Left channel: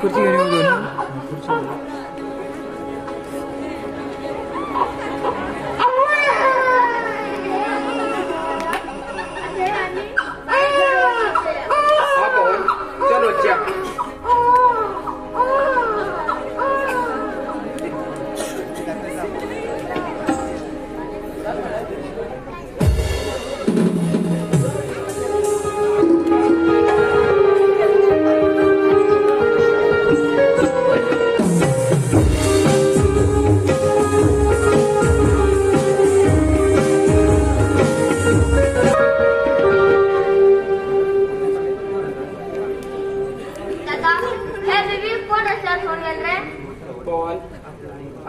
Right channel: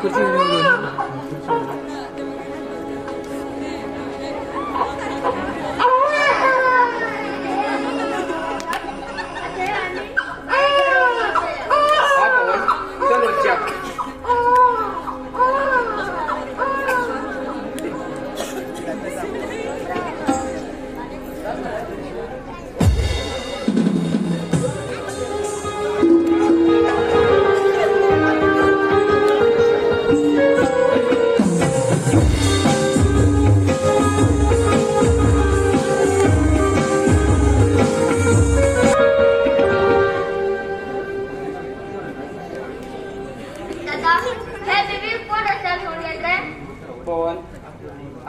kursi ini dulu kursi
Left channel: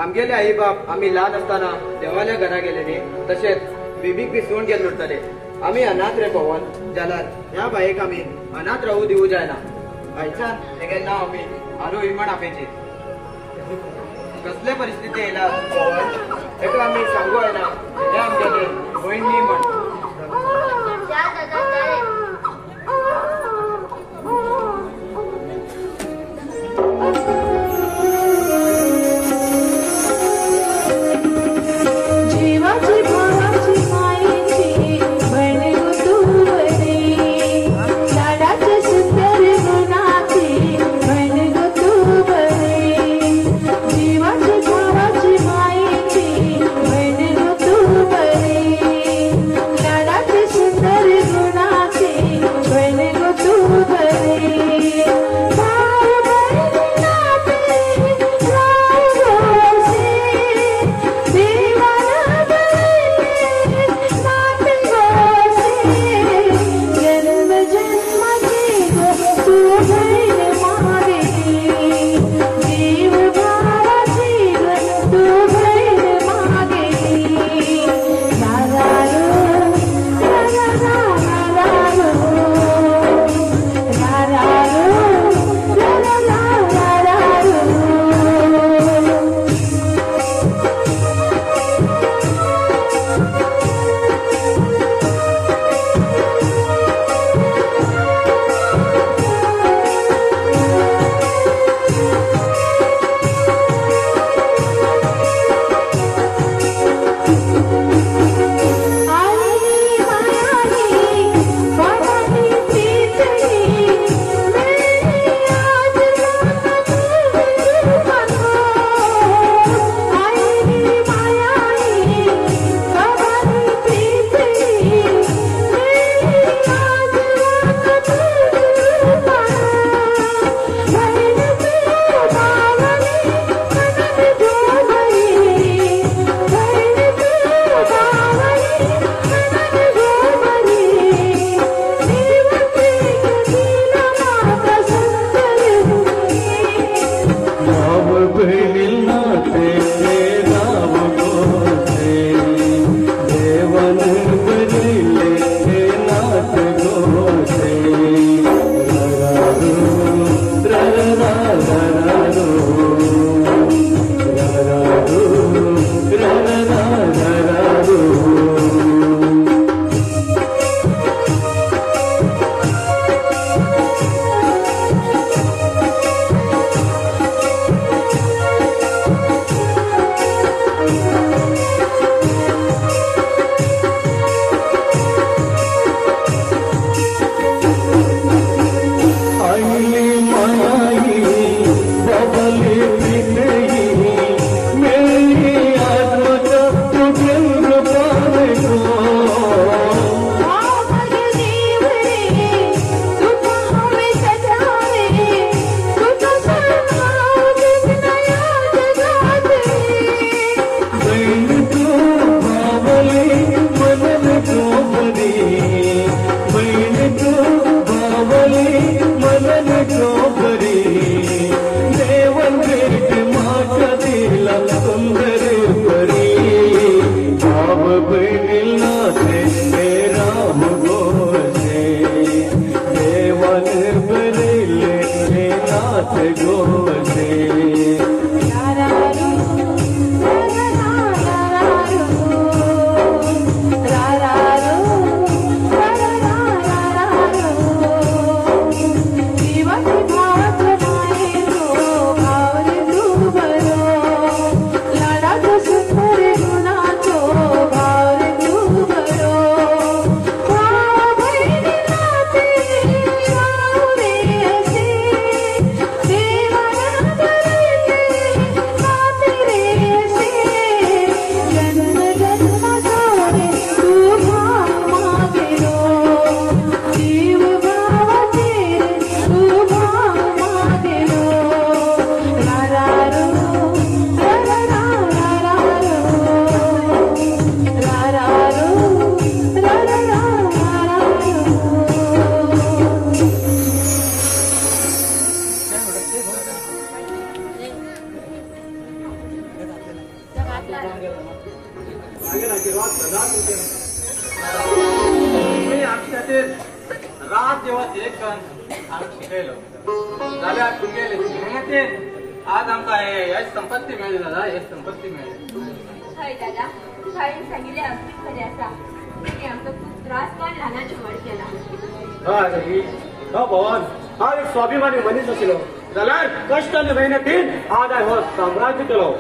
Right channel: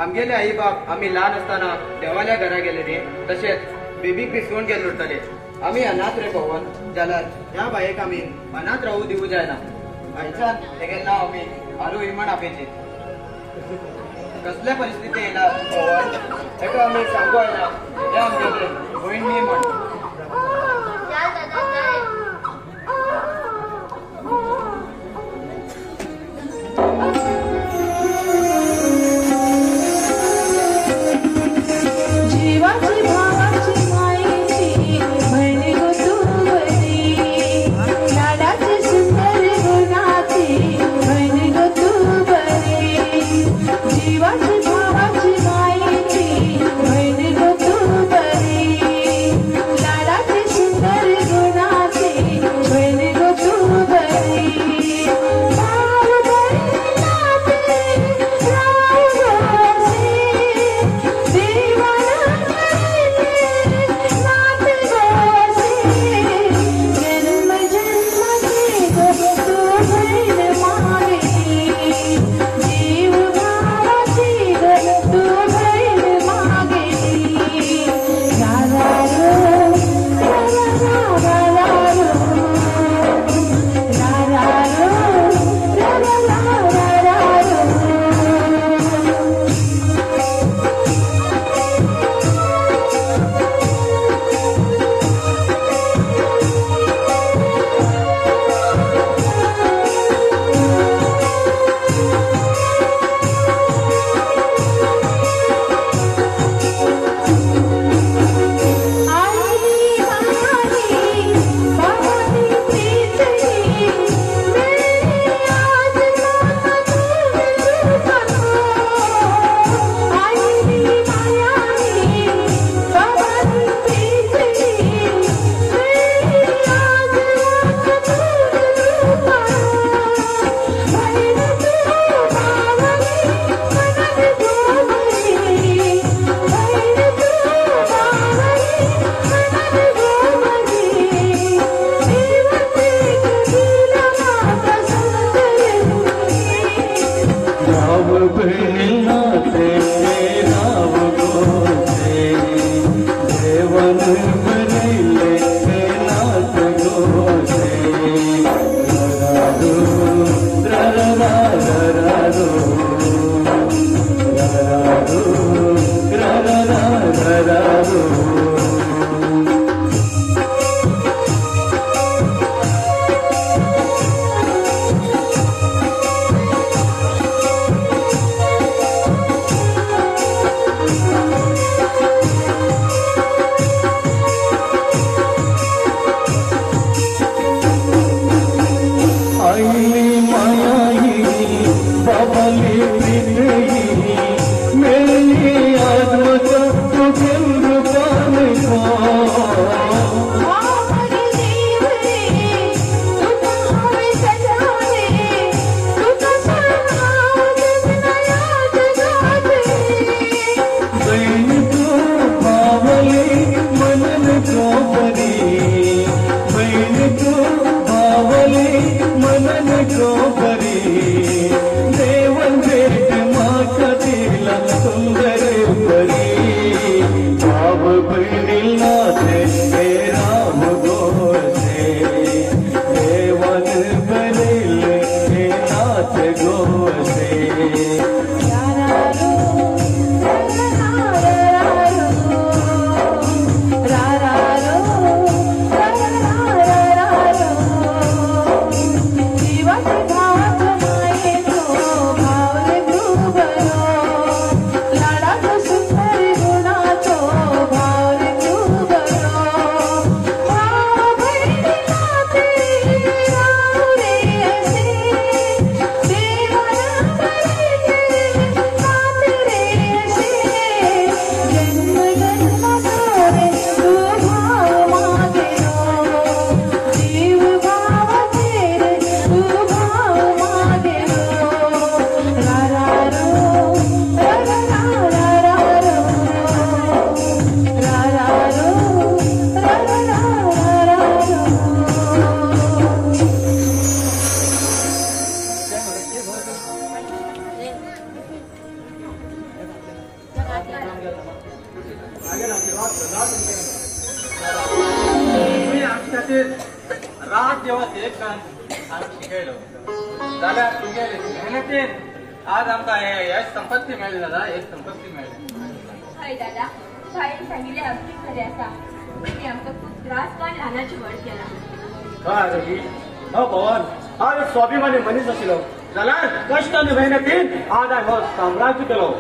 आमगेले आई बाप आम्ही लहान असताना देवाल्या घरा गेलेले तसेच बेबीक विसरून गेलो उरतले आम्ही अनाथ रे पवन जाल्यार ह्या बायेक आम्ही अनाथ राहू दिवू जायना आयच्यान तेगेले नांव आमी आरू इमण आपेचे कसले परिस्थिती येयला पवन एका आमी सांगू येना हे आमगेले भयण न्ही म्हण रात जेव्हा एक शिकायलो जाल्यार तुमगे मेहनतीन आज आमकां हे संपत्ती मेळ्ळी दादा हे संपत्ती मेळ्ळी हय दादा शाळेन सांगिल्लें अगदी खरें आसा की आमकां खूब त्रास काण ल्हानाची व्हड केला हय रवी हो भवन हांव एक स्वाभिमानी मनीस आशिल्लो जाल्यार कश्ट आनी मेहनतीन आज हांवें हो साम्राज्य केलो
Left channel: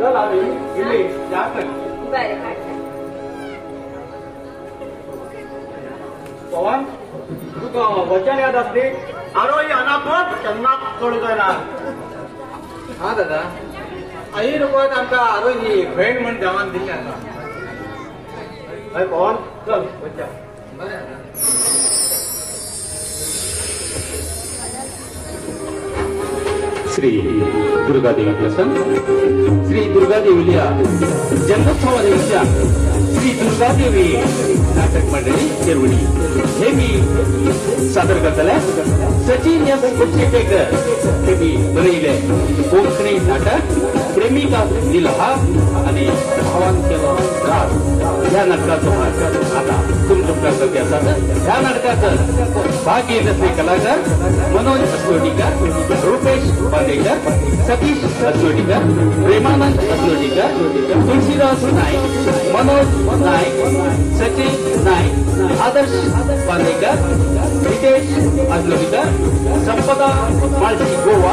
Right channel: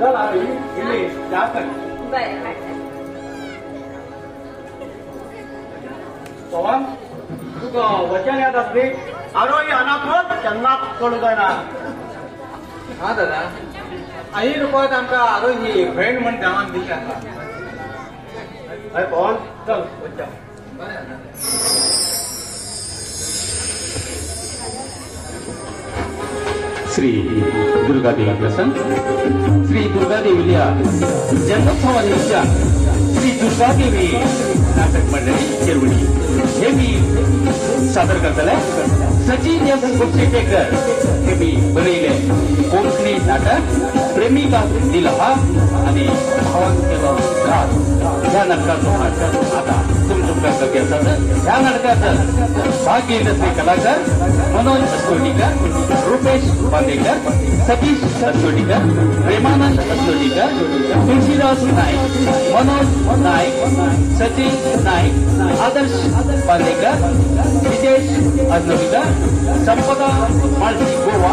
चल रवी इल्ली या कर बरें काडटा भवन तुका वचन याद आसली आरोही अनाथवत केन्नाच चड जायना हा दादा आई रुपयात आमकां आरोग्य ही भयण म्हण देवान दिल्ली आसा हय भवन चल वचया बरें श्री दुर्गादेवी प्रसन्न श्री दुर्गादेवीला जन्मोत्सवानिमित्त श्री दुर्गादेवी नाटक मंडळी हे मी सादर करतले सचिन कुपशेटेकर हे मी बरयले कोंकणी नाटक प्रेमिका दिला आणि भावान केलो ह्या नाटकाचो आता तुमच्या ह्या नाटकात भाग घेत असले कलाकार मनोज अस्लोटीकर रुपेश बांदेकर सतीश अस्लोटीकर प्रेमानंद अस्लोटीकर तुळशीदास नाईक मनोज नाईक सचिन नाईक आदर्श बांदेकर नितेश अस्लोटीकर संपदा माळजी गोवा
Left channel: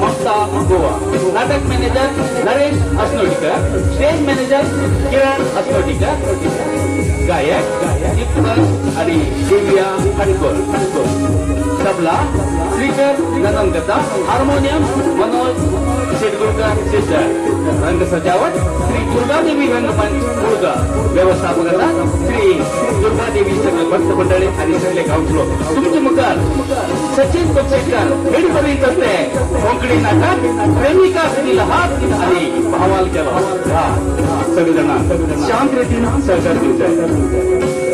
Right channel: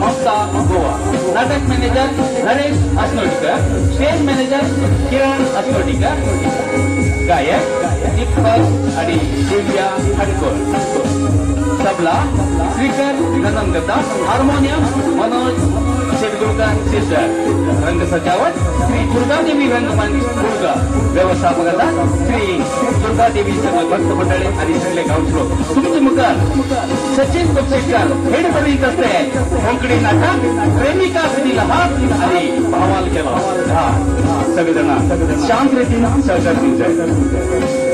ममता गोवा नाटक मॅनेजर नरेश अस्लोटीकर स्टेज मॅनेजर किरण अस्लोटीकर गायक आणि देविया खडकर तबला श्रीकर गणंगता हार्मोनियम मनोज शिरगुरकर सिद्धर रंग सजावट श्री दुर्गादेवी रंगमानी दुर्गा व्यवस्थापकाचा श्री दुर्गादेवी सर्व भक्त मंडळी आणि सगळे गावचो तुमचे मुखार सचिन कुपशेटकर हेड बनीत असते कोंकणी नाटक प्रेमिका दिला हात आणि अहवाल केला सगळेजण शांत रीतीनं सहकार्य दिवचे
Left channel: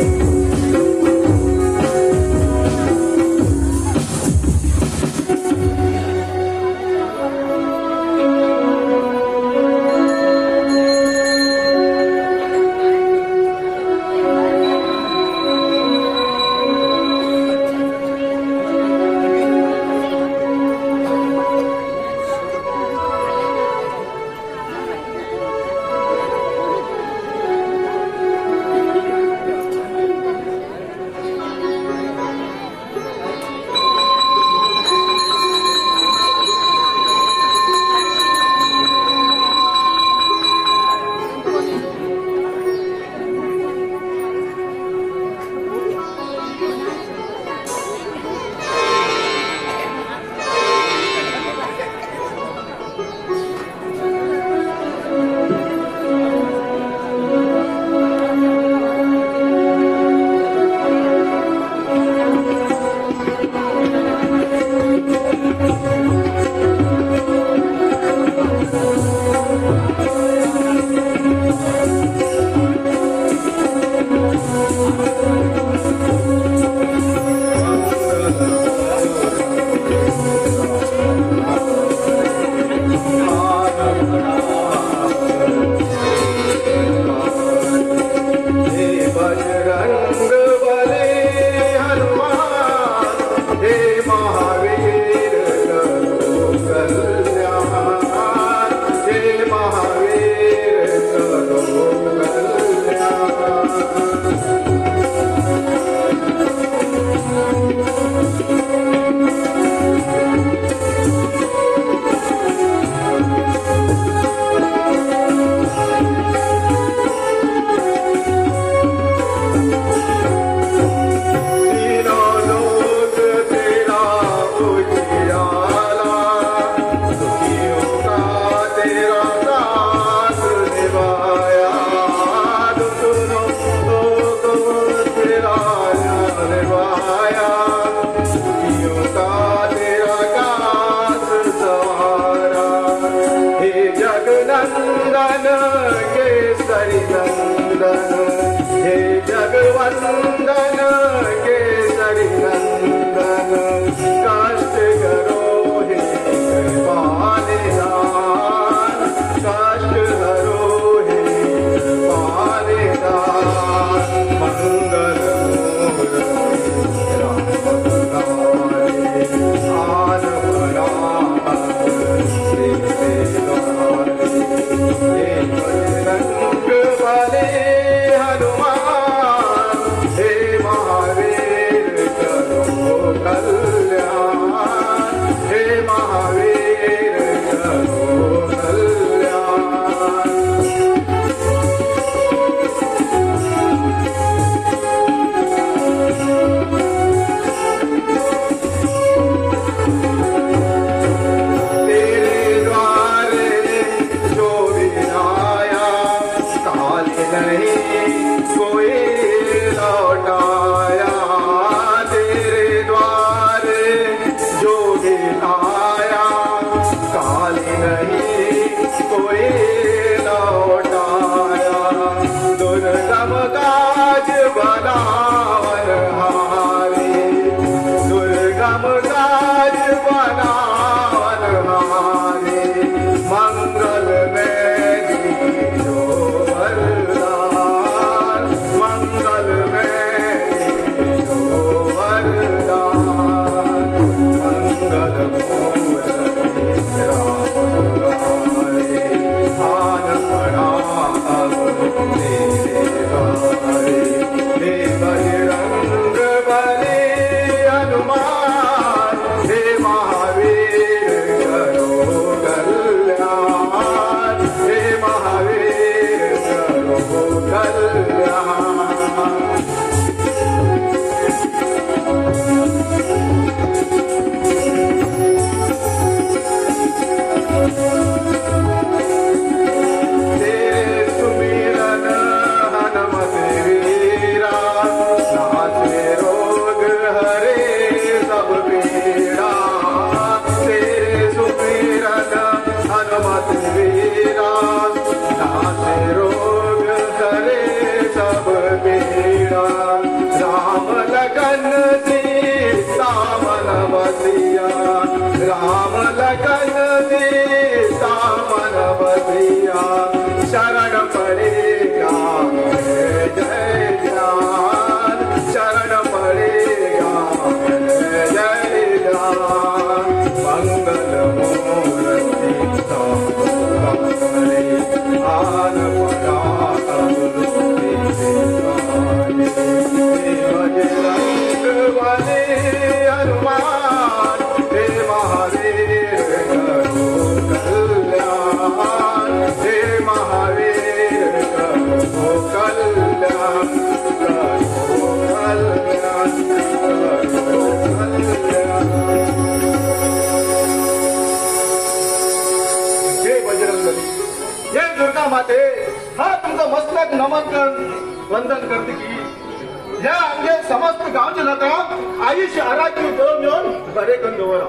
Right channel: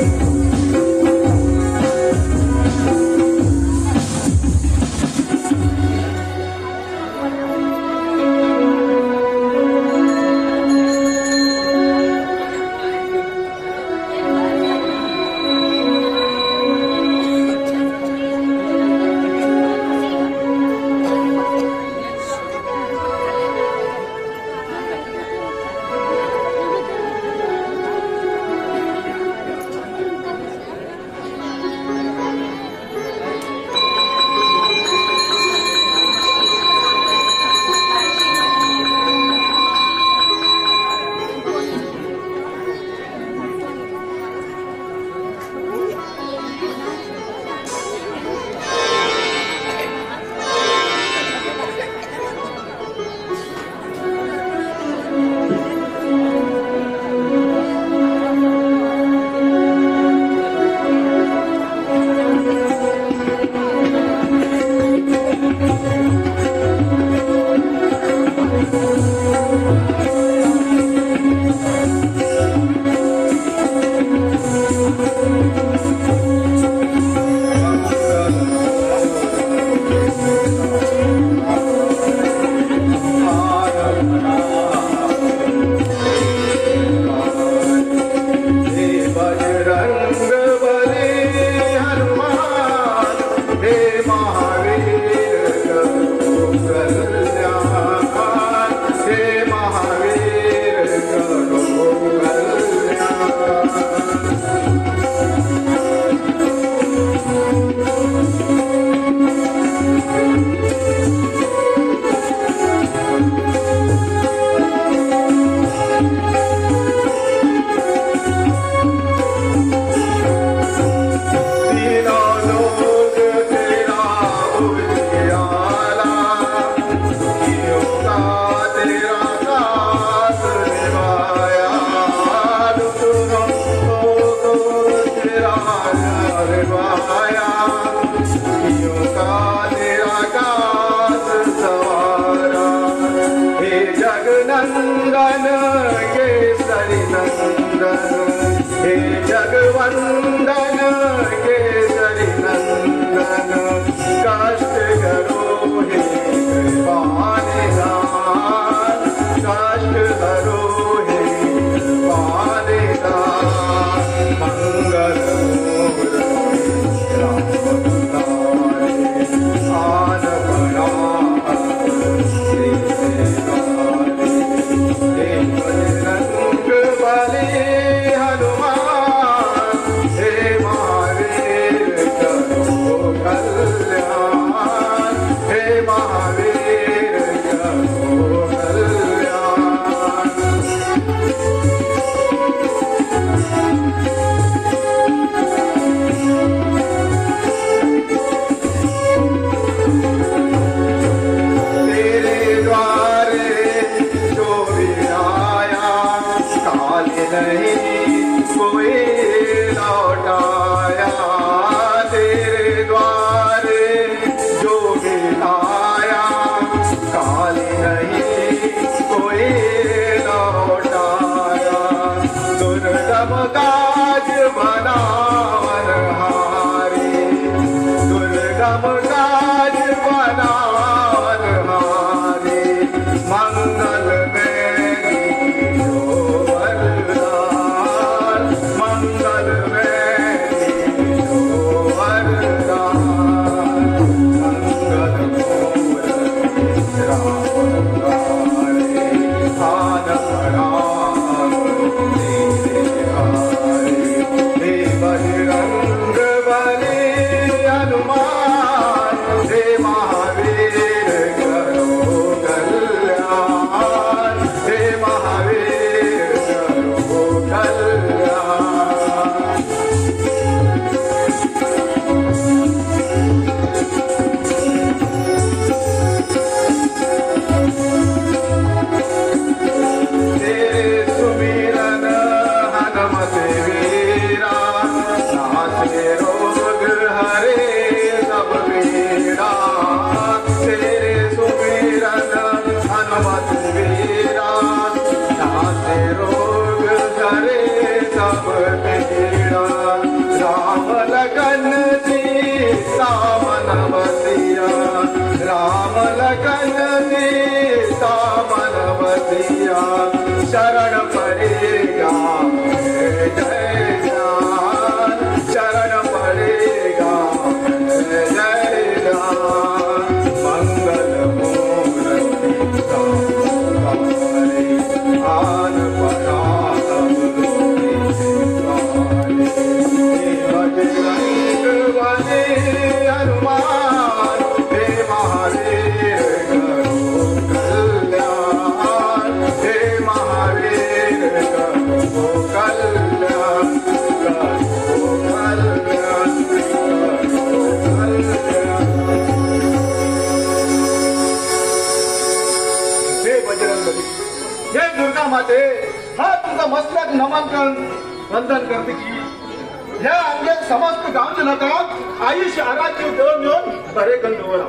आई शहरात देऊन येऊन बरे करून दवरा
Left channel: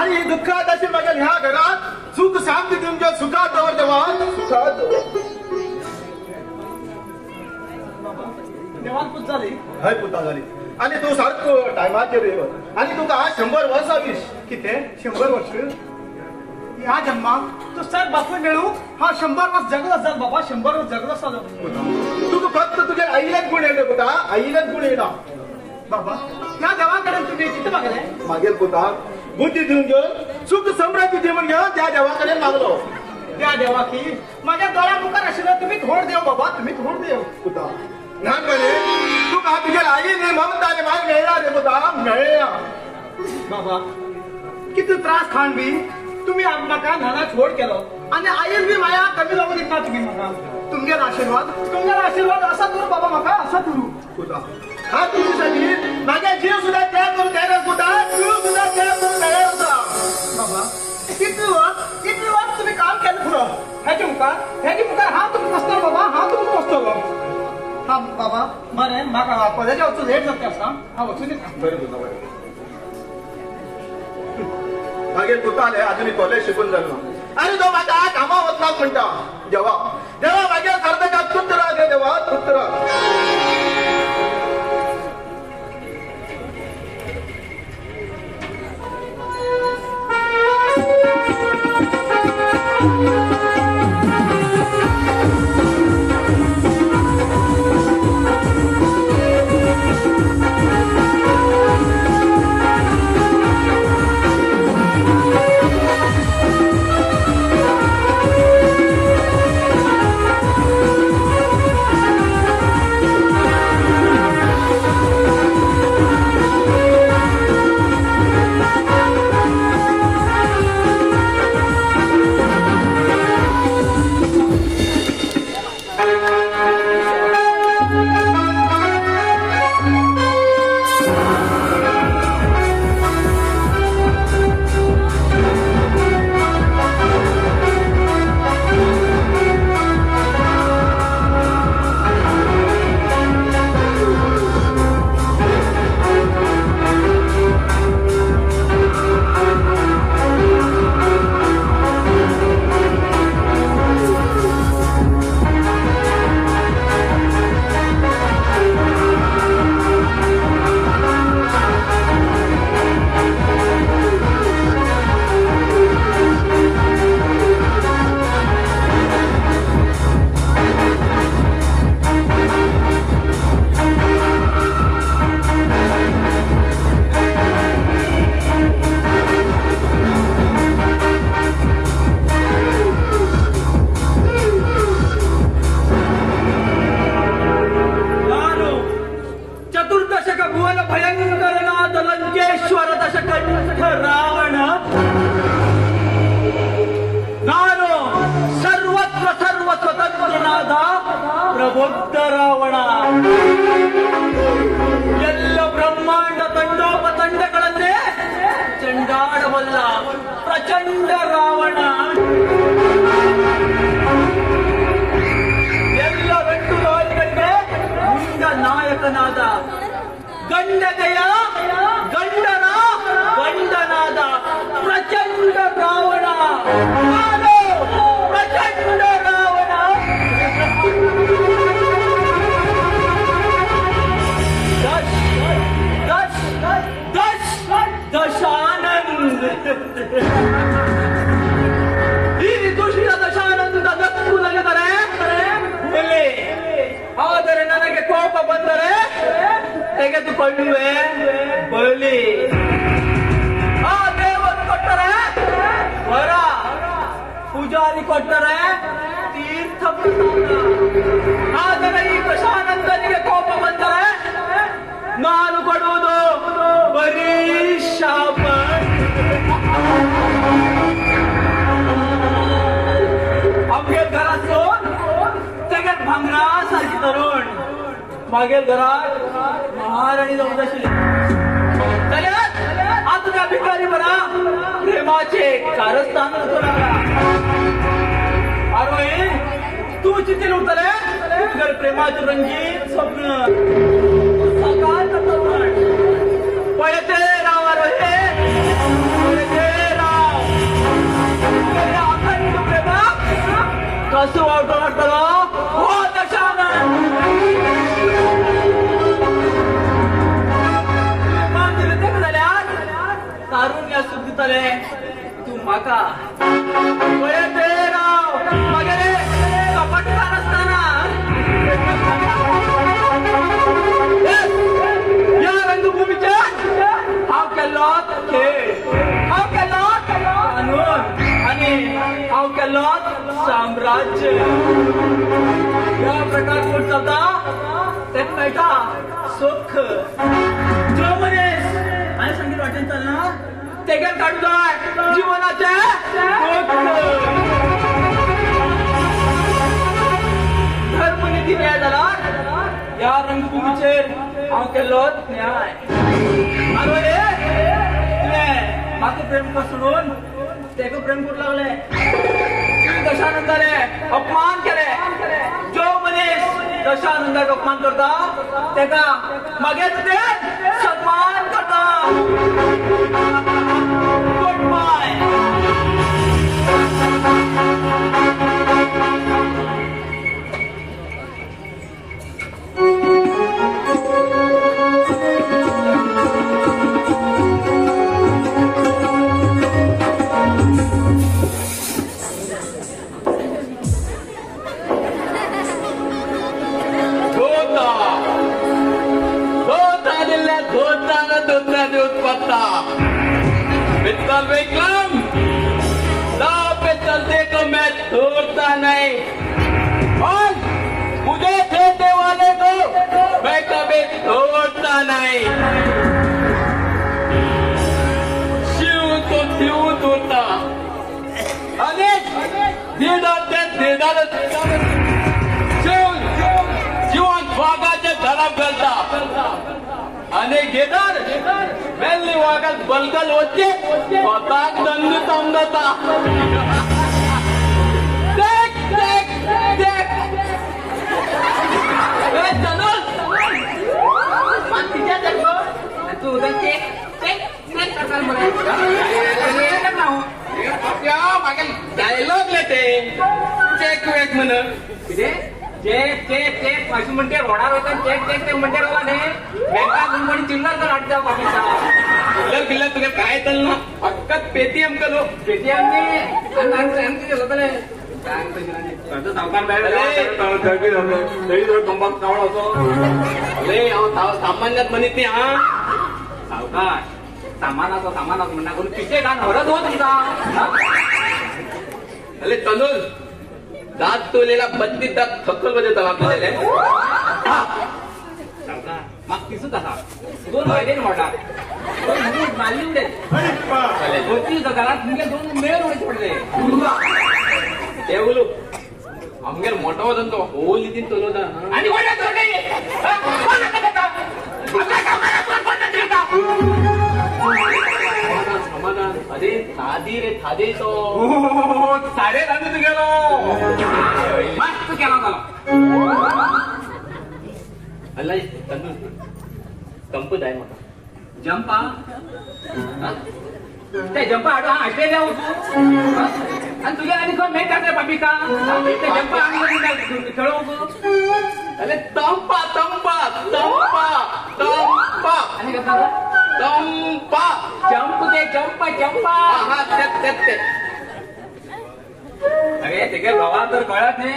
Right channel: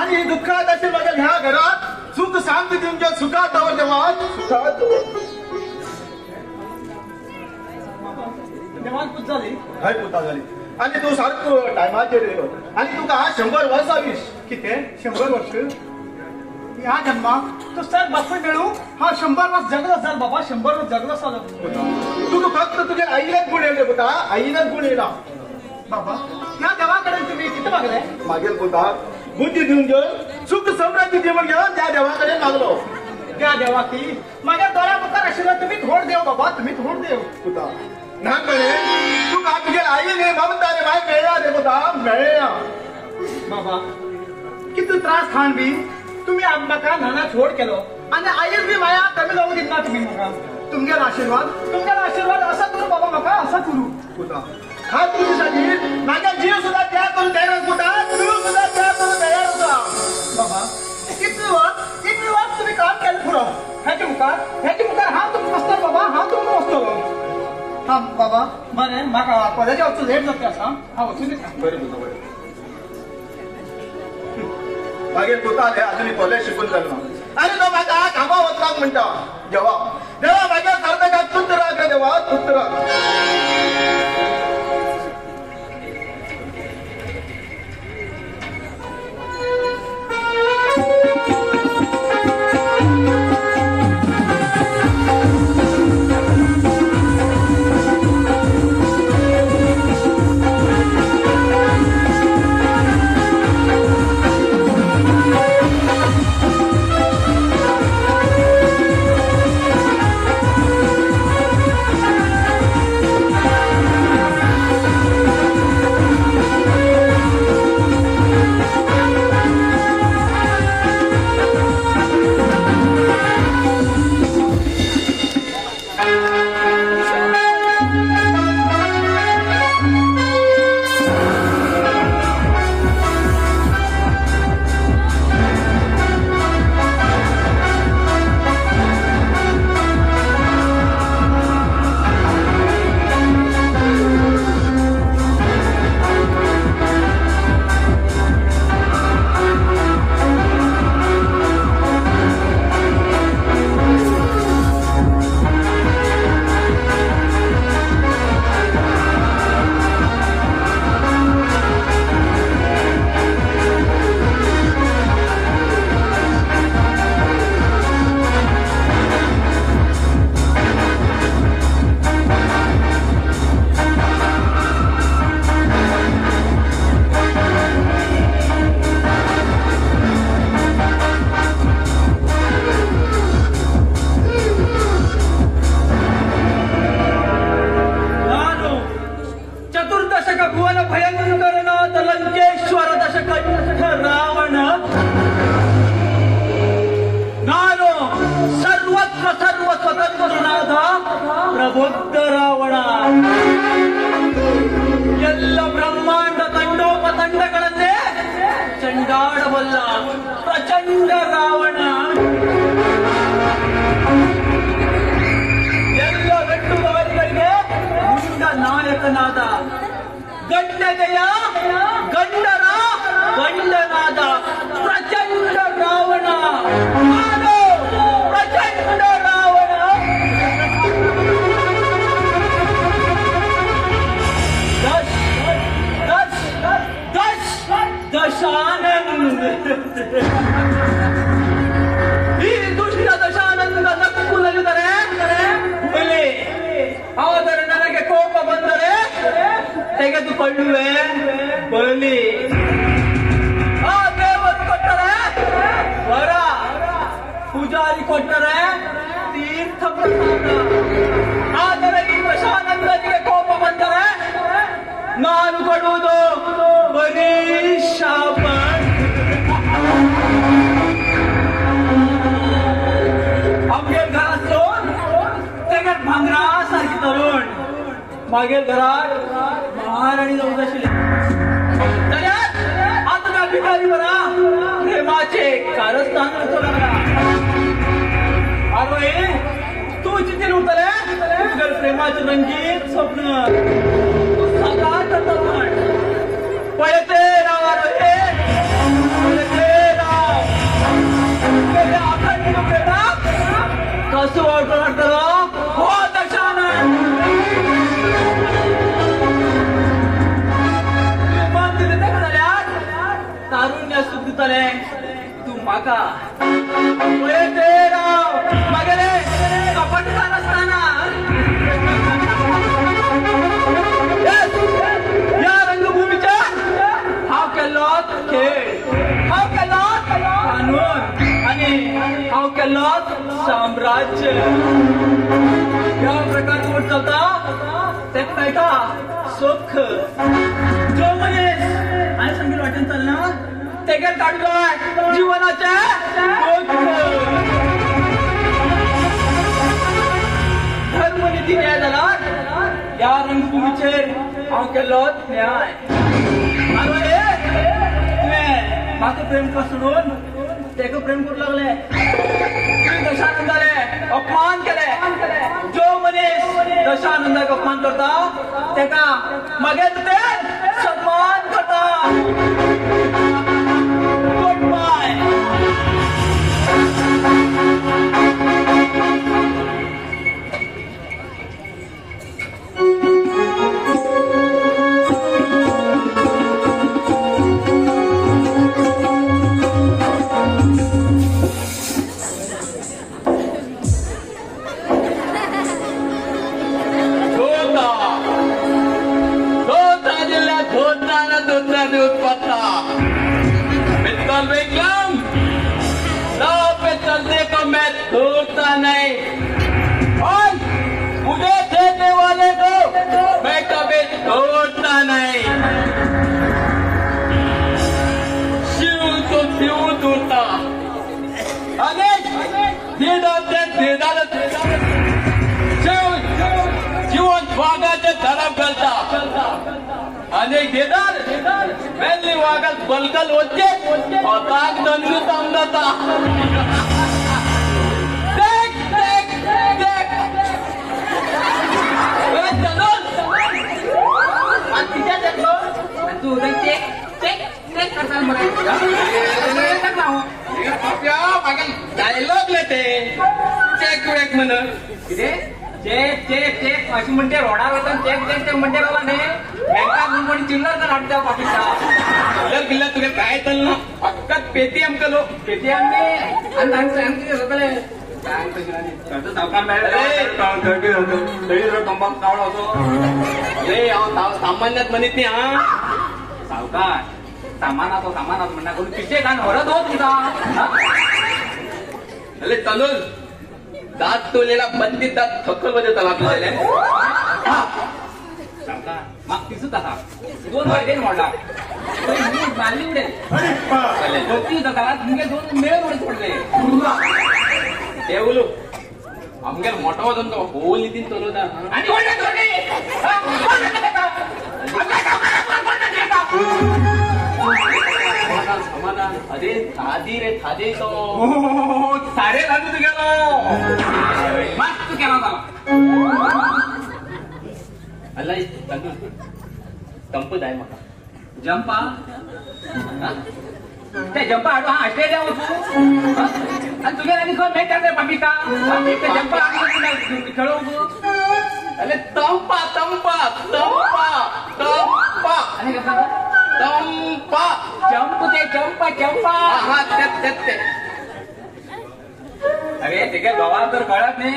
आणि दुःखात असे माझ्या ह्या घरात सुख शांती तुमच्या सुखात दवर देवा सुखात देवान पूज झाली हय पुता झाली आणि तू सारखं टायमाचेर येवत आणि तुका 100 वर्सां किती 100 वर्ष ह्या जन्मात तो सर बापूय मेळू हा 100 वर्ष जगत असाल बाबा 100 वर्ष जगत असाल तुका फक्त तुझ्या आईलाच गुण येले पुता आईलाच गुण येना बाबा या देवाकडे तुम्ही किती मागले मागेल पुता बुद्धी देऊन घेऊन सुख समृद्धी देऊन घेऊन त्या देवाकडे मागलो त्या देवा की माझ्या दोरा मुखार असेल तुम्ही थोड देव बाबा तुम्ही थोड देव पुता नानपणे तुका तुझ्या आईने ममताने माग मेळा रे पुता मेळ्या बाबा किती त्रास खाण बी तुम्ही म्हाका नाना छोड केलो आणि आईर बी माया कमी जाऊ दिना तुम्ही म्हाका तुमगेर आशीर्वाद असा तुम्ही बाबा म्हाका असा करू पुता हा तुझ्यासाठी माझ्या जीव सुद्धा त्या करून तयार पुता तू सुद्धा त्या करून तयार होता बाबा किती वर्ष तुम्ही काम केलं पुरं ह्याची मुखार हा तुम्ही बसता बाबा हा तुम्ही बसतो हा बाबा बरें म्हाका कॉलेजा वचून लेट जाता असा हा वचून येता बरें पुता बरें मागीर पुताले अजूनही कॉलेज शिकून जालो आणि तो माझा कामा वचना म्हणटा देवा माझ्या सारख्या पुत्र राहा देवा पुत्र ಪ್ರಬುದ್ಧ ರಾವಣ ಎಲ್ಲ ಬ್ರಹ್ಮಾಂಡ ತಂಡೋಪತಂಡಗಳನ್ನೇ ಚಂಡಾಡಬಲ್ಲ ಪ್ರಚಂಡ ರಾವಣ ಎಲ್ಲ ವೆಟ್ಟುವಾದಿಗಳಿಗೆ ಮುಂದ ನಾಯಕನಾದ ಗಂಡನೆಯ ಗಂಡರ ಗಂಡನಾದ ಪ್ರಚಂಡ ರಾವಣ ನಾನು ಪ್ರಚಂಡ ರಾವಣ ದಶಾನಂದ ಈ ದುಷ್ಟ ದಶಾನಂದ ನಕ್ಕು ನಲಿದರೆ ಹುಲಿ, ಆದರೆ ನನಗೆ ಕೋಪ ಬಂದರೆ ತೆಗೆದುಕೊಳ್ಳುವೆ ಬಲಿ. ಆ ದೇವರು ಕೊಟ್ಟರೆ ವರ, ಪೂಜಾರಿ ಕೊಟ್ಟರೆ ತೀರ್ಥ ಪ್ರಸಾದ. ಆದರೆ ಈ ದಶಾನಂದನಿಗೆ ಕೋಪ ಬಂದರೆ ನಾನು ಕೊಡುವುದು ಬರೀ ಶಾಪ. आमच्या घरातून सगळ्यात भांगरासारखी तरुण मागील घरात महाराणी जाऊन आशिल्ली. जाल्यार आमच्या भिकारी बरा प्रेमाचे कारस्थान करतो लागला. आरवाई तू चिंतेन उरतले तुगे प्रेमाचे रंगीत स्वप्न. तू सदांच या रंगभूमीच्या हाव केलो खेळ, हाव केलो कानून आणि हाव केलो साम्राज्य. या प्रकारचे चलता ते मेळटा सुख. जो मनीस आणि सांगील वाटेन चलना तेगेर काढू जाय जीवनाचे दुःख. धर्मनिधी न्याय जाल्यार या रंगभूमीचेर हांव केलो न्याय. आरे तुवें म्हाका प्रेम करून तेका प्रेम करूंक लागले. तुवें दशानंदाले अपमान केले. जो मनीस दशानंदाक अपमान करता तेका मागे तुवें सन्मान करता. Good bye. छोड़ता नहीं और मुझे छेड़ने वाले को मैं कभी छोड़ता नहीं. शिव तो शिव तोड़ता अनेक जीवन वागाचे खराब करता अनेक गेदार वेल्ली वागत बलगल వచ్చే పతాక్ దండు తమ్లతా. तू उधर चेक चेक चेक करता डायलॉग लेते चेक वेक म्हणून किती चेक चेक चेक अशी म्हणते रोडा वेतन चेक चेक ते म्हणते बाबा नाही बँका गुंबणी चिल्लर तर वाटतं पाकिस्तान किल्ला तुला काय तर ना फक्त पेटीएम करो पेटीएम ने आणि लोकले सावकार सामान्यात म्हणत नाही हा सावकार सामानाचा सामानात म्हणणार कोणी पिछे कान हरत हो तुमचा तनुज दात तोलेला बंदी दात थक्कल मध्ये आपल्याला मग तिसू कसा 2 वायदे मोडला मारली उडेल होती घरात मुगे 2 मेळ पडले हे बोलू आमगेर मोठा वजन तो होल नितीन तोलता आणि अरे आधी रे थादे तो साडे रांधून गेलो मस्त केला अल्ला संपत आहे मला जंपा ते जंपा आडो हा ऑस्ट्रेलिया होतो आणि तुझ्या आणि तुला मॅच करता पापिका ते जंपा आणि खेळू अरे तंपा तंपा तंपा तंपा आणि कसं तंपा जंप ते जंपा जंपा हा त्यात अरे ते काय भावा तर कळत नाही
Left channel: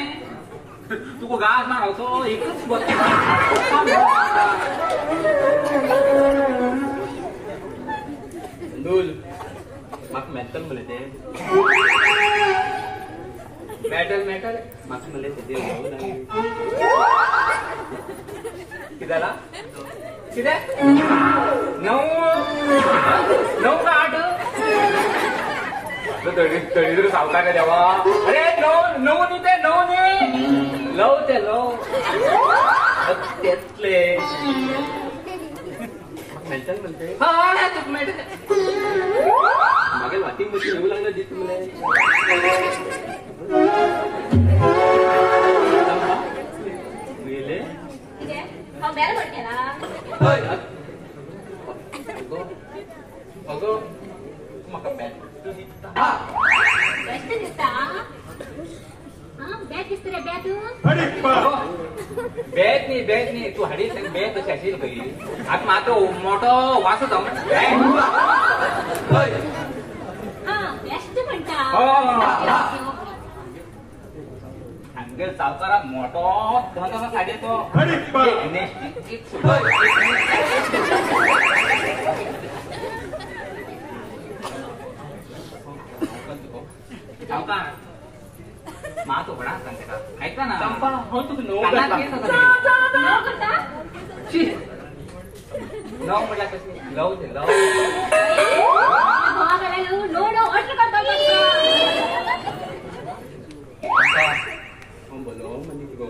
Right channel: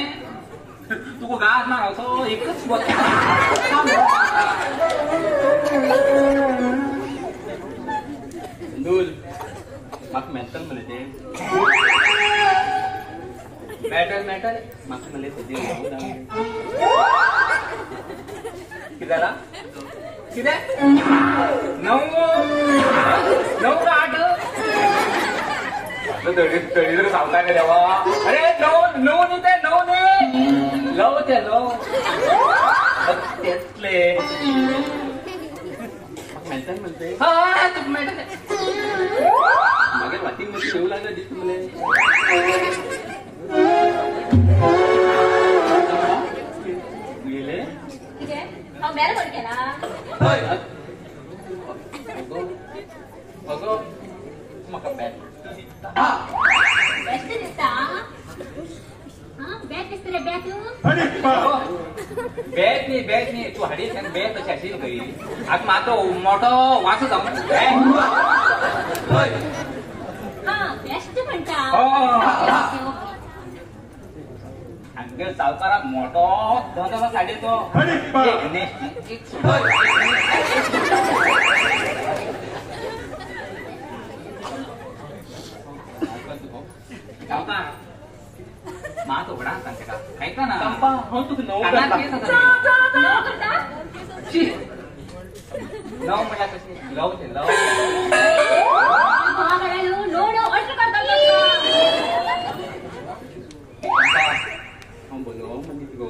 तू गास ना होतो एकच दूल मग मेंटल मिळते मॅटर मग मिळते किदाला किदे 9 8 तरी सावकार का देवा अरे नो नी ते नो नी लव ते लव त्यातले मेंटल म्हणते मागे वाटिंग मध्ये येऊ लागलं दिसत मुले म्हाका बॅट न्ही तू हाडीत बॅट तशी आशिल्ली खंय आता म्हाका मोठो वासो जावन किती म्हणता हांगे सावकाराक मोठो धंदो काढे तो सावकार मा तो बडा सांगते का ऐका ना चंपा हो तुम्ही नऊ करता नऊ मला कशी लव ते लव बोलो म्हणजे गो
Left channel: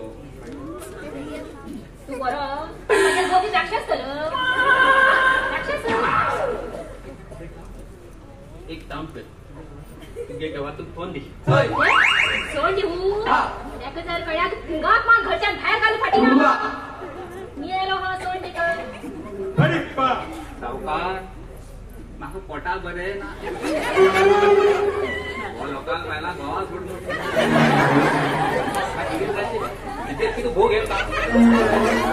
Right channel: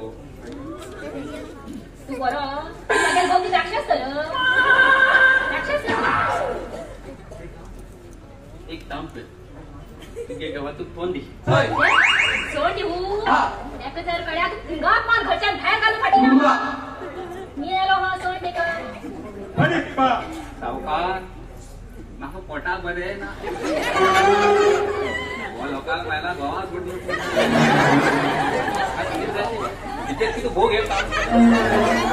तू बरो राक्षस एक काम कर तुझ्या गावातून फोन दे सोड देऊ त्याचं जर वेळात गावात माल घरच्या बाहेर घालून फाटी मी आलो हा सोड दे का सावकार माझं पोटा बरे ना लोकांना पहिला गावात बुडून तिथे भोग येत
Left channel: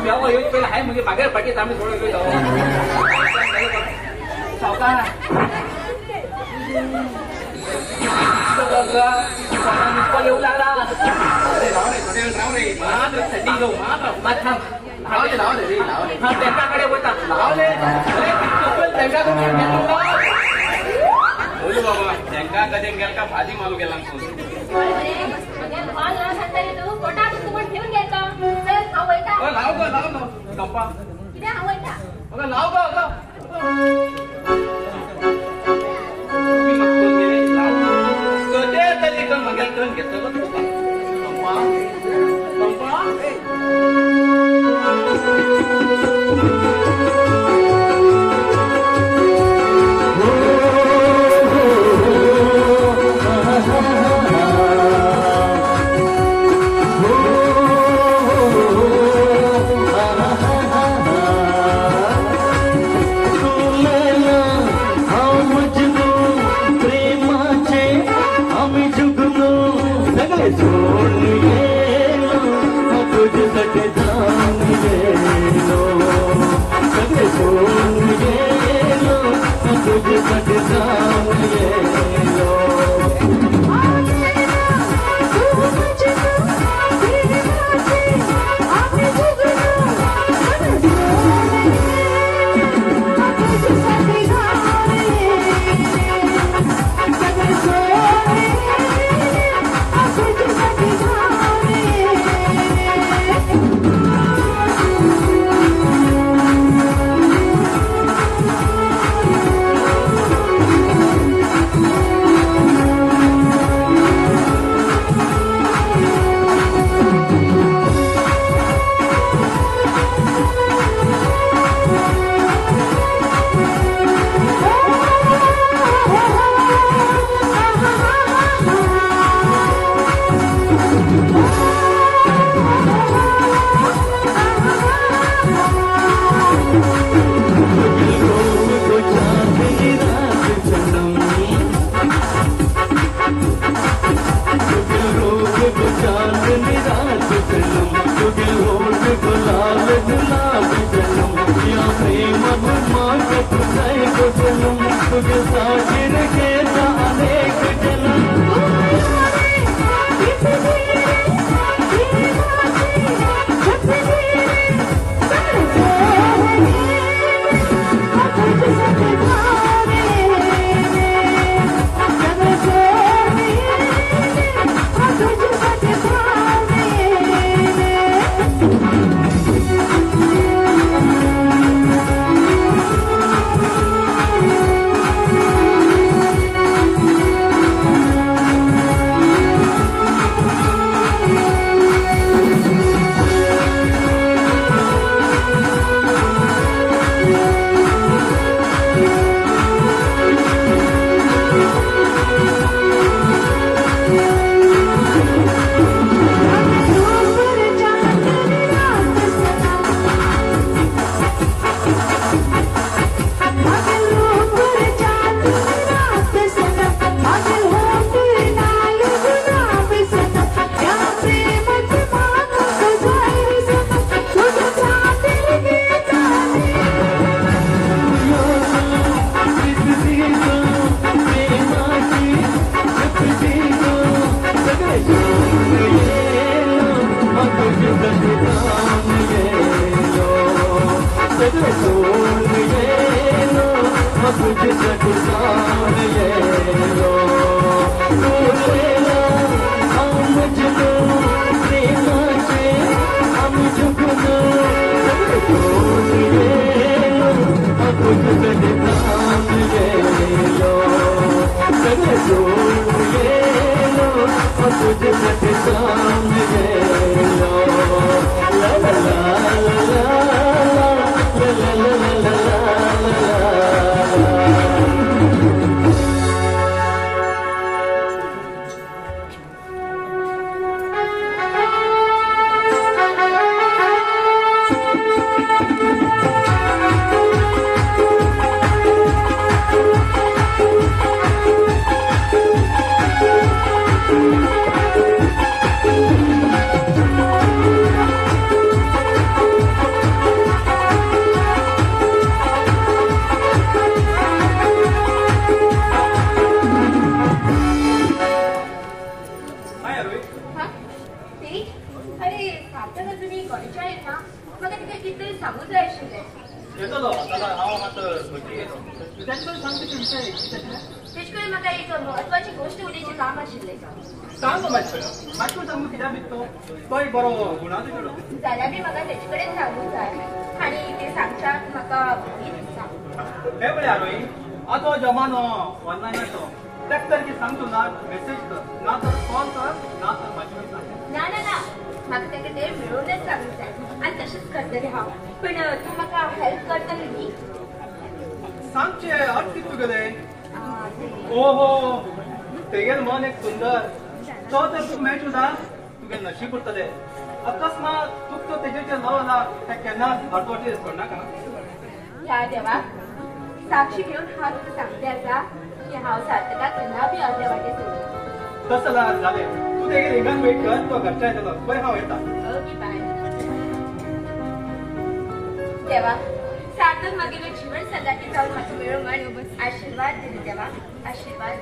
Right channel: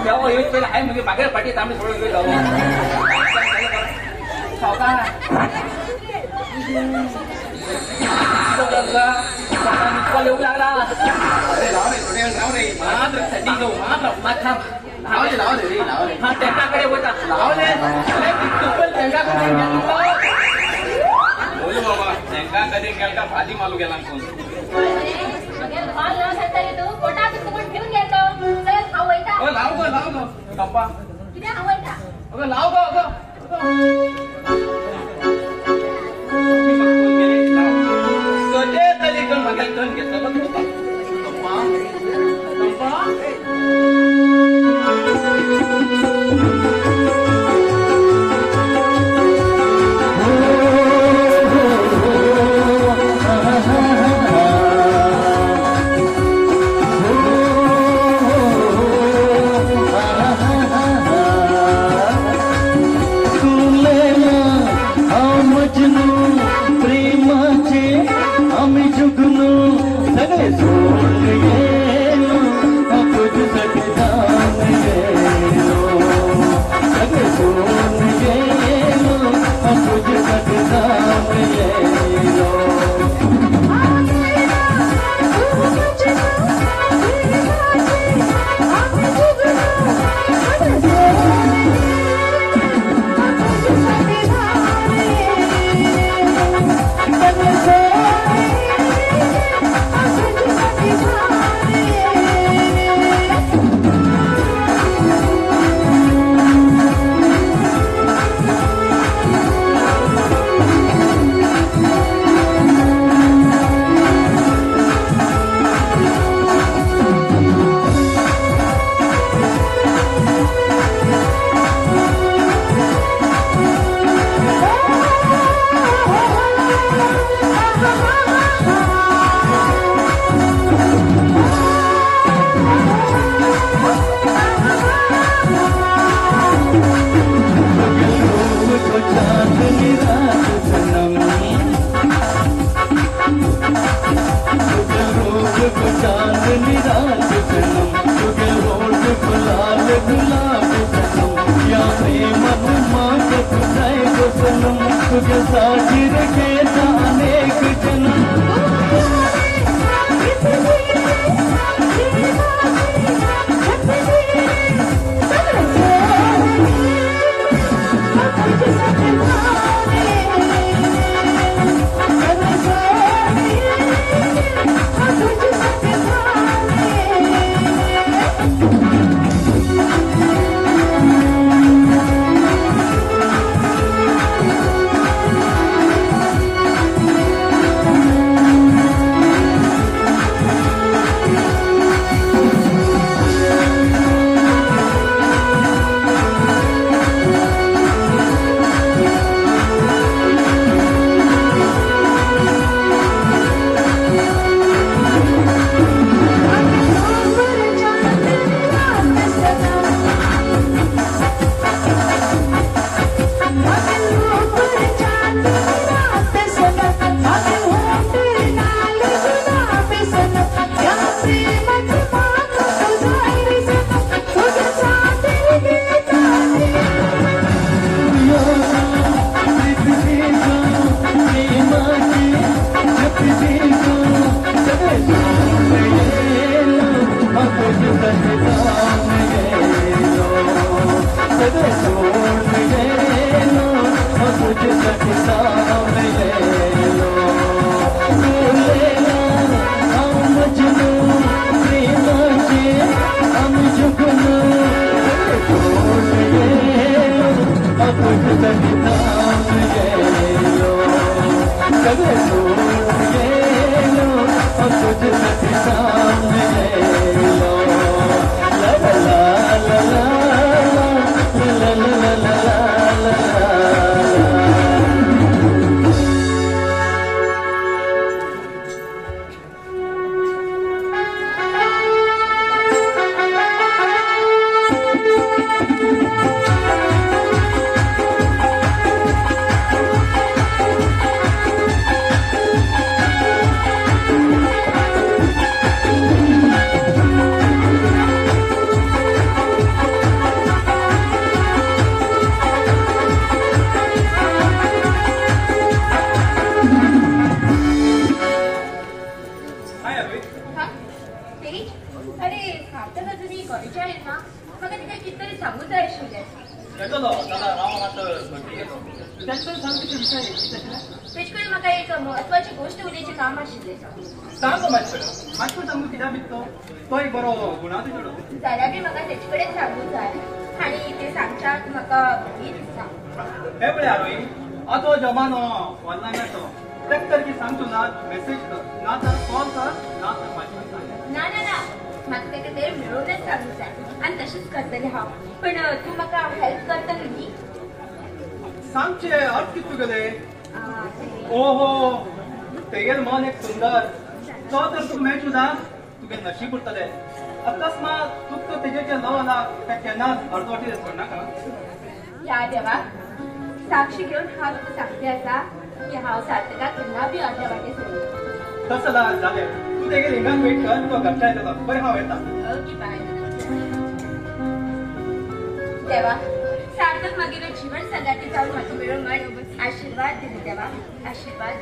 तेव्हा येत पहिला आहे म्हणजे मागे पाठीत आम्ही थोडं गेलो येऊ लागला त्यांच्याकडे होता बोलू बाबा त्यांना कधी गेल का भाजी मालू गेला लाव ग गप्पा लाव ग तरी मगेल करून घेतलं साक्षी घेऊन हा तुका सांगते असा की हांव सार्थकाक पुन्हा बी अर्ध्या वाटे सोडून तसं झाले तू ते रिंगान वेट कर तो घरचा येतो बरें हांव येता देवा सार्थक मागीर जीवन सदाची जाऊन म्हाका मेळो म्हण आशीर्वाद दिली देवा आशीर्वाद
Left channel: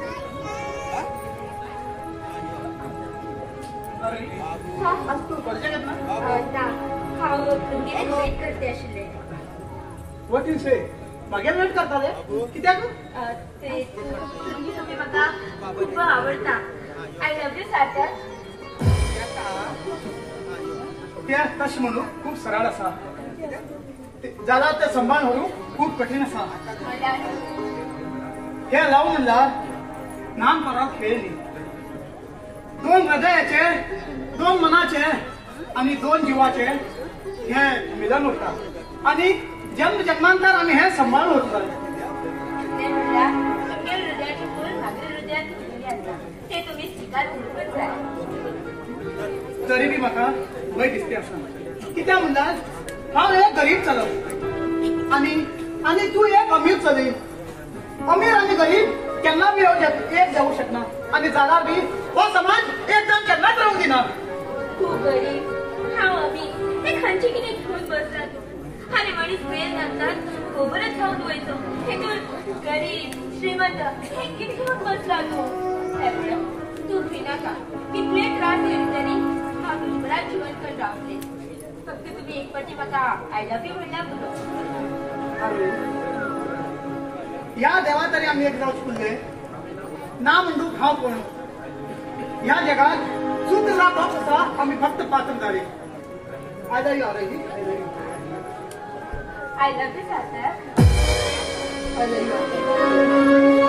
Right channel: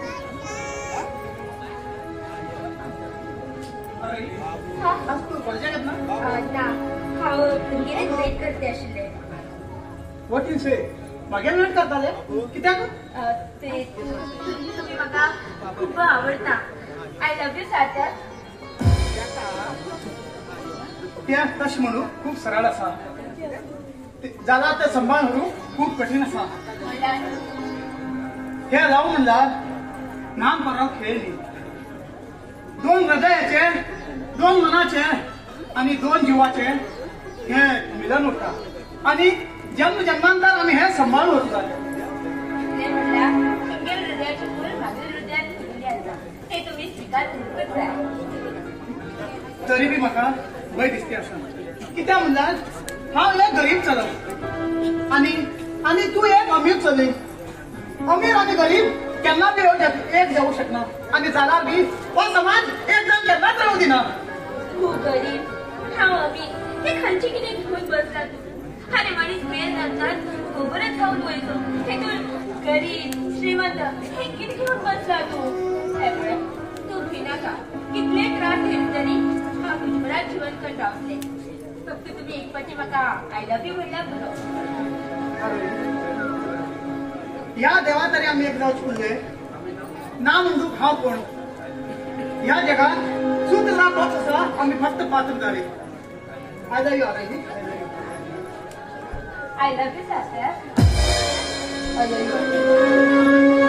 आज तू कॉलेजाक येत ना हांव भुरगींच वेट करते आशिल्ले वॉट यू से मागेर वेट करताले कित्याक ते तुम्ही म्हाका खूब आवडटा आय लव्ह यू सार्थक तें तशें म्हणू खूब सरळ आसा जाल्यार तें सांबाळ म्हणू खूब कठीण आसा हे लव म्हणल्यार नाम परत खेळ न्ही दोन हृदयाचे दोन मनाचे आणि दोन जिवाचे हे मिलन उरता आणि जन्म जन्मांतर आम्ही हे सांभाळून उरता ते म्हणल्यार तुमच्या हृदयाची फूल म्हाज्या हृदयात फुलिल्ली आसा ते तुम्ही स्वीकार करूंकच जाय तरी बी म्हाका भंय दिसता आसा कित्याक म्हणल्यार हांव एक गरीब चलय आणि तू एक अमीर चलय अमीर आणि गरीब केन्ना बी एक जावं शकना आणि जाल्यार बी हो समाज एक जाण केन्नाच रावूं दिना तूं गरीब हांव अमीर हे खंयचे कितें घेवन बसला तूं आनी मनीस मेल जातात खबरच जावन वयचो हेतून गरीब श्रीमंत हे कितें घेवन बसला तूं हे म्हणून तूं भिनाका कितले त्रास घेतले तरी हांव तुजबरात जिवन कर रावतलें फक्त तुम्ही एक फावटी म्हाका आय लव्ह यू म्हणल्यार पुरो या देवा तरी आम्ही एक जावच पुरले ना म्हणून हांव कोण ह्या जगात शुद्ध तोच आसा आमी फक्त पात्रधारी I love you I love you, Sarthak. I love you.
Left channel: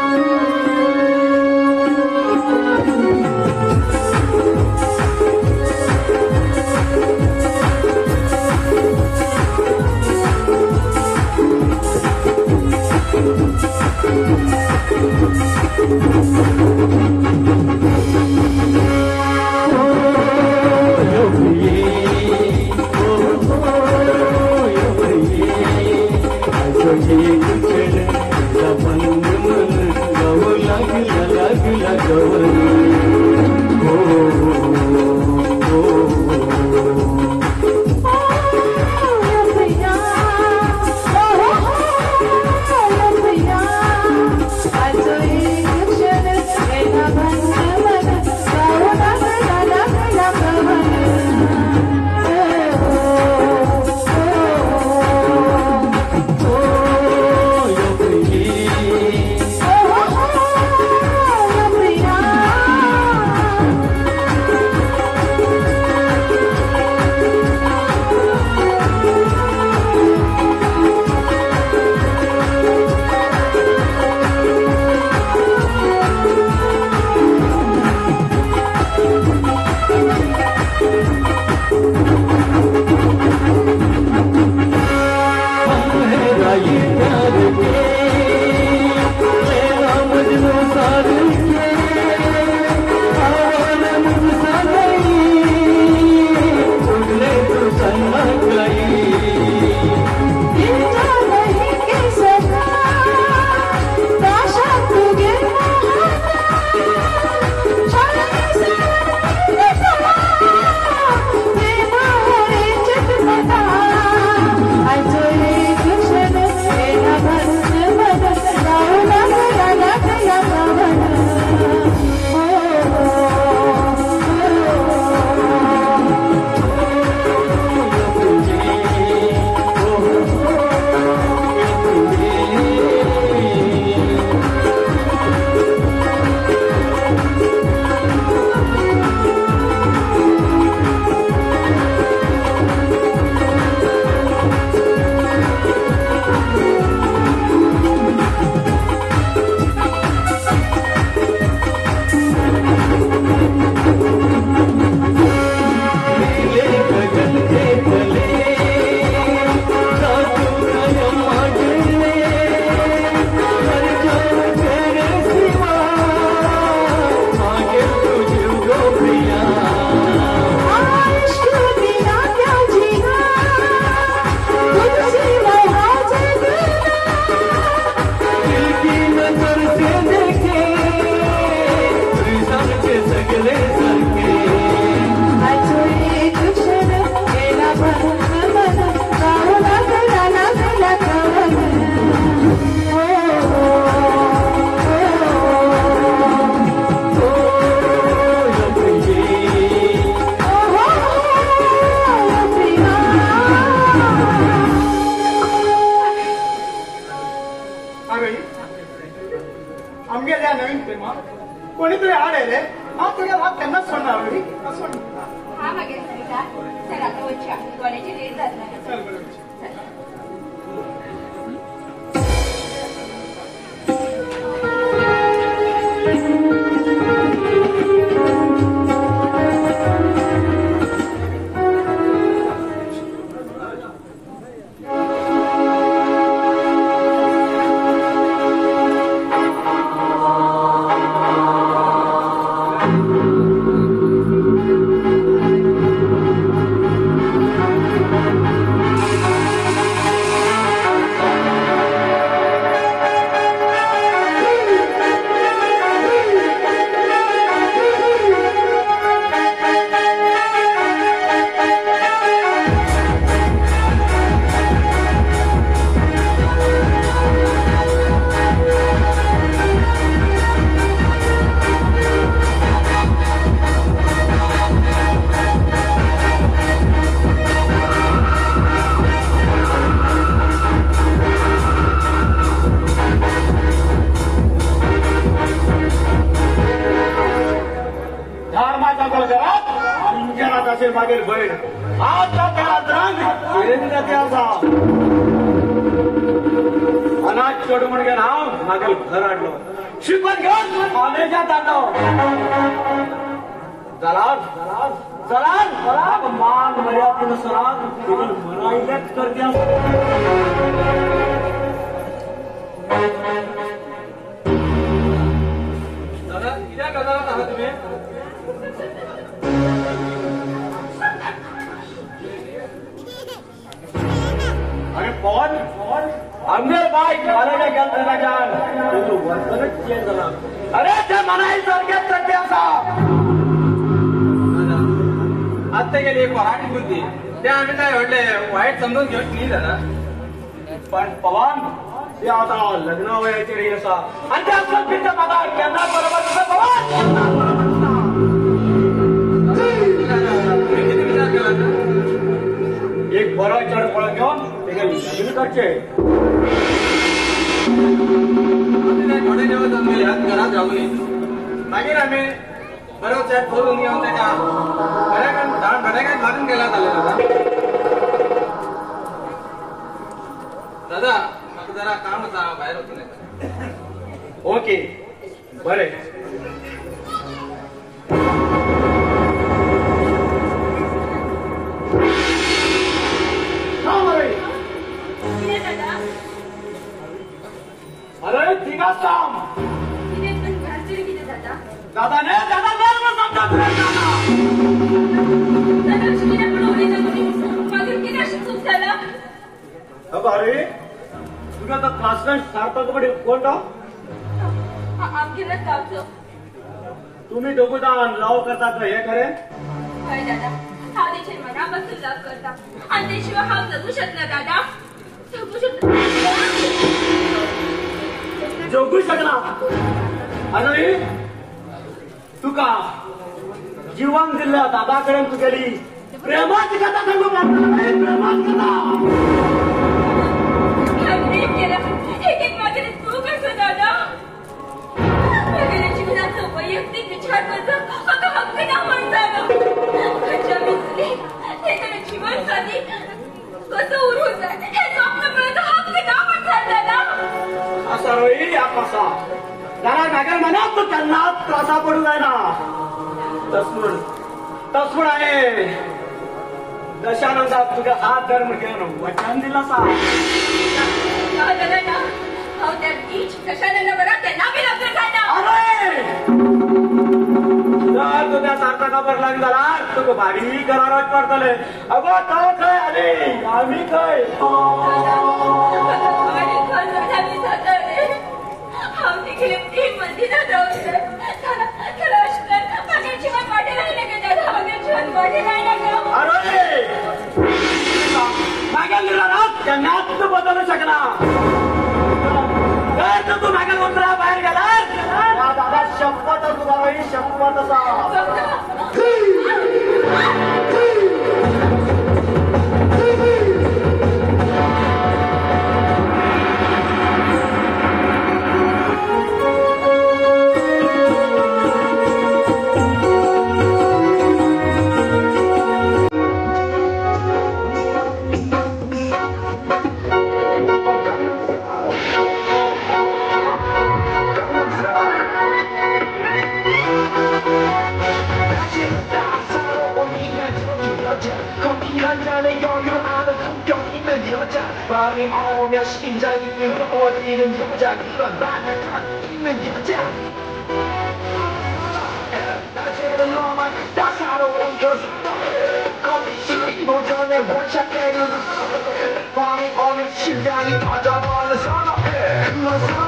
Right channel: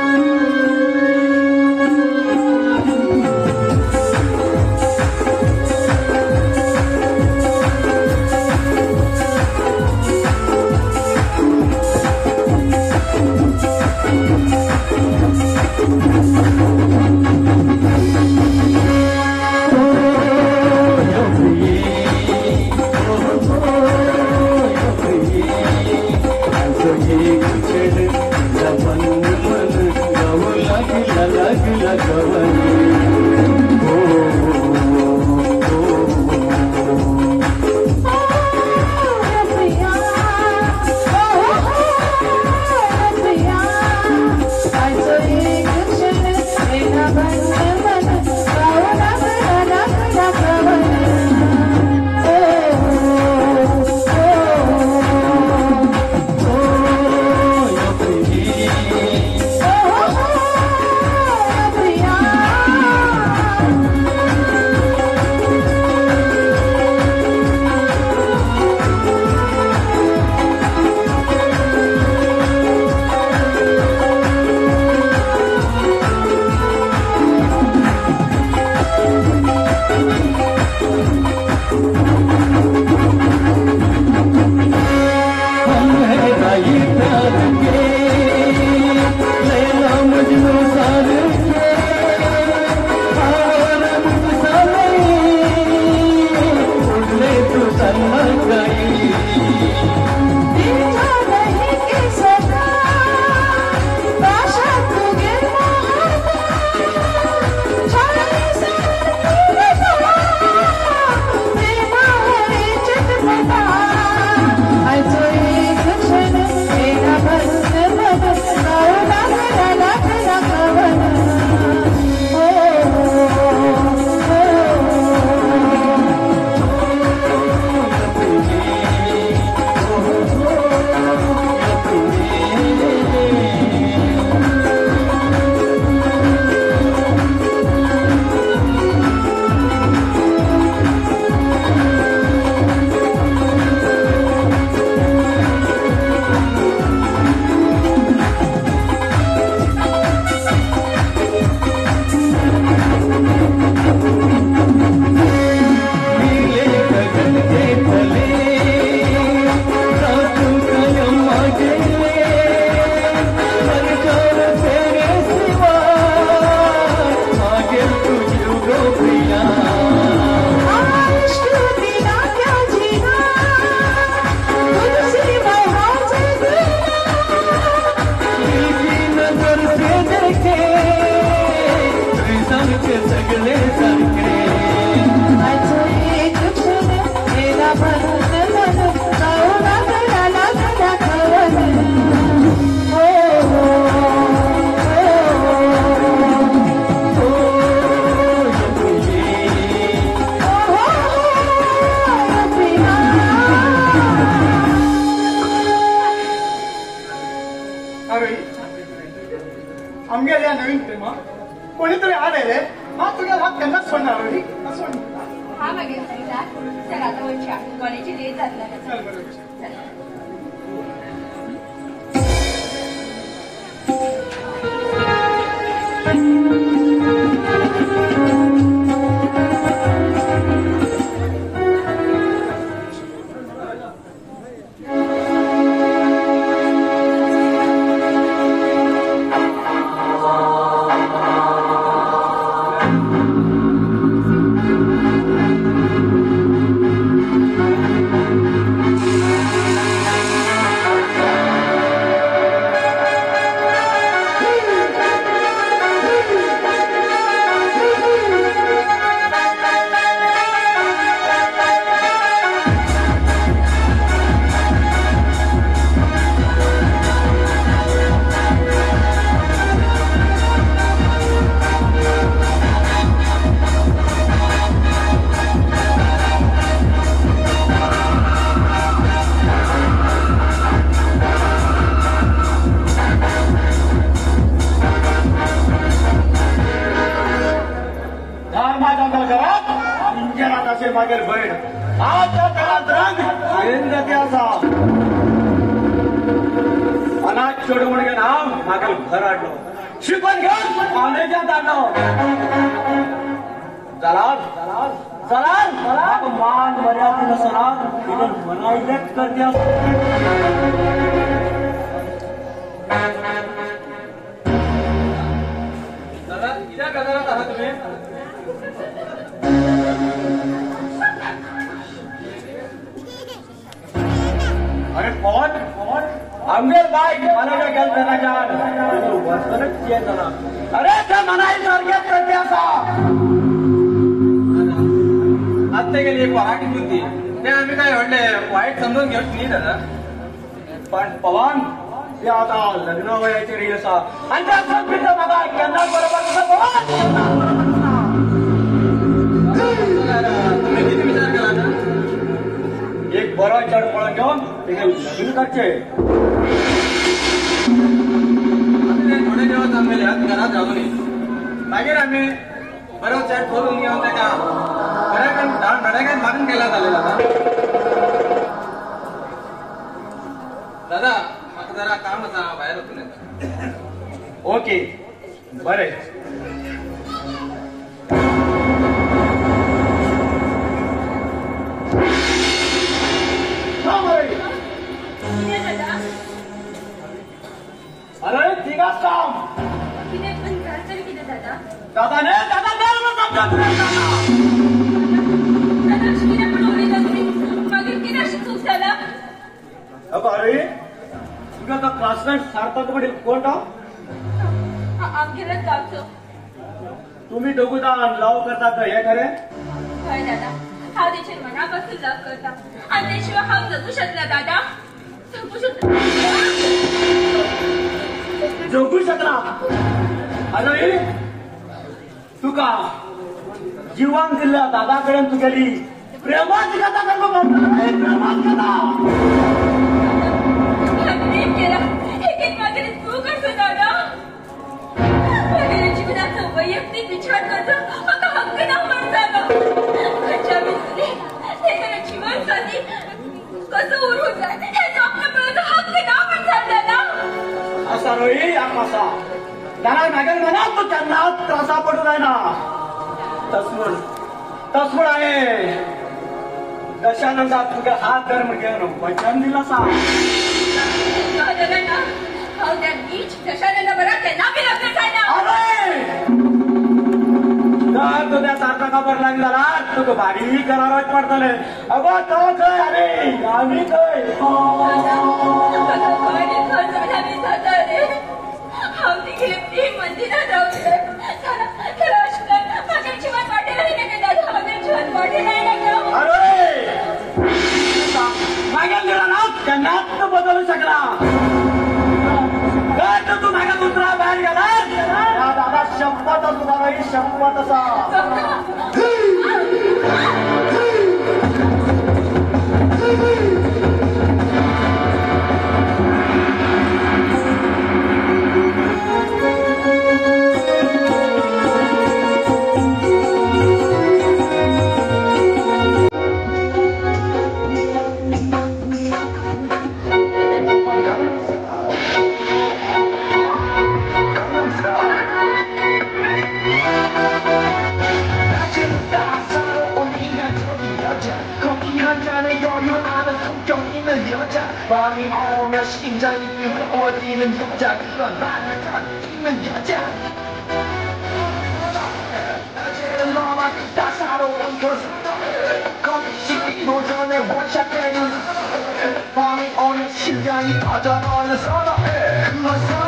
अरे आमगेल्या नवीन प्रेमा कोणीतरी आलेले हा तुला हा त्यांनाच सोडणार अरे असं हा बघेल सरिता चला आता वरच्या कॉलेजची लेट जात नाही चल बरोबर तुम्ही दोघुदान लव करतात हे खरे होय दादा हा त्याच्या मनापासून लव करता आणि त्याशिवाय हा जगू शकला दादा जगू शकला अरे तुका जीवन दिलं दादाकडे तू गेली प्रेमाची कथा प्रेमाची कथा प्रेम केलं एक मागे तू कसं दादा जीवनाचा वैयक्तिक विचार करतो आता हक्क ना म्हणता जीवन साधी कसं उरून जाते हक्क ना म्हणतात असा रोई आकाशा जरा नागर मनात तू त्यांना त्रासा पडू आहे ना तसमुड आहे दशानंदात तुझ्या हात धर्म घेणं वचन दिला सा कशाला बरं त्यांना बी लग्न तुझ्या सारखा खबर लागली झाला तुझं भारी करारच पडतले अगं काय काय अरे आम्ही काय मंदिरात जीवन वाटेल अरे मागेल दिला ना त्यांना बदलू शकला तू मागे मंत्रा बाहेर गेला दादा शपथ तुला शपथ तसा 我只能不讲一万八，因为你们这样。那些的浪漫，大傻的我可是，可比心里不真的我想给你。光明我们心家一把抓到了什么？了什么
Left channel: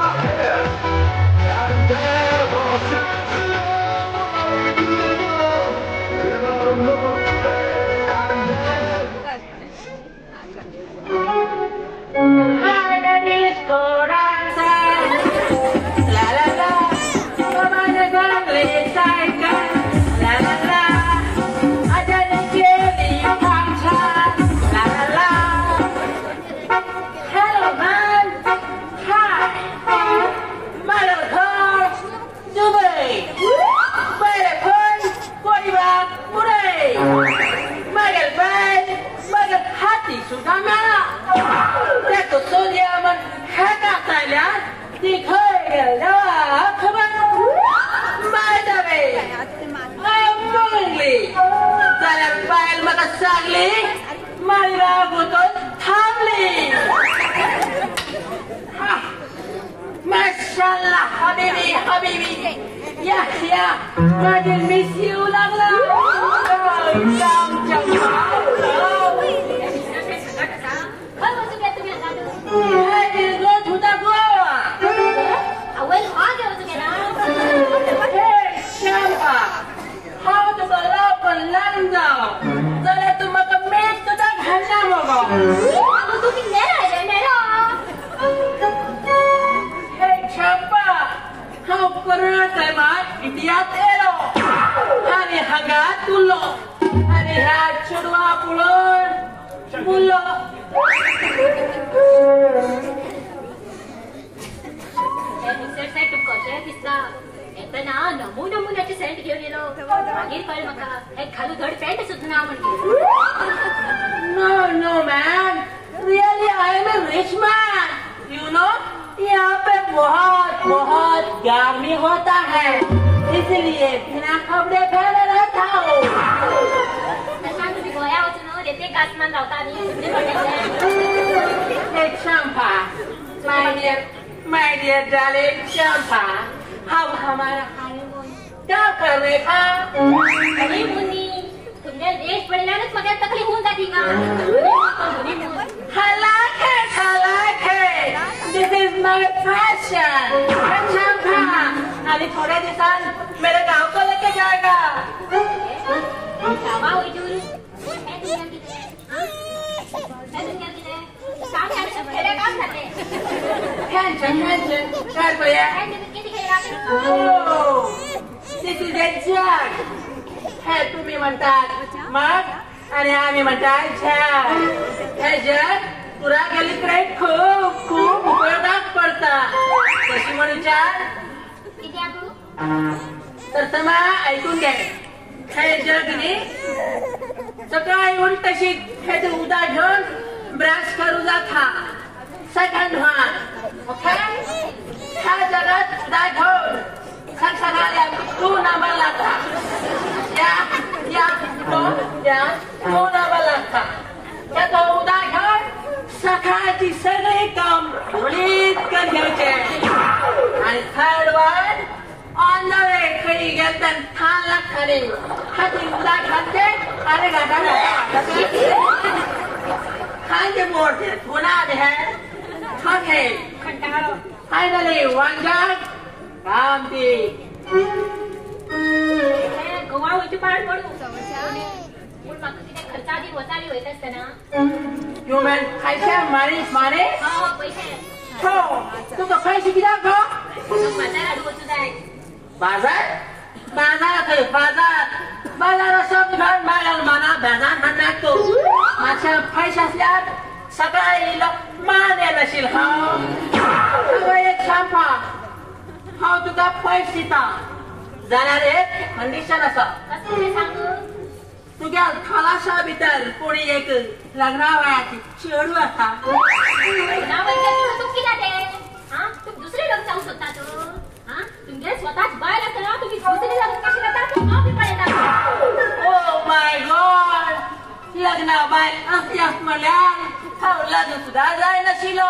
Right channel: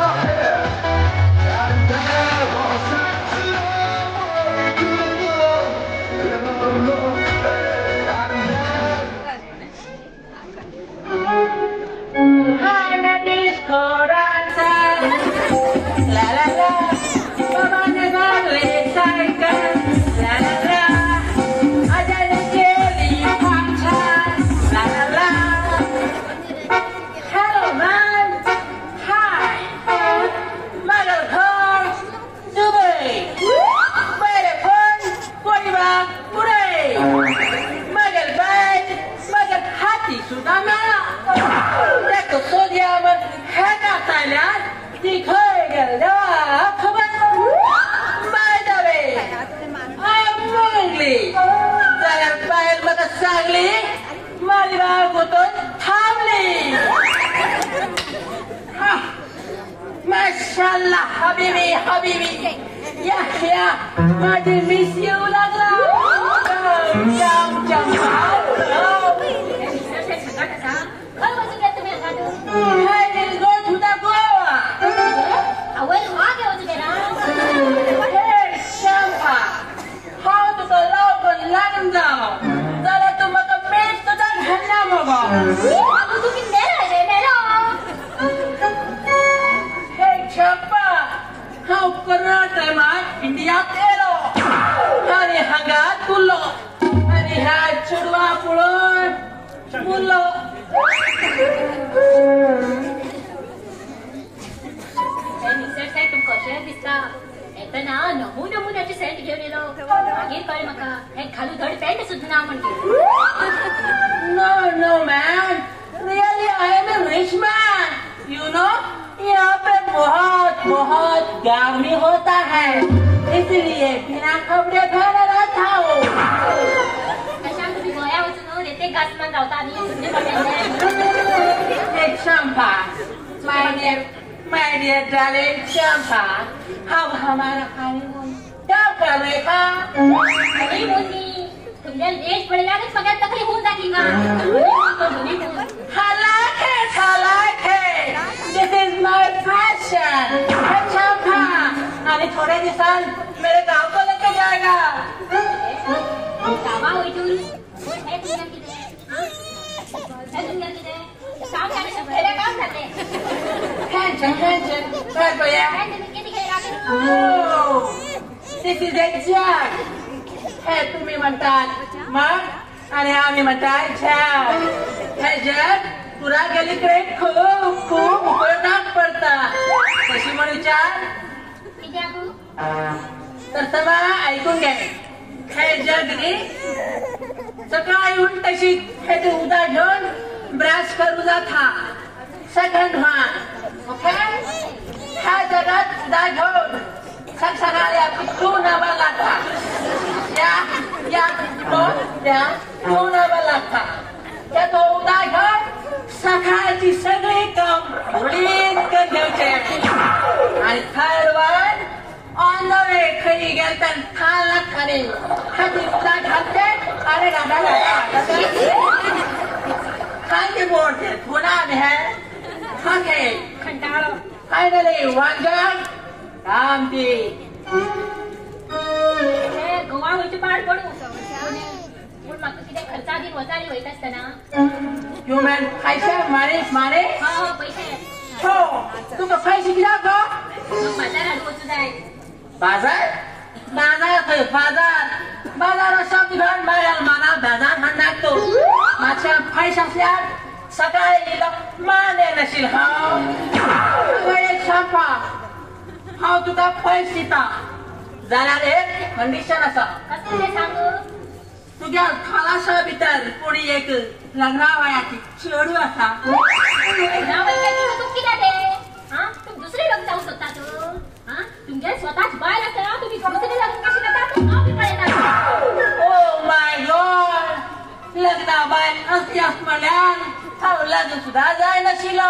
？लग्न सुद्धा जाय नशिलो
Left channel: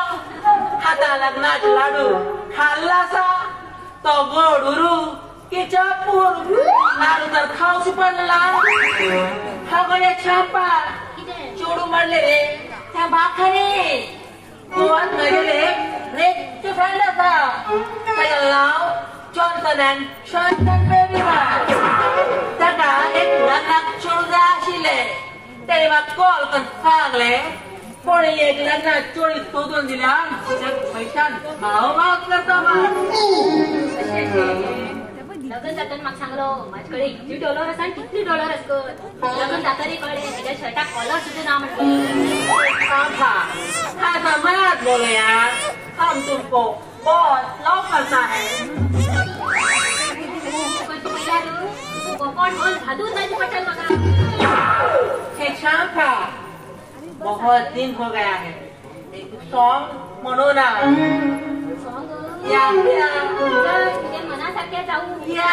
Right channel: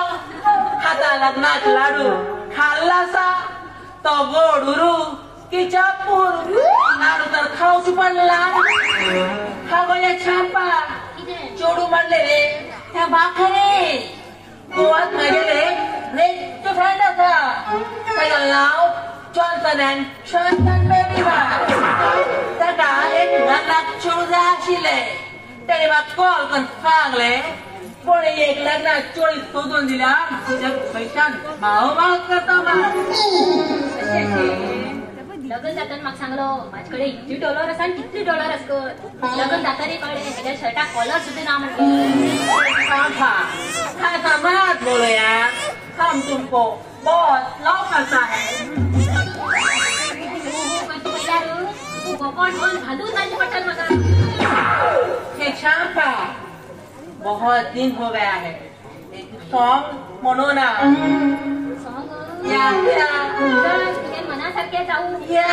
हाताला लग्नात लाडू खाल्लासा तो गोडुरू किच्या पोरू लाडू तर खाऊची पडला खबरे छापा चोडू मारले रे त्या बाकरे गोवात मागेले रे तो फेरला त्याला नाव चॉर्टन शॉर्टन बेबी ताका एक नाक चोडू जाय आशिल्ले त्याने म्हाका कॉल करून सांगले कोणी एक लग्नात चोळी सोदून दिल्या पैशान भाव करता लग्न जाताना म्हाका सांगलो माझे कडेन इतली डॉलर आसा आनी कितली डॉलर आसा लग्न जाताना कळ्ळें तेच्या शर्टाक कॉलर सुद्दां ना म्हणटा मत बोलो यार हम तुमको बहुत लव करता है कोकण मन घालून जायचे पडटात म्हाका एक शांता बहुत दिन हो गया है एक सॉन्ग म्हणू ना या तुझे मनासारखे जाऊ या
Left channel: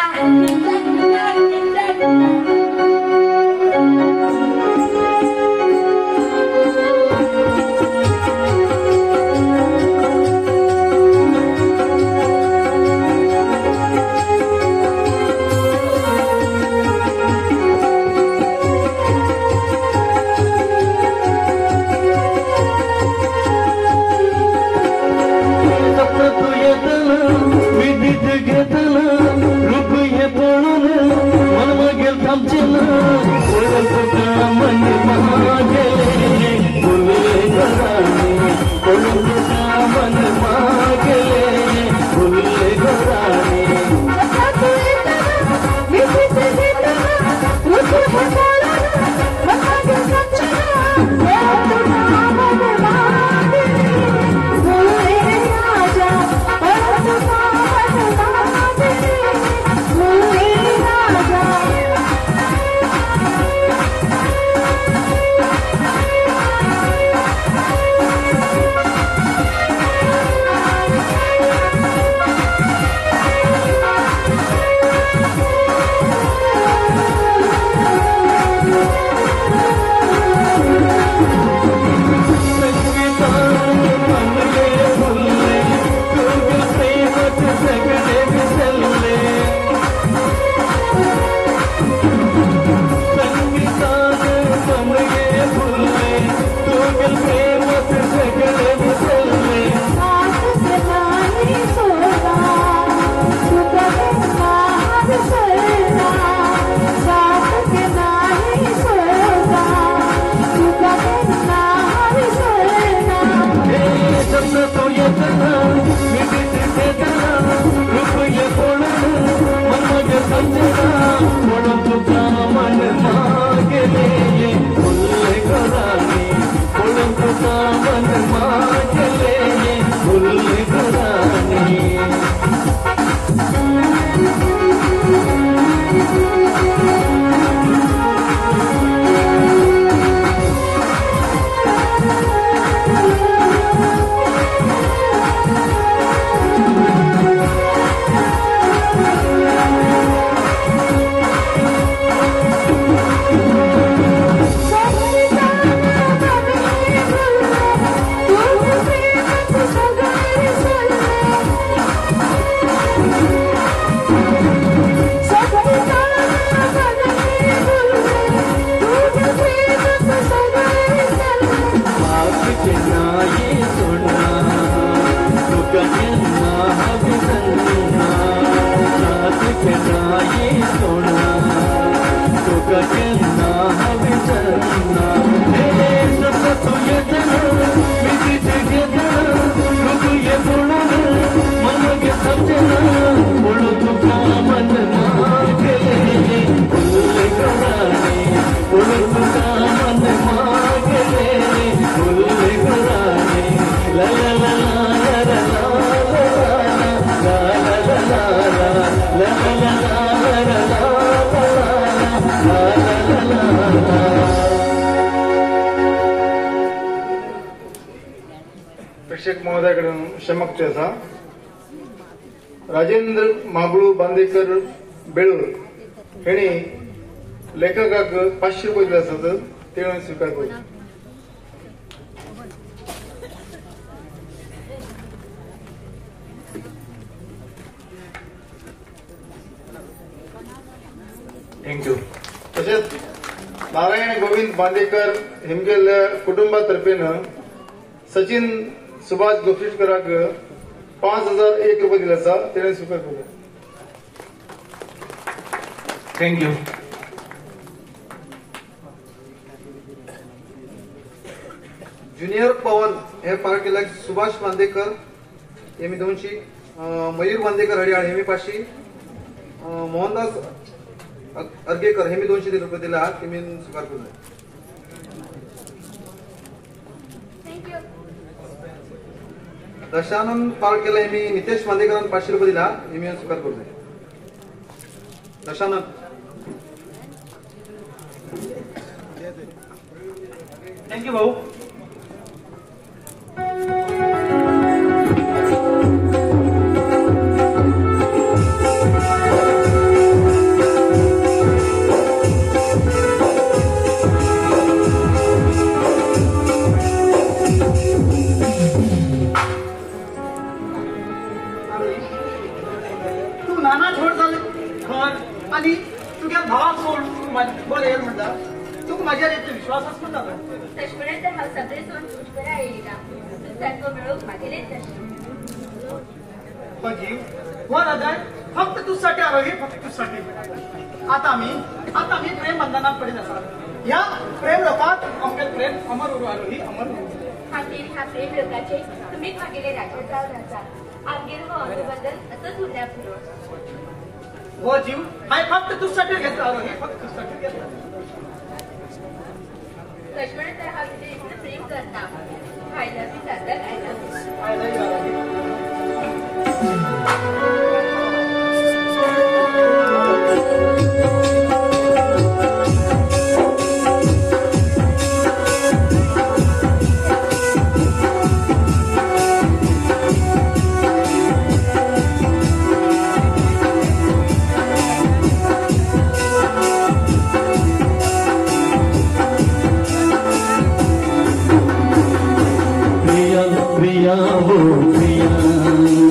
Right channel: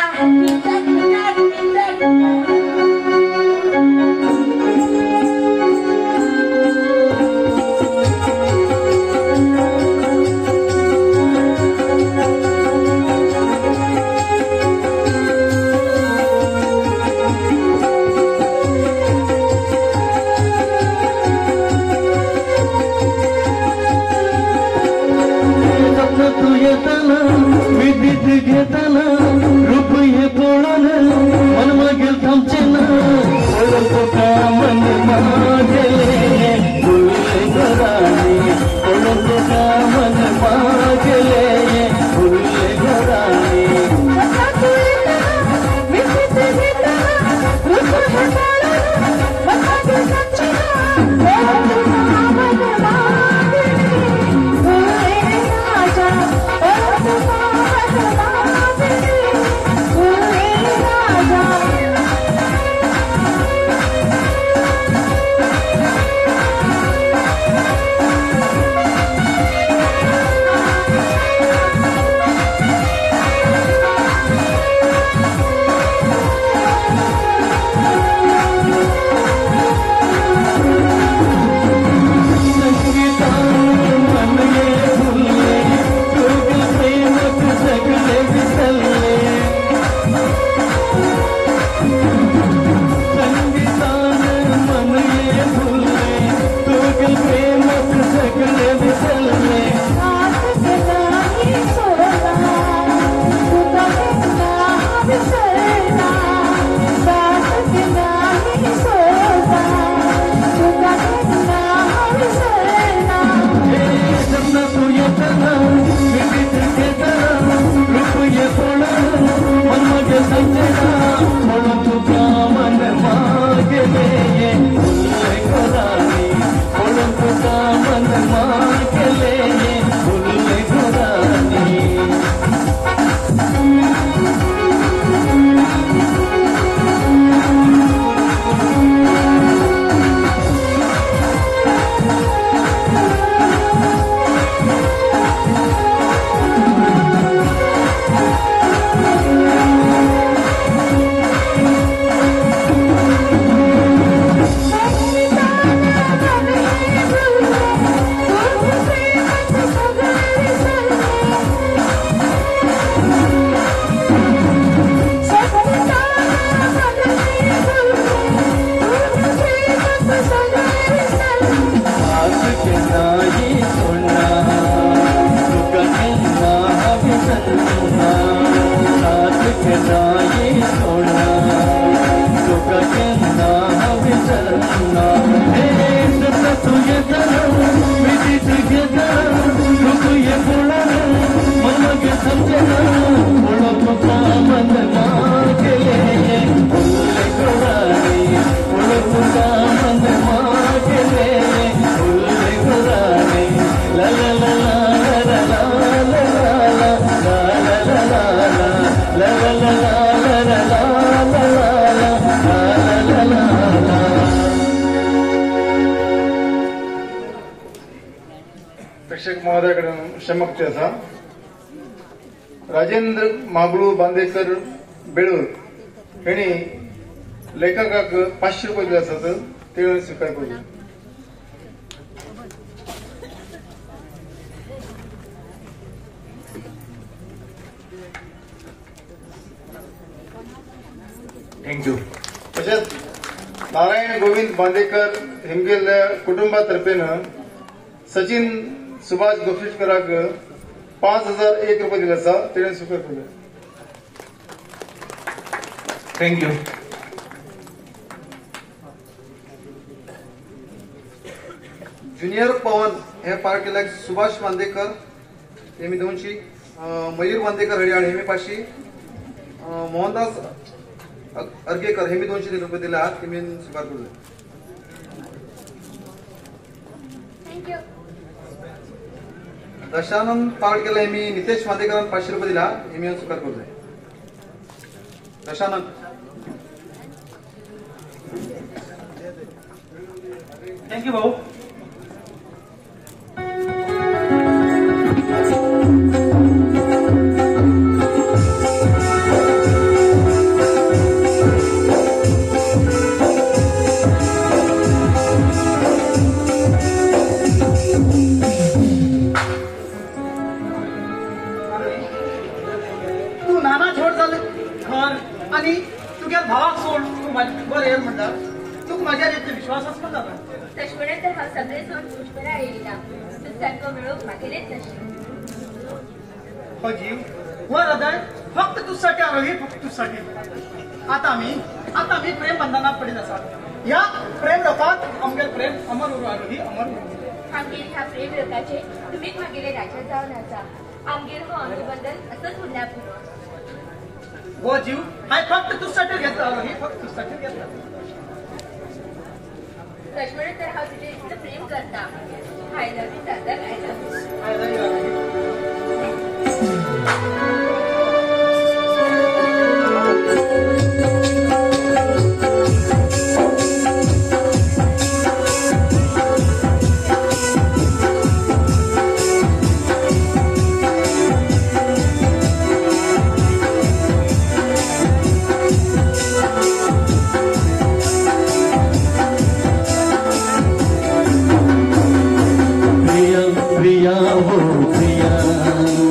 घेताना रुपये पळून मन मागेल थांबचे ना मन गेले भुले घराने मन गेले भुले घराने प्रेक्षक महोदयाकडून क्षमक असा राजेंद्र मागळू बांदेकर बेळूर हेणी लेखकाक 500 रुपये दिले असतात ते स्वीकार करू. थँक्यू. तशेंच नारायण गोविंद बांदेकर हेमगेल्या कुटुंबातर्फेन सचिन सुभाष गोपीशकराक 5,001 रुपये दिले आसा. तेणें स्वीकार केले. थँक्यू. ज्युनियर पवन हे पार्ट केल्याक सुभाष बांदेकर हेमी 200, मयूर बांदेकर हरियाळ हेमी 500, मोहनदास अर्गेकर हेमी 200 रुपये दिले आहात. हेमी स्वीकार केले. थँक्यू. दशानंद पार्ट केले हेमी नितेश बांदेकरांक 500 रुपये दिला. हेमी स्वीकार केले. दशानंद. थँक्यू भाऊ. तू नाना छोड झालं घर आणि तुझ्या भावाक सोड तू बरं येईल म्हणटा. तुका माझ्यार इतलो विश्वास आसता ना. तशपणे तर हांव सगळे सोड खुशबरा येयला. सारको मेळोवंक म्हागेलेच तशें. हो जीव हो हृदय फक्त तुझसाठी आलो. हे फक्त तुझसाठी. आता आम्ही प्रेम बंधनात पडीत आसा. ह्या प्रेम लोकात आमगे प्रेम अमर उरू ही अमर उरू. आमगेर ह्या प्रेम लोकाचे तुमीच म्हागेले राजा जावन आसा. आमगेर हो अनुबंधन असंच उरल्या पुरो. हो जीव हाय फक्त तुझसाठी घेतलो आलो. हे फक्त तुझसाठी घेतलो. तशपणे तर हांव तुजेर इतलें प्रेम करता. आय लव्ह यू दादा. I love you. I love you. Priya, priya, oh priya, oh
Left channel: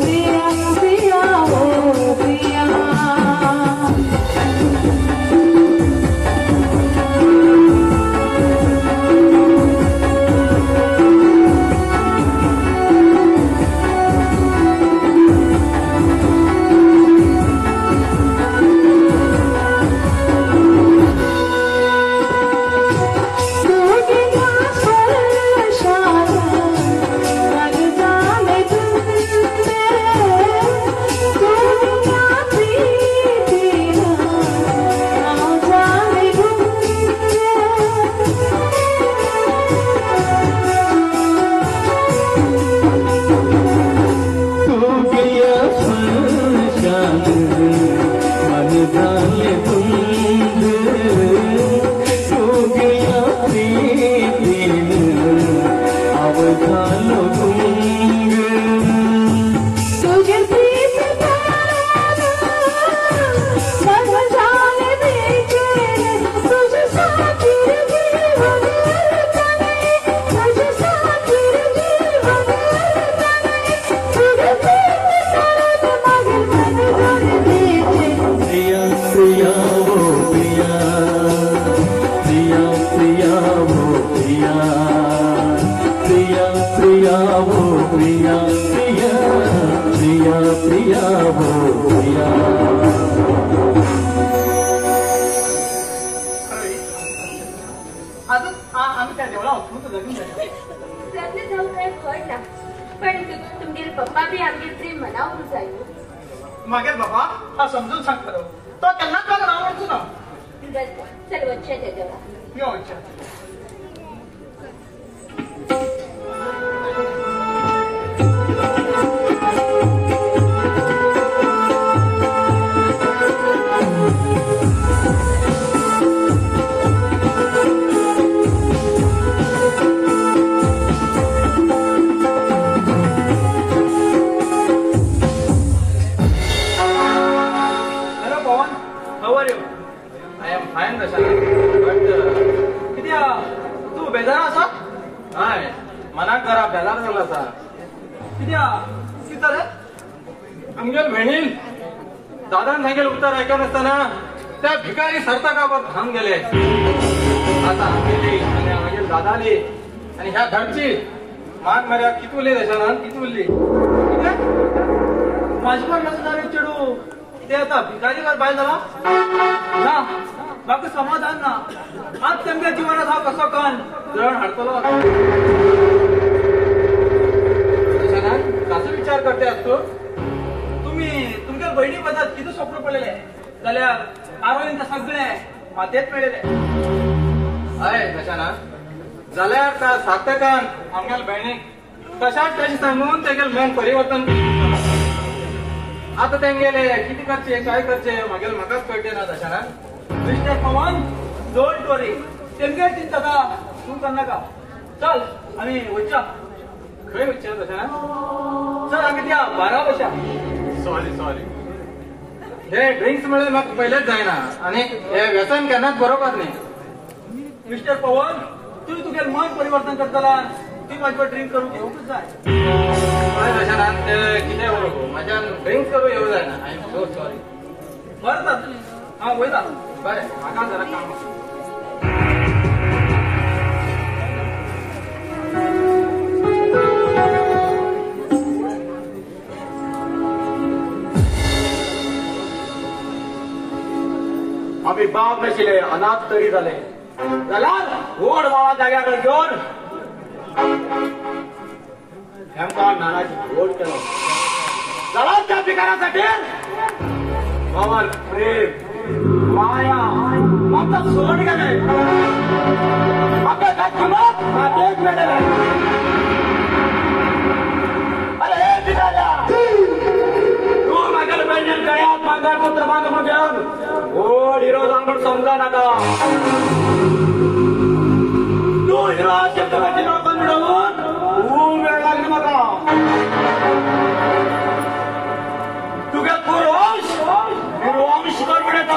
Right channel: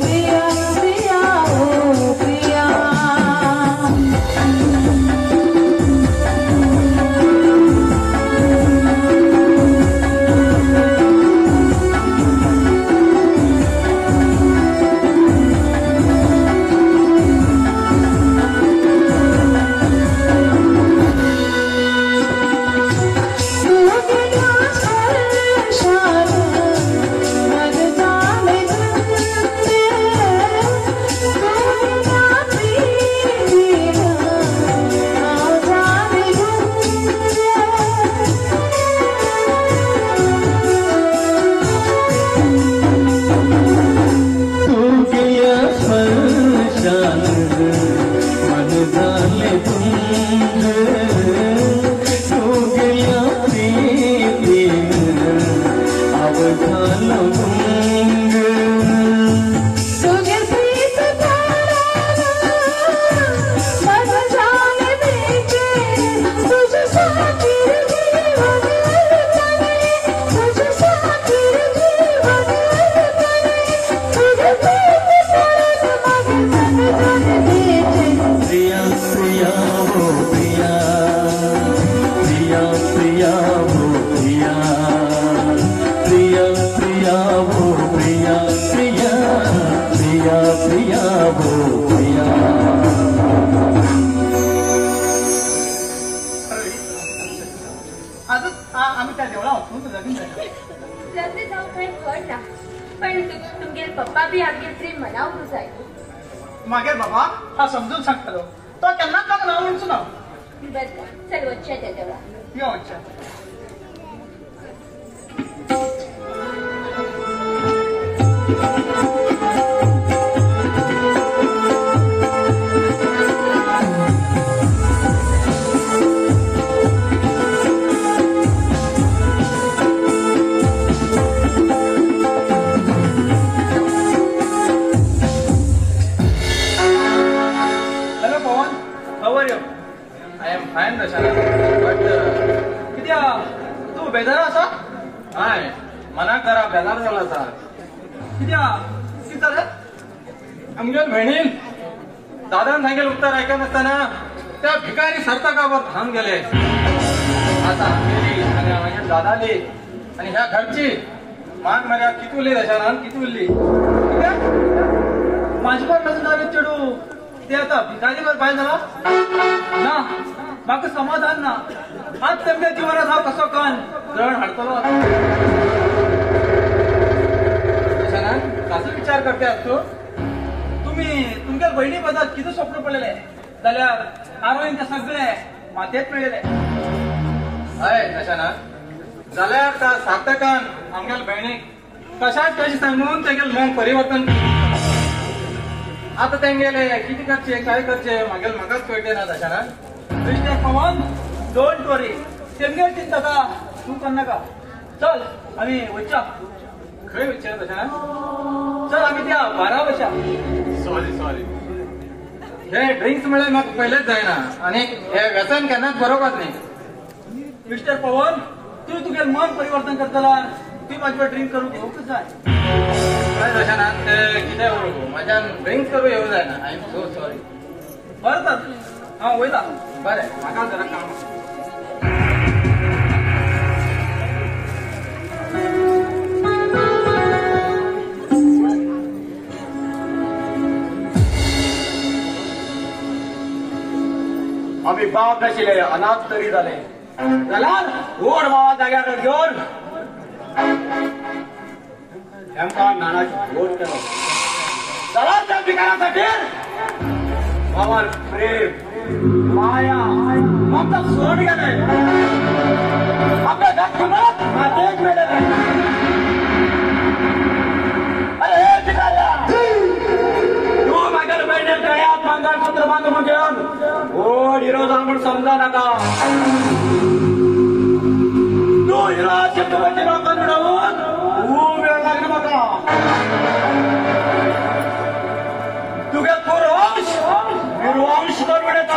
priya. लग्न जाऊन काय फळ ना पण तुमगे पप्पा बी आमगे प्रेम मनावून जायो मागे बाबा हा समजून सांगतो तो त्यांना का नावडचो ना बस चल वच्चे देवा यो अच्छा बेजार आसा हय मनाक जरा बेजार जाला जरा कित्याक रे आमच्या बहिणीन दादान सांगेल उत्तर ऐकत असताना त्या भिकारी सरताकावर धावून गेले आता गेली आणि माझ्या दादाली आणि ह्या घरची मान मर्या किती उरली त्याच्यानं किती उरली माझी पण नसणारी चेडू ते आता भिकारी बाहेर झाला ना म्हाका समाधान ना आज तांच्या जिवानात हांव कसो कन ग्रहण हाडटलो कसो विचार करते तू तुम्ही तुमच्या बहिणी बद्दल किती स्वप्न पडलेले जाल्यार आरोग्य ते सगळे मातेत पडलेले हय तशाना जाल्यार का सार्थकान आमच्या बहिणीक कशाच कशें सांगून तेगेल मन परिवर्तन आता तेंगेले किती करचे काय करचे मागेल म्हाकाच कळटे ना तशाना मिस्टर पवन डोंट वरी तेमगे चिंता का तू करनाका चल आमी वयच्या खंय विचार तशाना चल आमी त्या बारा वयच्या सॉरी हे ड्रिंक्स मिळेल म्हाका पयलेच जायना आणि हे व्यसन केन्नाच बरोबर नाही मिस्टर पवन तू तुगे मन परिवर्तन करतला ती माझ्या ड्रिंक करून घेऊच जाय कळ्ळें तशाना ते कितें उलोवं म्हाज्यान ड्रिंक्स करूं येवं जायना आय एम सो सॉरी बरें तर हांव वयता बरें म्हाका जरा काम आम्ही बाप नाशिले अनाथ तरी झाले जाल्यार गोड बाबा जाग्याकडे घेऊन हेमकान नानाची गोड केलो जाल्यार त्या पिकाऱ्यासाठी बाबा प्रेम माया म्हाका सोड गेले म्हाका किंमत मातेक मेळले अरे पिकाऱ्या तू म्हाका बहिणीन गळ्यात मंगळसूत्र बांधून घेऊन गोड हिरो जाणून समजा नका तो हिरा छत्रपती लोकांनी मिळवून खूप वेळ लागली नका तुझ्या पूर्वंश निर्वंश करविण्यात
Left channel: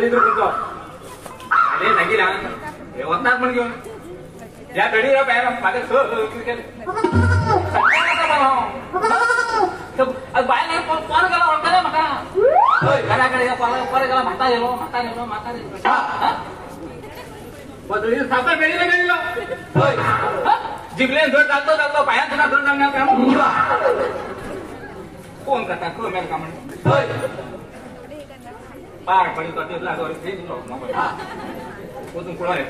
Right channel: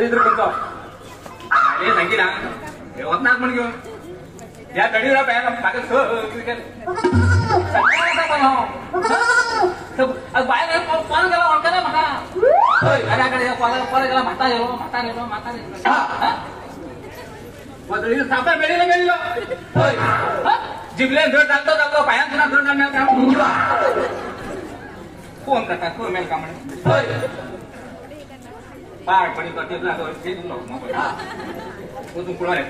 दरिद्र म्हणतो अरे सांगितला हे होत ना पण घेऊन या घडीला पाहायला माझ्या बाय पान गेला म्हणता ना म्हाता येऊ सापड गेलेला गेलेला जिंकले घर चालतो चालतो पाया तुला धरून आणणार फोन करता कोण मेल का म्हणे पाठ पडी करते तुला पुढे आहे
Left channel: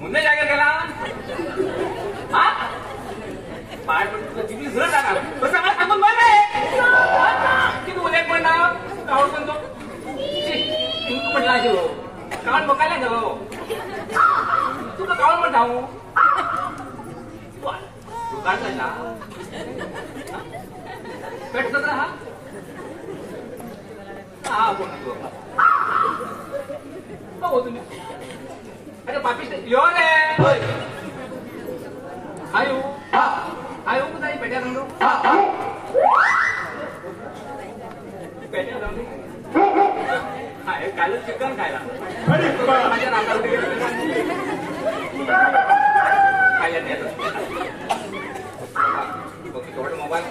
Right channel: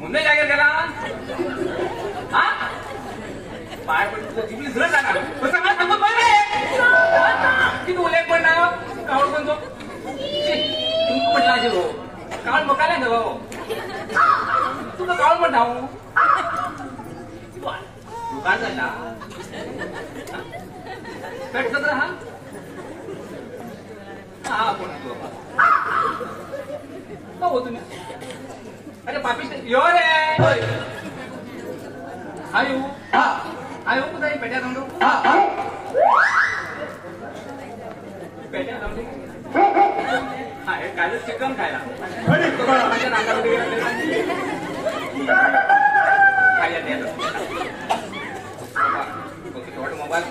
ಮುಂದೆ ಜಾಗಿರ್ಗಲ್ಲ ಇದು ಉಲ್ಲೇಖ ಮಾಡಿ ನಾವು ಕಾಡ್ಕೊಂಡು ಕಾಳು ಮುಖಾಲೆ ಗಲೋ ಕಾಳು ಮಾಡಿ ನಾವು दुकान जायला कट करता हा हो तुम्ही अरे पापी यो रे आयु आयु कुठे पेट्या काढू पेट्या काढू हा हे कालच चिकन खायला खायला द्यायला मोबाईल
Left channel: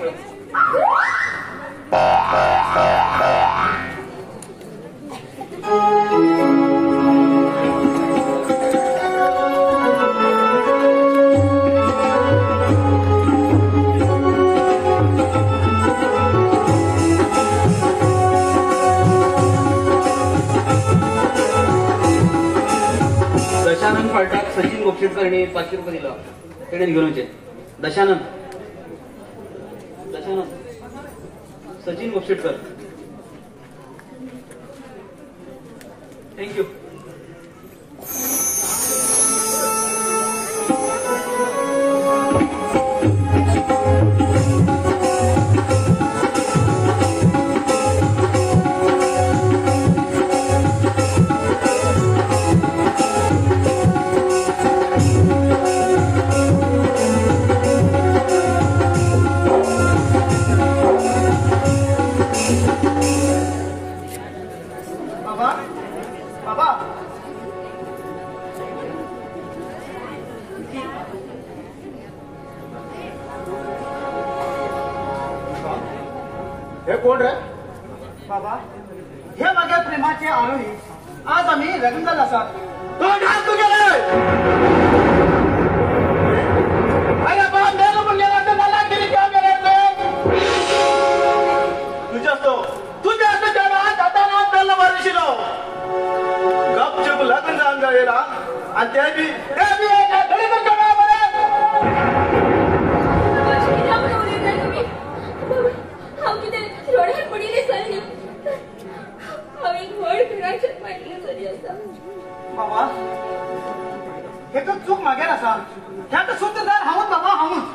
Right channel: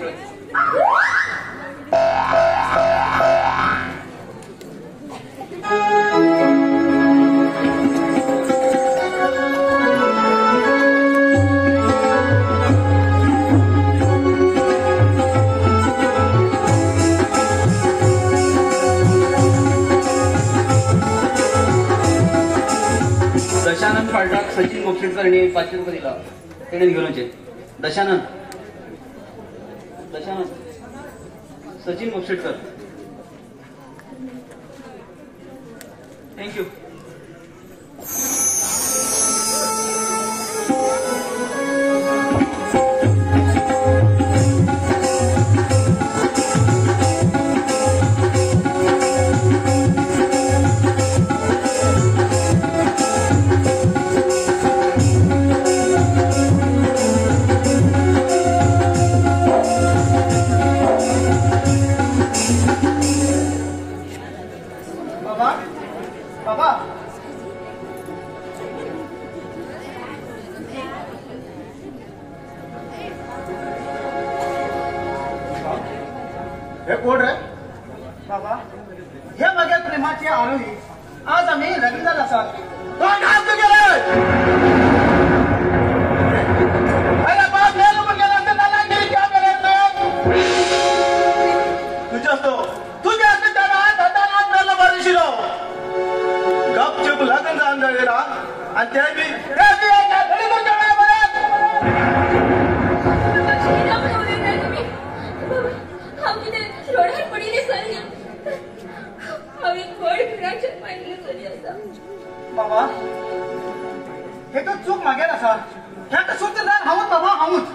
दशानंद पाठक सचिन बोक्षेटकर यांनी 500 रुपये दिला त्याने घेऊन दशानंद सचिन बोक्षेटकर थँक्यू हे कोण रे बाबा हे बघा प्रेमाचे आरोही आज आम्ही रवींद्र असा तो घात तू गेले अरे बाप बेल म्हणजे ना त्याला किती काम करायचं तुझ्या तो तुझ्या त्याला दादाना त्याला मारशिलो गपचूप लग्न जाऊन जावेला आणि ते बी एका घरी तो करणार बाबा हे तर चूक मागेल असा ह्या तर सूत्रधार हाऊत बाबा हाऊत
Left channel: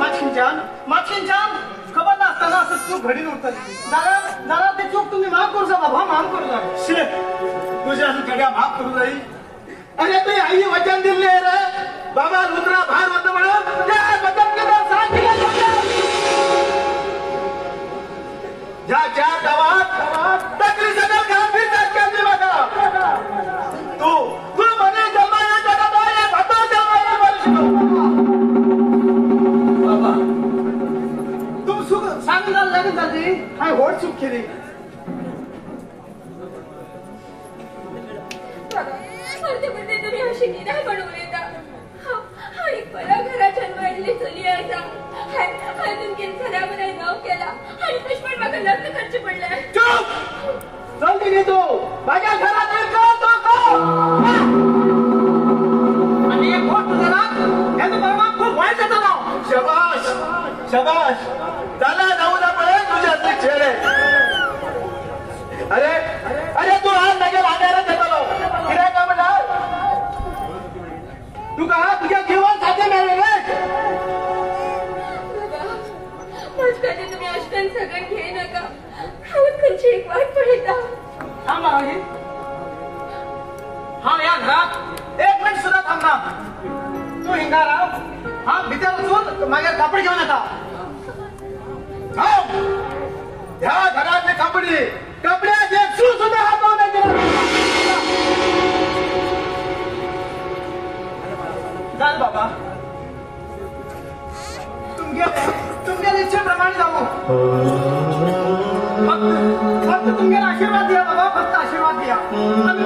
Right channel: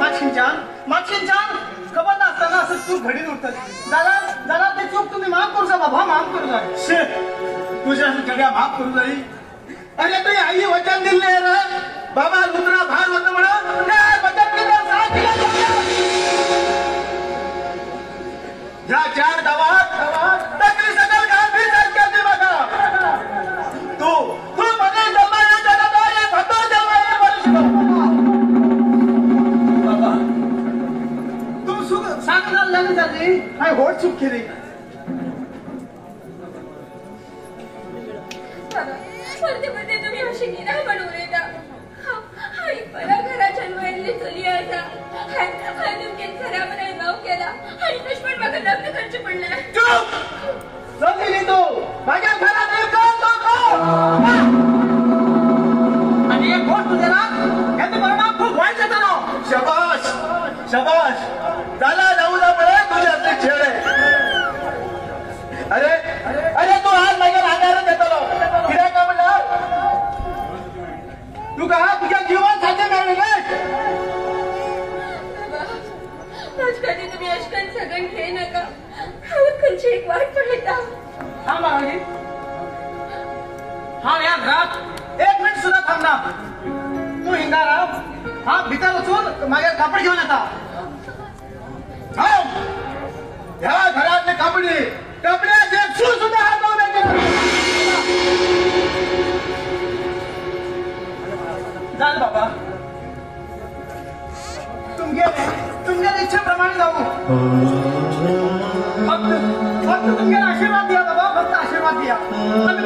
मागशींच्यान खबर नसताना असं चूक घडीन उठतली दादा ते चूक तुम्ही माफ करू जा बाबा माफ करू जा तुझ्या घड्या माफ करू जाई अरे तरी आईने वचन दिले रे बाबा रुद्रा भाग होत म्हणा त्या वचन केला ज्या 4 गावात टाकली सगळं खात्री सरकारची बघा तू बरे जमाया जगत आहे भतो जमाया वर्षो बाबा तू सुख सांगणार नाही जाती हाय होट चूक केली मध्ये तुम्ही अशी नाही बनवले का हाय मला घरात जन्मायला चली आता हाय तुमच्या घरामध्ये नाव केला हाय दुश्मन माझा लग्न खर्च पडलाय शबाश शबाश झाला जाऊला मिळेल तुझ्या हातले खेळ आहे. अरे अरे तू आज मागे लागणार घेतलो किती का म्हणणार तू का तुझ्या जीवनासाठी मिळेल कधी तुम्ही अष्टन सगळं घे नका खंची एक वाट पडता. हा मागे हा या घरात एक मिनिट सुद्धा थांबना. तू हिंगारा हा भीतर उचलून माझ्या कापड घेऊन आता. ह्या घरातले कापडी कपड्याचे शू सुद्धा हातवू नये. जा बाबा तुमच्या इच्छेप्रमाणे जाऊ. फक्त तुमच्याला आशीर्वाद द्या बाबा फक्त आशीर्वाद द्या. आम्ही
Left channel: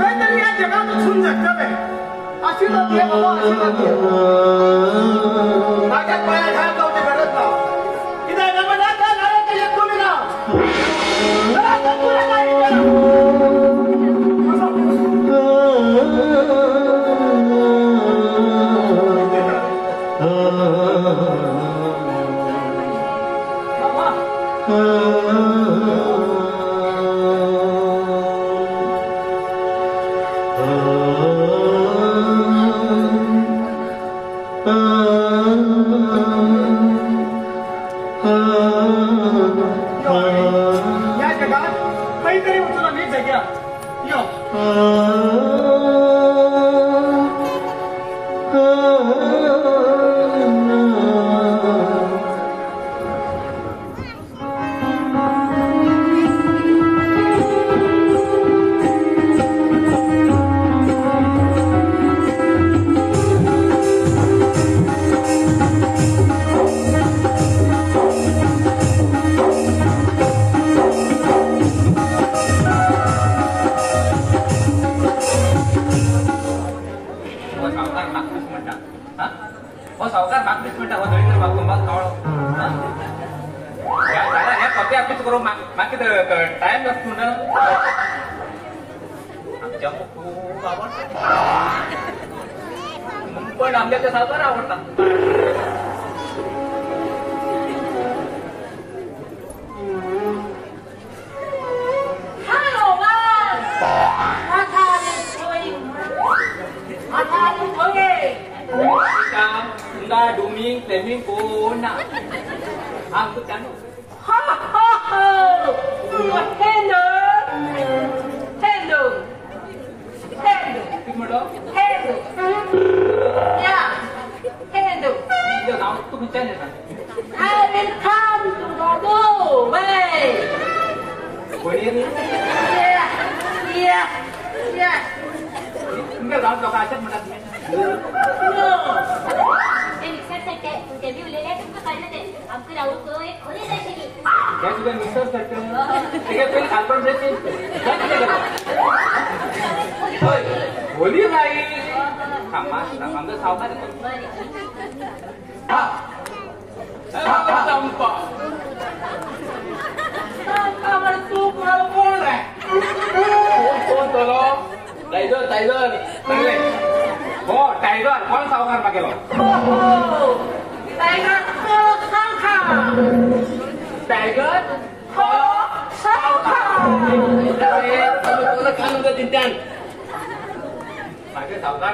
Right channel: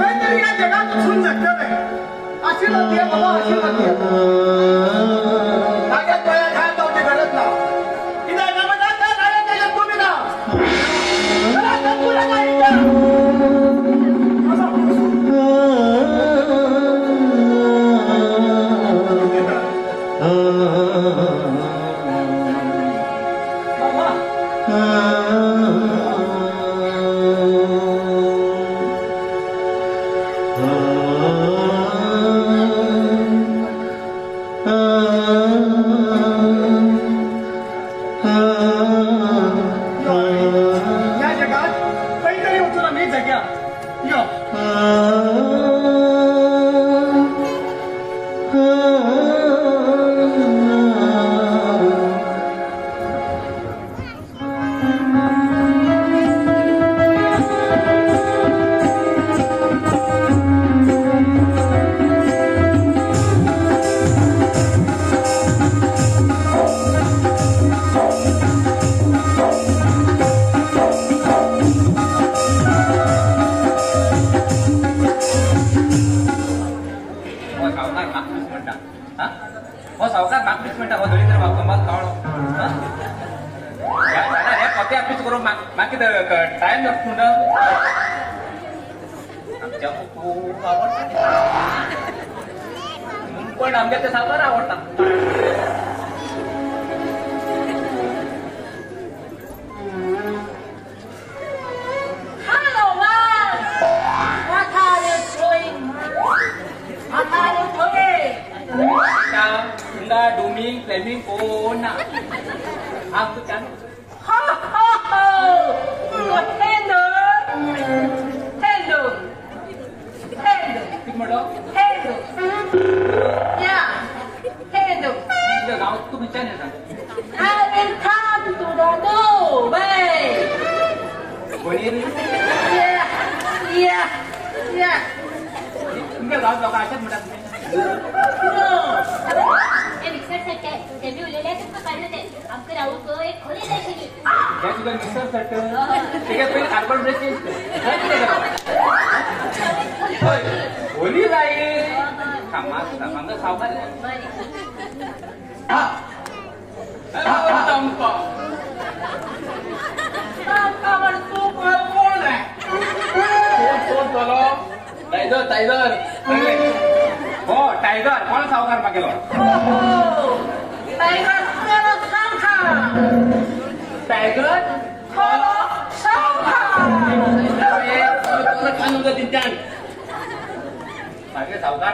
काहीतरी या जगात उचलून झटकावे. आशीर्वाद द्या बाबा आशीर्वाद द्या. माझ्या पोया घ्या जाऊची गरज ना किती तुम्ही ना या जगात काहीतरी उचलून आम्ही जग्या टाइम लागतो ना आमच्या खूप आवडतात पण आमच्या ते साबार आवडतात. तुला डुमी प्रेमी कोण आमचं त्यानं गाव तुम्ही चॅनल तुमच्या गाव लोकांच्या म्हणतात होली जाईल आमचं सावकार टायगर टायगर हो टायगर कोण सावकार मागेल टायगर सावकार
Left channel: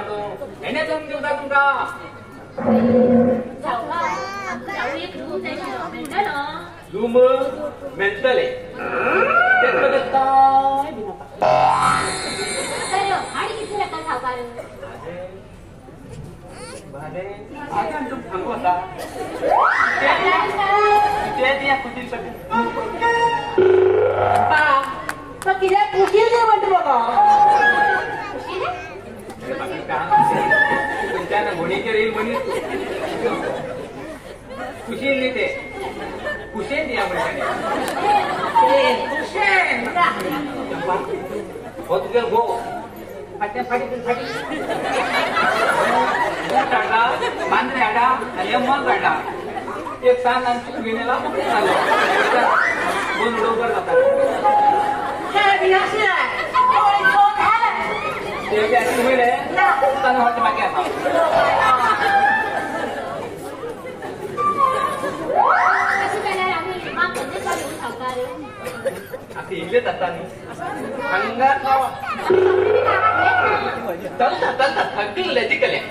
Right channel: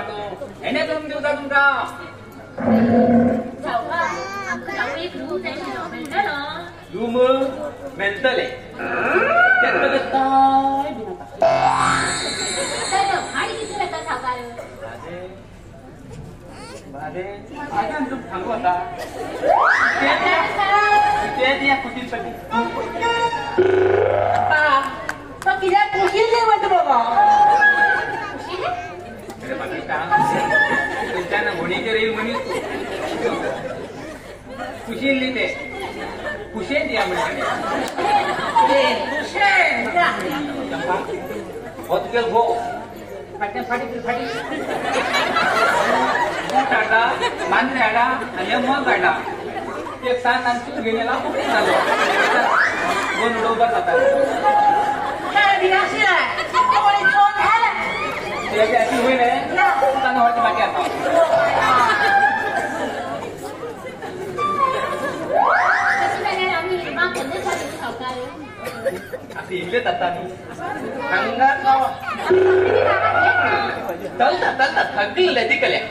येणे जाऊन देऊ का तुमचा रूम मेंटल आहे त्याच्यामध्ये खुशी नाही ते खुशे द्या मांजऱ्याला आणि मग काढला एक सांग आमची घेण्याला दोन डोंगर जातात बाकी थंडी लदी कल्या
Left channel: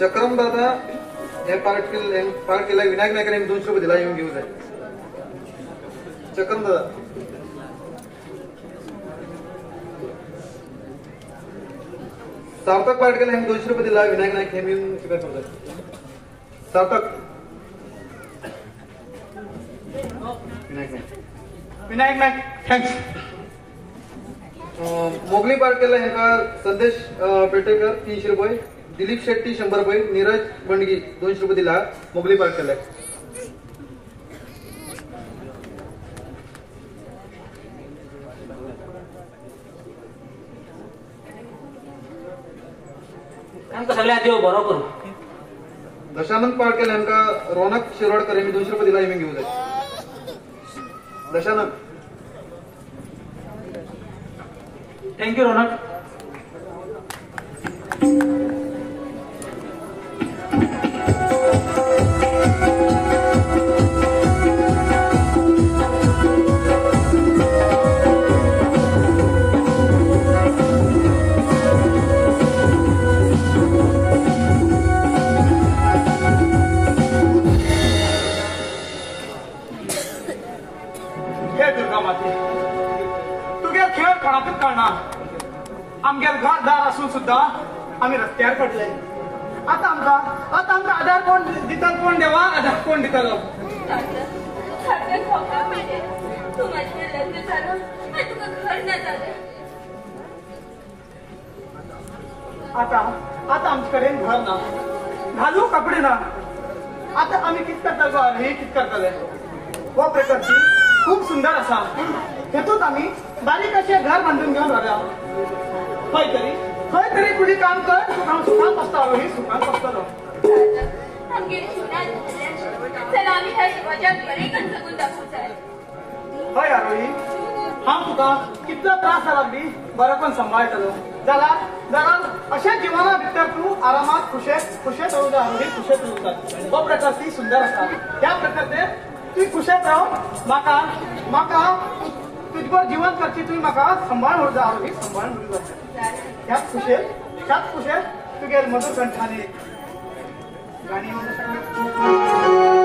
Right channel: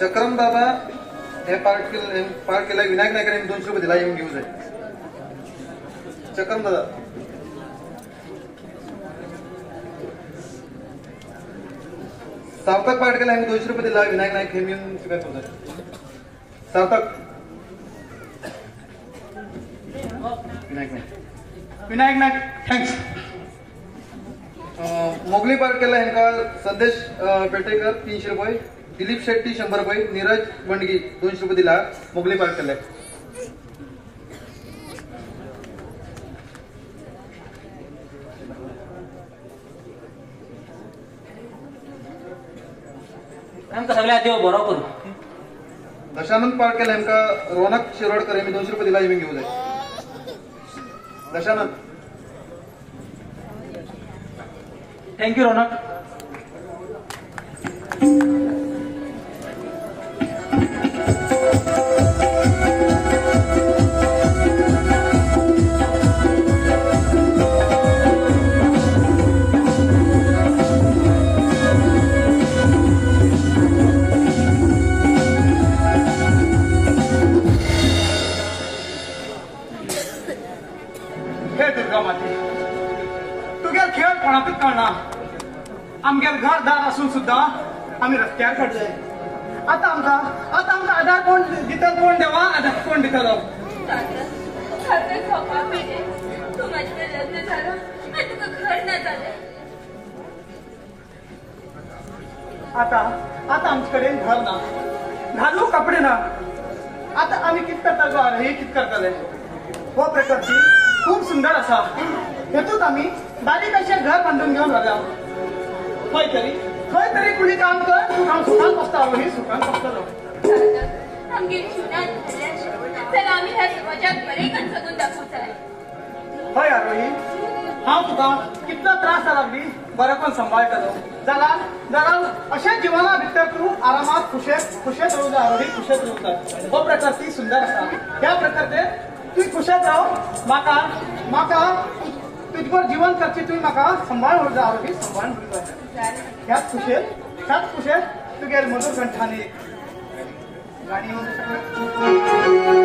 चक्रम दादा हे पार्ट केलं विनायक नायकाने 200 रुपये दिला येऊन घेऊ जाईल. चक्रम दादा सार्थक पार्ट केला 200 रुपये दिला विनायक नायक हे मिळून घेऊ जाईल. सार्थक विनायक नायक थँक्स. मोगली पार्ट केला ह्यांका संदेश पेटेकर 300 रुपये, दिलीप शेट्टी 100 रुपये, नीरज बंडगी 200 रुपये दिला मोगली पार्ट केलाय. सगळ्या देव बरोबर. दशानंद पार्ट केला ह्यांका रौनक शिरोडकर यांनी 200 रुपये दिला येऊन घेऊ जाईल. दशानंद थँक्यू रौनक. आमगे घरदार असून सुद्धा आम्ही रस्त्यावर पडले. आता आमका आधार कोण दितात, कोण देवा आधार कोण दितलो. आता आमच्याकडे घर ना, घालू कपडे ना. आता आम्ही कित करता हे कित करतले. व प्रकारची खूप सुंदर असा हेतूच आम्ही बारीक असे घर बांधून घेऊन राहिला. खंय तरी कुणी काम कर सुखान बसतालो. ही सुखान बसतालो. हय आरोही हांव तुका कितलो त्रास लागली बरें करून सांबाळटलो. जाल्यार अशें जिवना भितर तूं आरामात खुशेत रावू जाय. आरोही खुशेत रावता. हो प्रकार ती सुंदर आसा. ह्या प्रकारचे तूं खुशेत राव. म्हाका तुजवर जीवन करची तुवें म्हाका सांबाळ उरता. आरोही सांबाळ उरता. ह्याच खुशेत तुगेर मधुर कंठाने गाडी येऊ शकता.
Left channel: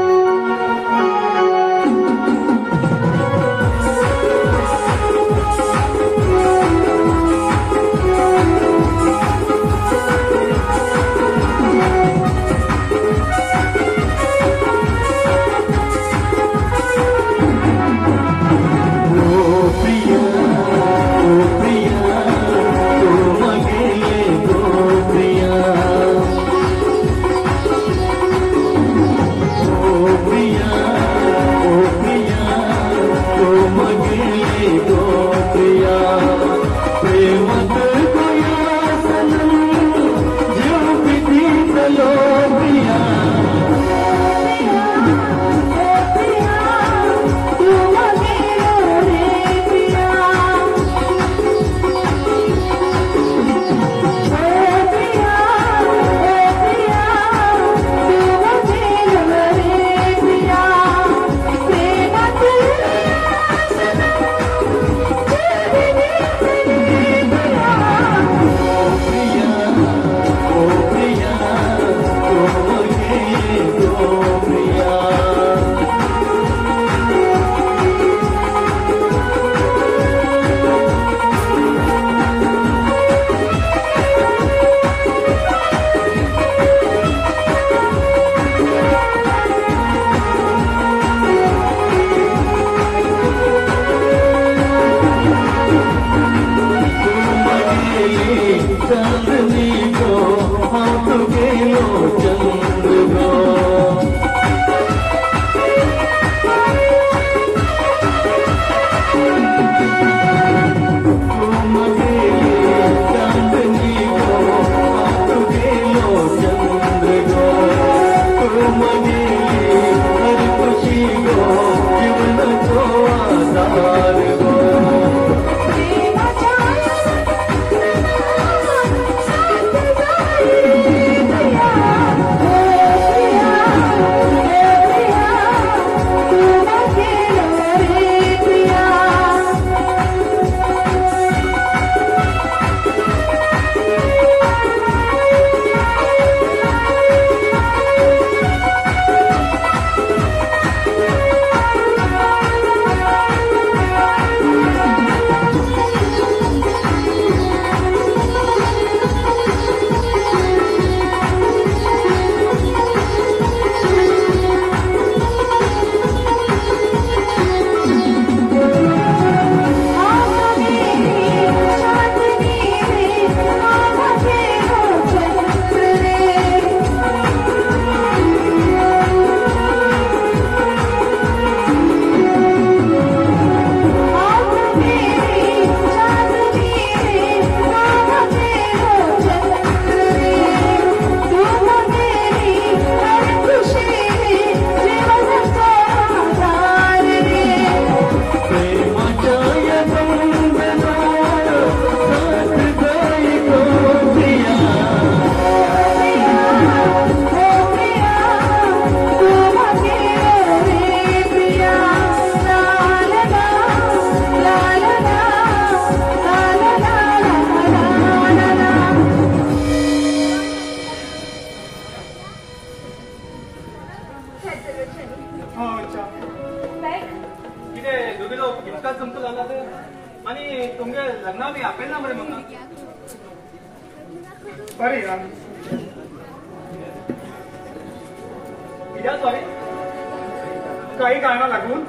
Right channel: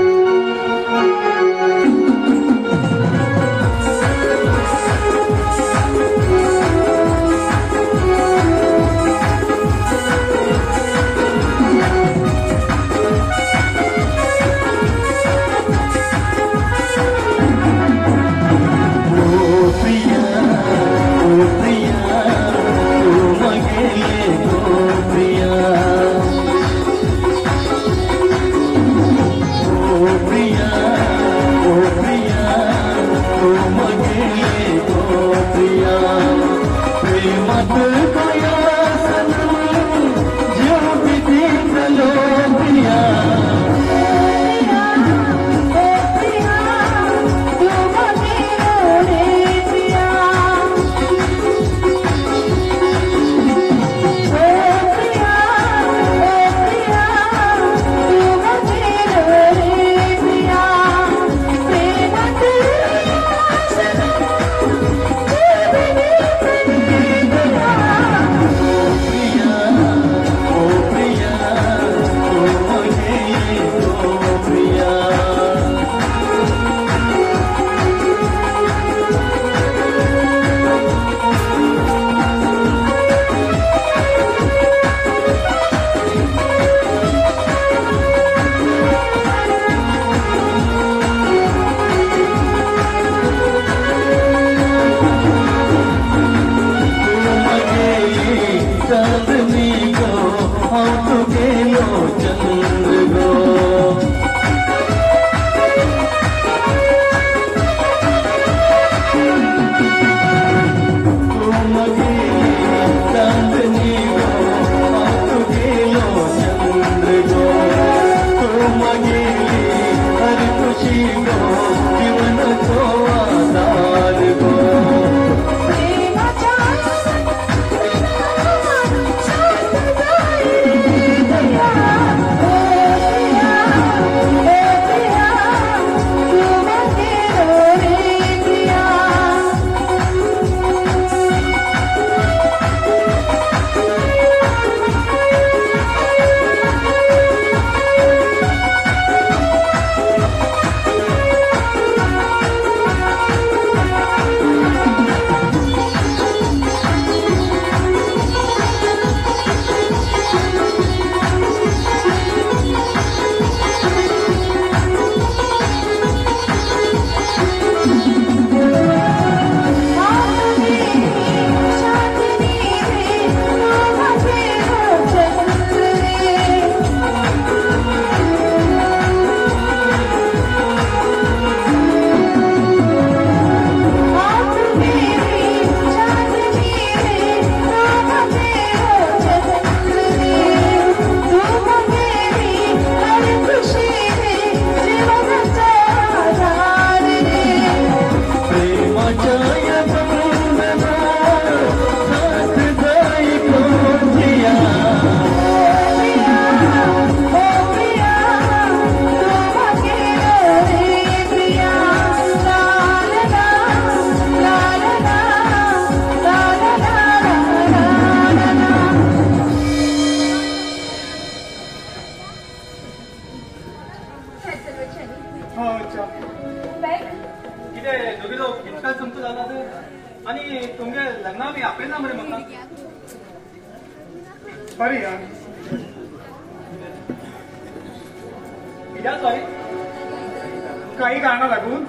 काही गाणे वाटून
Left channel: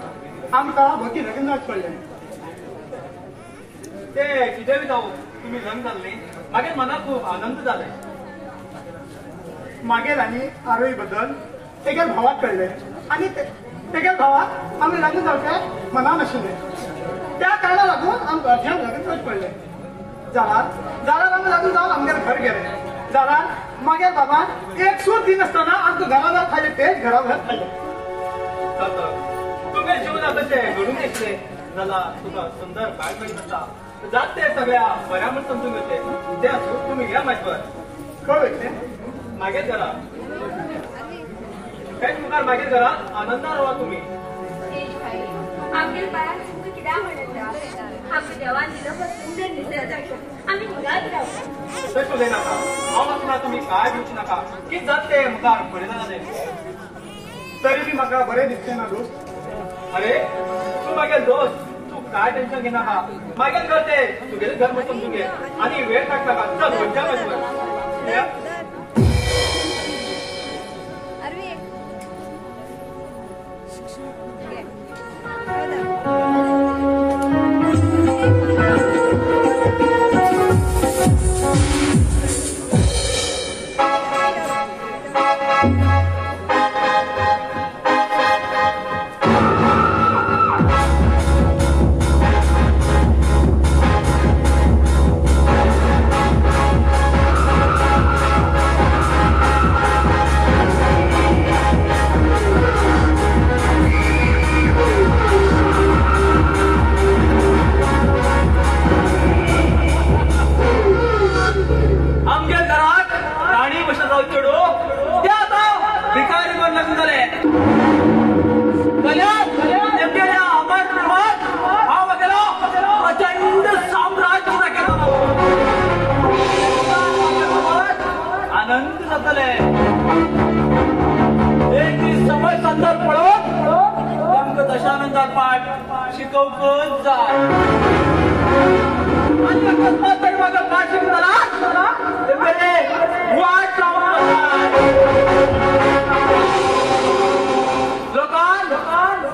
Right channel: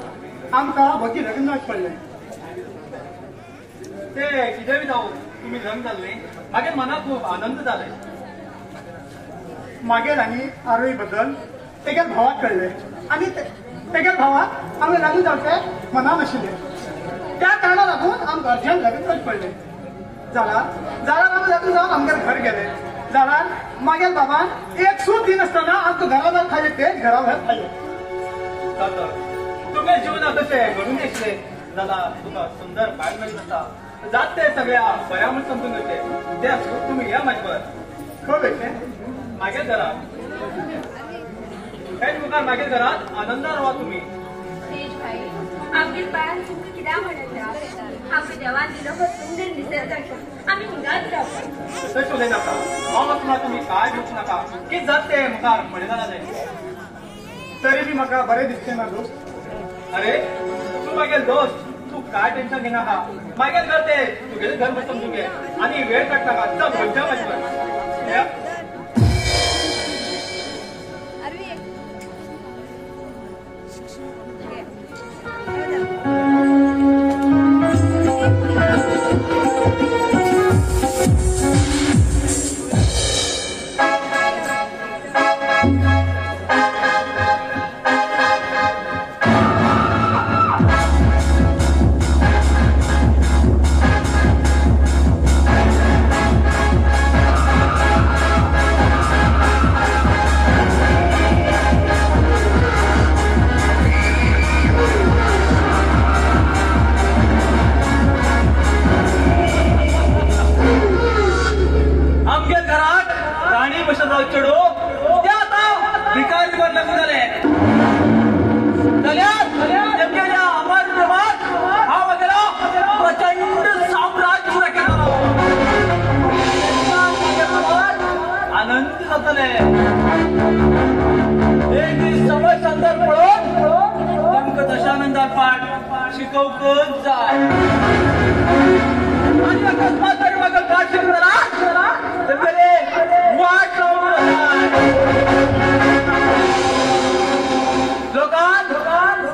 आमका भक्ती लग्नात पडले ते कितें बी जावं तुम्ही लग्न जाल्ले मागे मनात खूप आनंद जाले मागेल आणि आरोही बद्दल तेगे भावाक कळले आणि तेगे भावाक आमी लग्न जावचे मनान आशिल्ले त्या कारणाक लागून आमकां अर्जंट लग्न पडले जाल्यार आमी लग्न जावन आमगे घर गेले जाल्यार मागे बाबान एक सूट दिन आसतना आमकां घरा खाले पेट घरा भायर खाले तुमगे जीवनात अशें घडून येतले जाल्यार तुका सुंदर बायल मेळीत आसा जात ते सगळ्या बऱ्या म्हण समजून घेतले ते तुम्ही घ्या म्हाजे बरोबर खंय वयतले मागे घरात हेच मुखार मागे घरात आनंदान राहा तुम्ही आमगे बाळ कित्याक म्हणटा आमकां देवान दिलो सुंदर दिसत आम्ही घरात राहू. तशें उलयनाका हांव वचना तुमी कांय म्हणूं नाका कितें जाता तें मुखार फुडें जालां तें तरी बी म्हाका बरें दिसचें ना दोस्त. अरे तूं मागेल दोस्त तूं कांय टेन्शन घेनाका मागेल घर तें तुगेलें घर वचून तुगे आनी वेळ काडटा चल खंयच्या वचून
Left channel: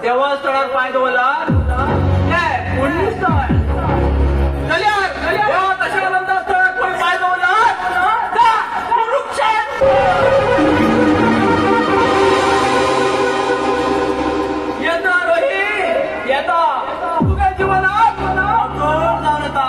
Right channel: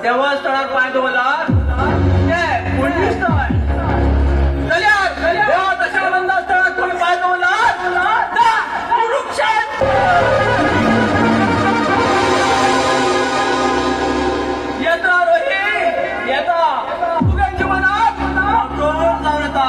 देवस्थळार पाय दवरला पुण्य स्थळ तशा स्थळात कोणी पाय दवरला येता रोही येता तुझ्या जीवनात जाऊन येता.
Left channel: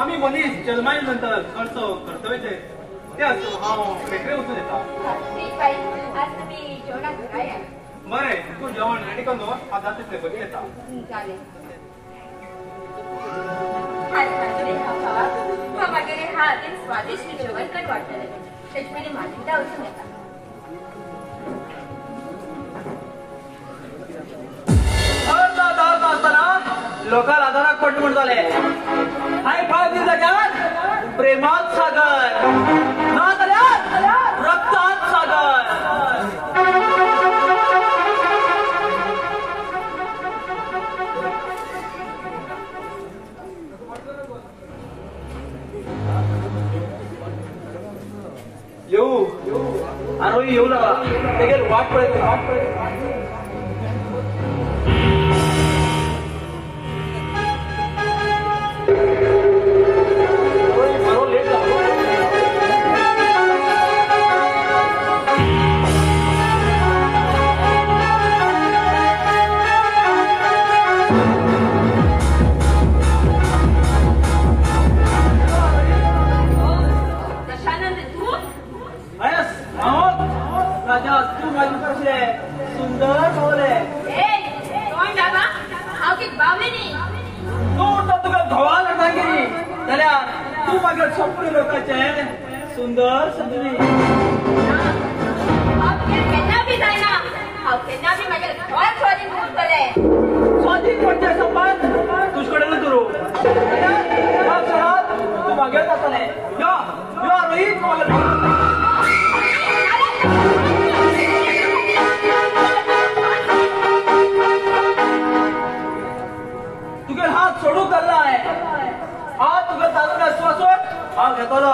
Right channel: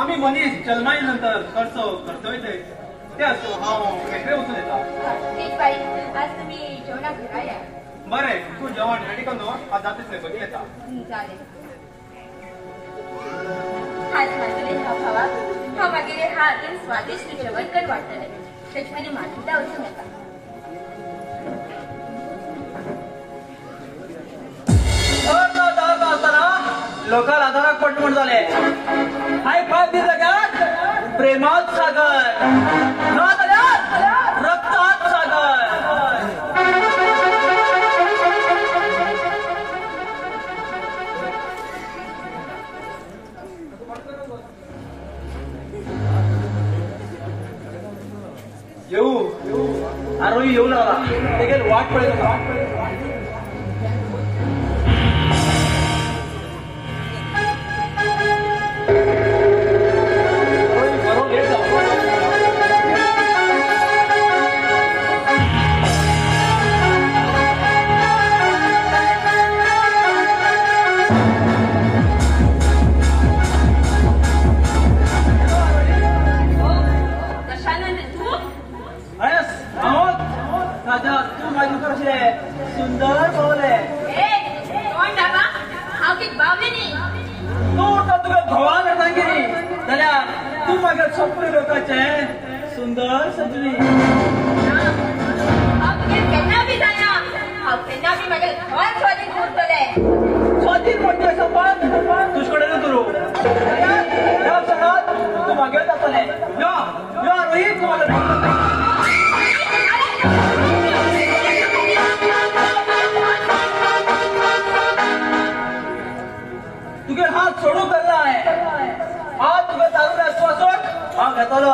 आम्ही मनीस जन्माई नंतर करतो कर्तव्य ते असतो हांव वेगळे वचून येता. बरें तूं जेवण रेडी कर न्हू आज जाता तितलें बेगीन येता. हा वगैरे हा अगदी स्वादिष्ट जेवण करून वाटतले त्याच्याने मान्यता वचून येता. लोकांना आधाराक पडले म्हण जाले हाय फाव दिसला का प्रेमात सागर रक्तात सागर. येऊ आरोही येऊ ना तेगे वाट पळयता. सुंदर कवले तुका धुवान सांगिरी जाल्यार तूं म्हाका सोपरी लोकांचे सुंदर सजली. स्वाधीन म्हणजे तुगे हात सोडू करना आहे हात तुगे चालून असतो हांव घेतलो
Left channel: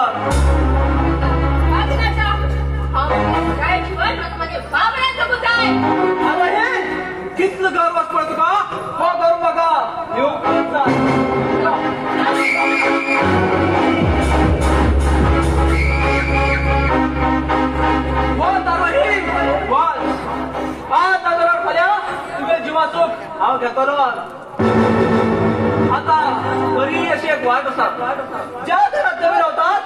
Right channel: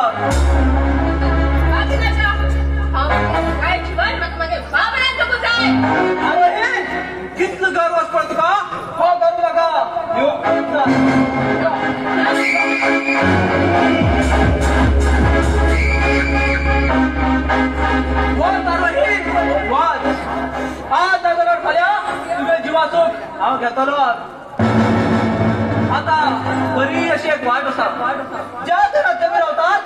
काय जीवन मध्ये बाबराचं बुजाय अरे कितलं गर्वच पडतो का हो करू नका हांव घेतलो आता बरी अशी एक वाट आसा ज्या घरात तुम्ही रावतात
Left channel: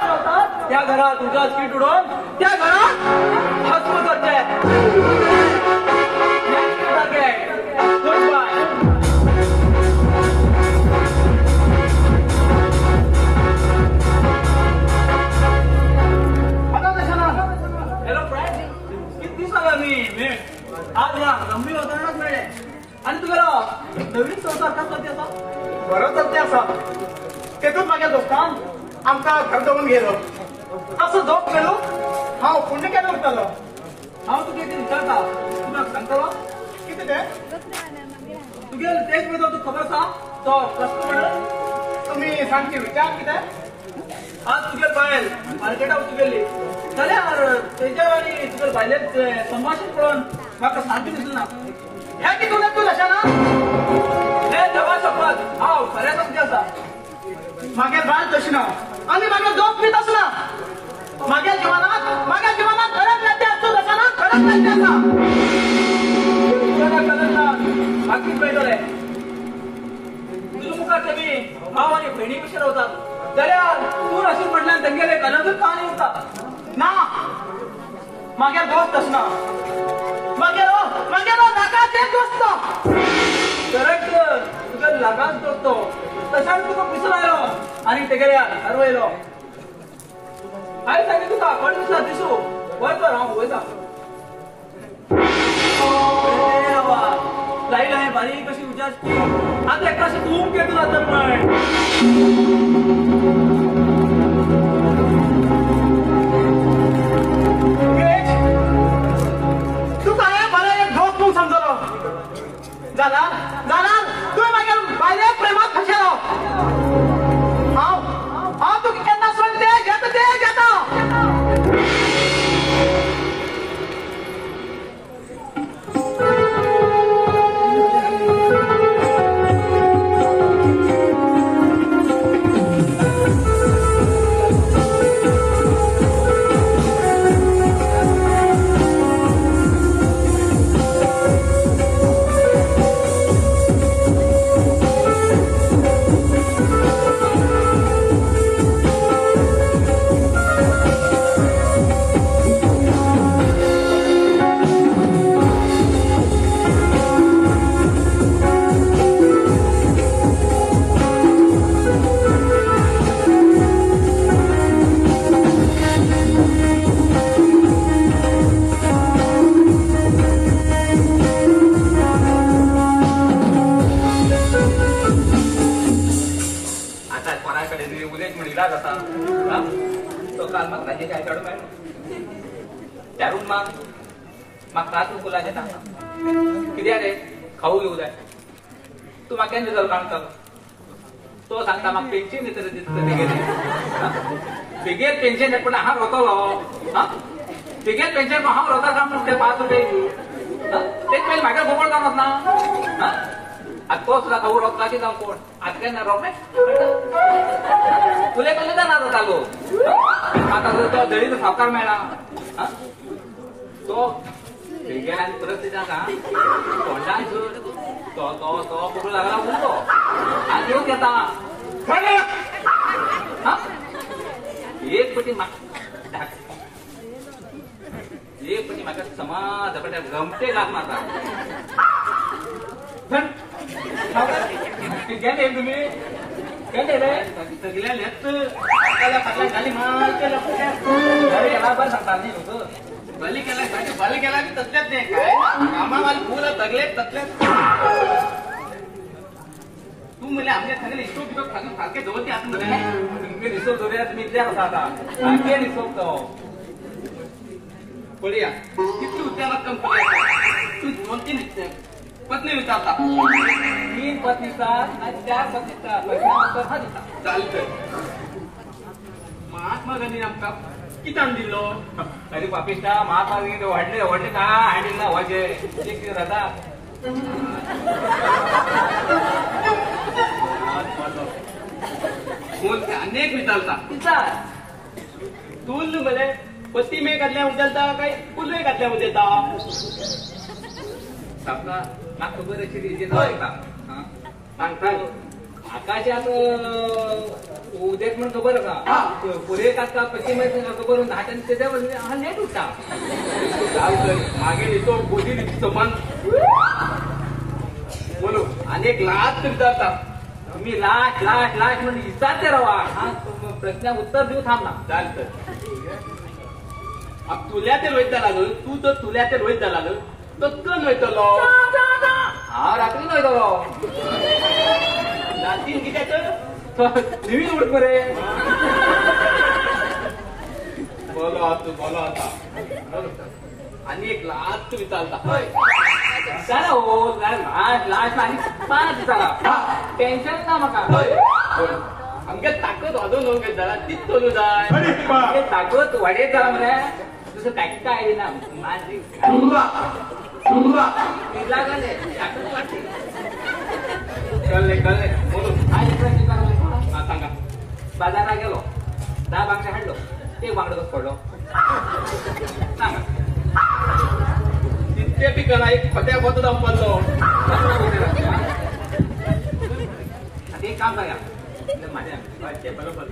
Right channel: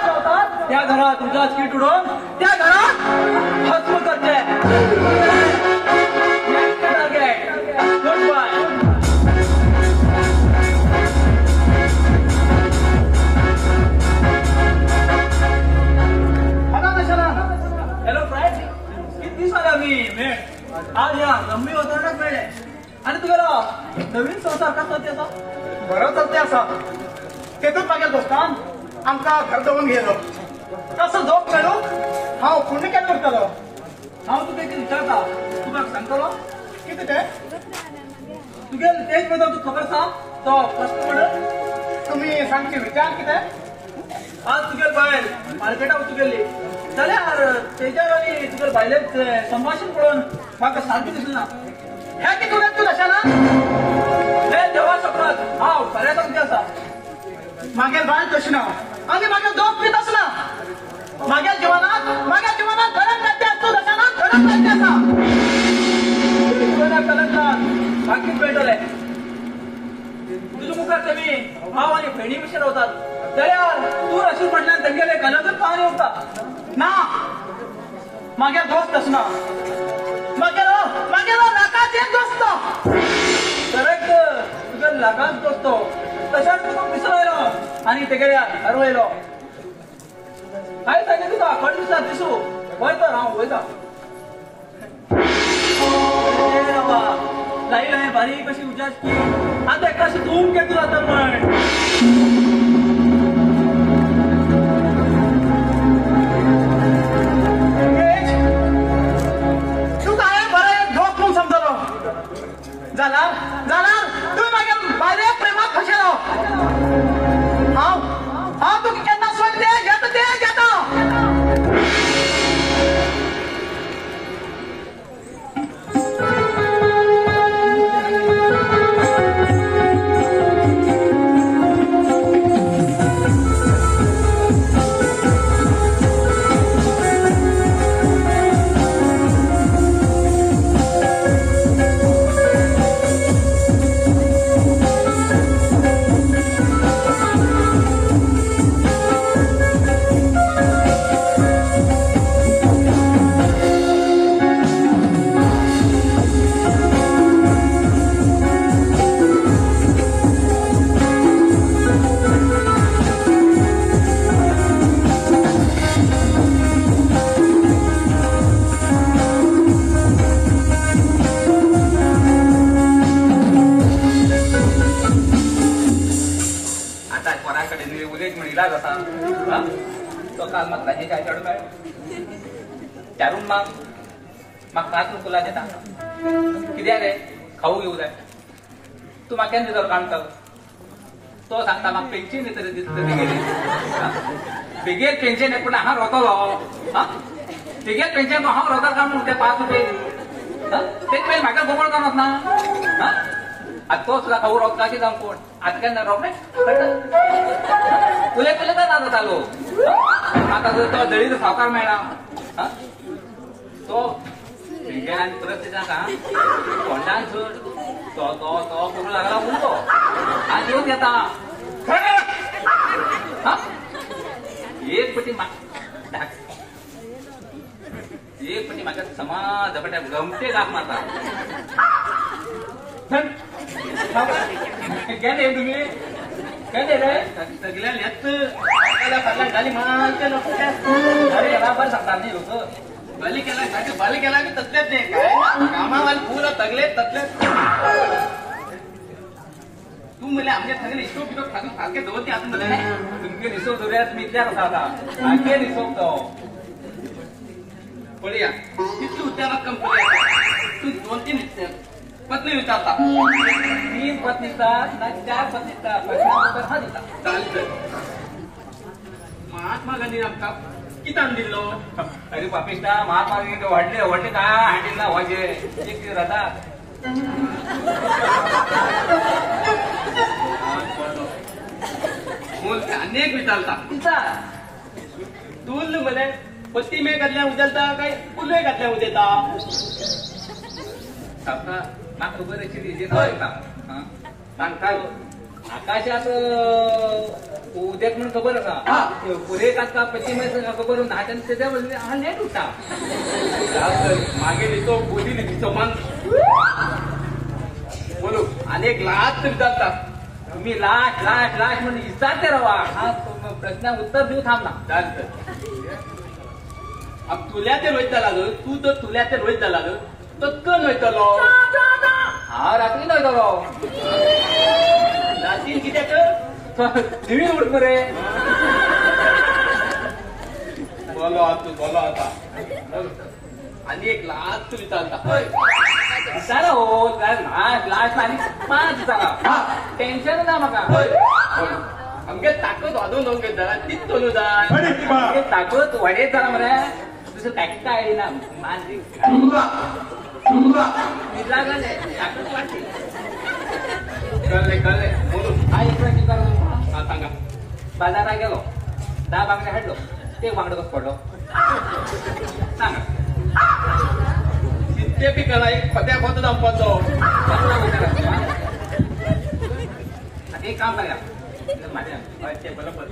त्या घरात उजाच कीट उडोवन त्या घरात भस्म करचे next target good bye hello friend किती दिवसांनी भेट आज या गंभीर वातावरणात मिळले आणि तुला नवीन संसार कसा त्याचा बरोबर ते असा तेतून मागे दोस्तां आमका घर देऊन गेलो तसं झोप गेलो हांव पुण्य केलं उरतलो हांव तुका कितें विचारता तुका सांगतो किती ते तुगे तेच बद्दल तू खबर आसा तो प्रश्न पडलो तुम्ही सांगचे विचार किती आज तुगे बायल मार्केटार तुगेली जाल्यार तेज्या आनी तुगे बायलेच संभाषण पळोवन म्हाका सारकें दिसना ह्या किती तुला तू लक्षात हे देवा सपनात हांव बरेच आसा मागेल बाळ तशी ना आम्ही मागेल दोन पीत असना मागेल जीवनात खरंच नाते असतो तसा ना खरंच नाते असा बाकी पेटले तुझ्या मुखाचे मी भाव आणि बहिणी विषय होतात जाल्यार तू अशी म्हटल्यार तेंगेले कलर कहाणी उरता ना मागेल दोस्त असना मागेल नाकाचे दोस्त करेक्ट तुझ्या लगाच करतो तशाच तुका दिसून आयलो आणि तेगेले हरवयलो हाय सांगे तुका कोण दिसात दिसू वयता हांव वयता अरे बाबा लायला हांवें बारीक कशी उजाडची आतां एका अशी धूम केली जाता म्हण कित्याक रे खाऊ घेऊ जाय तू म्हाका केन्ना दितलो काणता तो सांगता म्हाका पेन्शन दितले बेगीन पेन्शन पूण हांव रोतलो बेगीन पेन्शन हांव रोता काय म्हणून ते 5 रुपये तेच पयलीं म्हाका जवळ जावप ना आतां तो सुद्दां खाऊ रोवता की जावं कोण आतां केन्ना रोवप उलय जाता जातालो म्हाका जर तो दळीत सावकार मेळ्ळा तो बेगीन आनी परत तेच्या तोंडान तो करूं लागला आनी येवन येता एक पटी म्हाका समाज कडेन गमते लाग म्हाका गेले तुमी गेले रे सगळ्या लेत फाटल्यान घाली म्हणून ते लोक बरोबर सांगपाची लोक बली केला की तसलेच नाही काय कामावाली पुरा तगले तसलेच तू म्हणले आमच्या सगळे हिशोब बिशोब खाली सारखे जवळ आपण तुमचे हिशोब दोऱ्यात मी त्या होता सारखे हिशोब तो बोलूया किती उद्याला कंपनी तू 2-3 पत्नी विचारता मी प्रतिसाद ना 4 प्रतिसाद प्रश्नाचं उत्तर हा दिता चालतं महात्मा गांधी आमका कितान दिलो अरे पापिस्ता महात्मा गांधी व्हडले का हांडील ना व्हायचे एक राहता अनेक विचारता तुमचा तूल मले पत्ती मे घातल्या उचलता काय फुले घातल्या उचलता आपला ना खबर अशी का सांगता आकाशात उद्यात म्हणून खबर का पुढे काढता पश्चिम खबर नाट्यान त्याच्या हा लेट होता मागे येतो बोली तिचं मान बोलू अनेक लाच विचारतात तुम्ही लाट लाट लाट म्हणून विचारते रवा हा प्रश्न उत्तर देऊ थांब ना चालतं अब तुल्या ते रोहित झाला तू तर तुल्या ते रोहित झाला तो नयतलो हा रात्री नयतलो लाटीन कित्याक निवीन रे बोलो तू बोलो आता आणि एक लाच तुम्ही चालता चला हो काय लाट लाट आणि पाच चला टेन्शन ना मग आमगे ताकद वाजून घेऊन घेतला तीच बोलू जाय ताकद वाडे जा मरे तुझं टॅक्स काय ना माझी लागले ताकद वाटते कळले सांगा बाजारात गेलो 10 बांगड्या हाडलो ते बांगडो कसं पडलो तितके पिकला एक पत्या पोत दामपाचो ते काम करा माझ्या बरोबर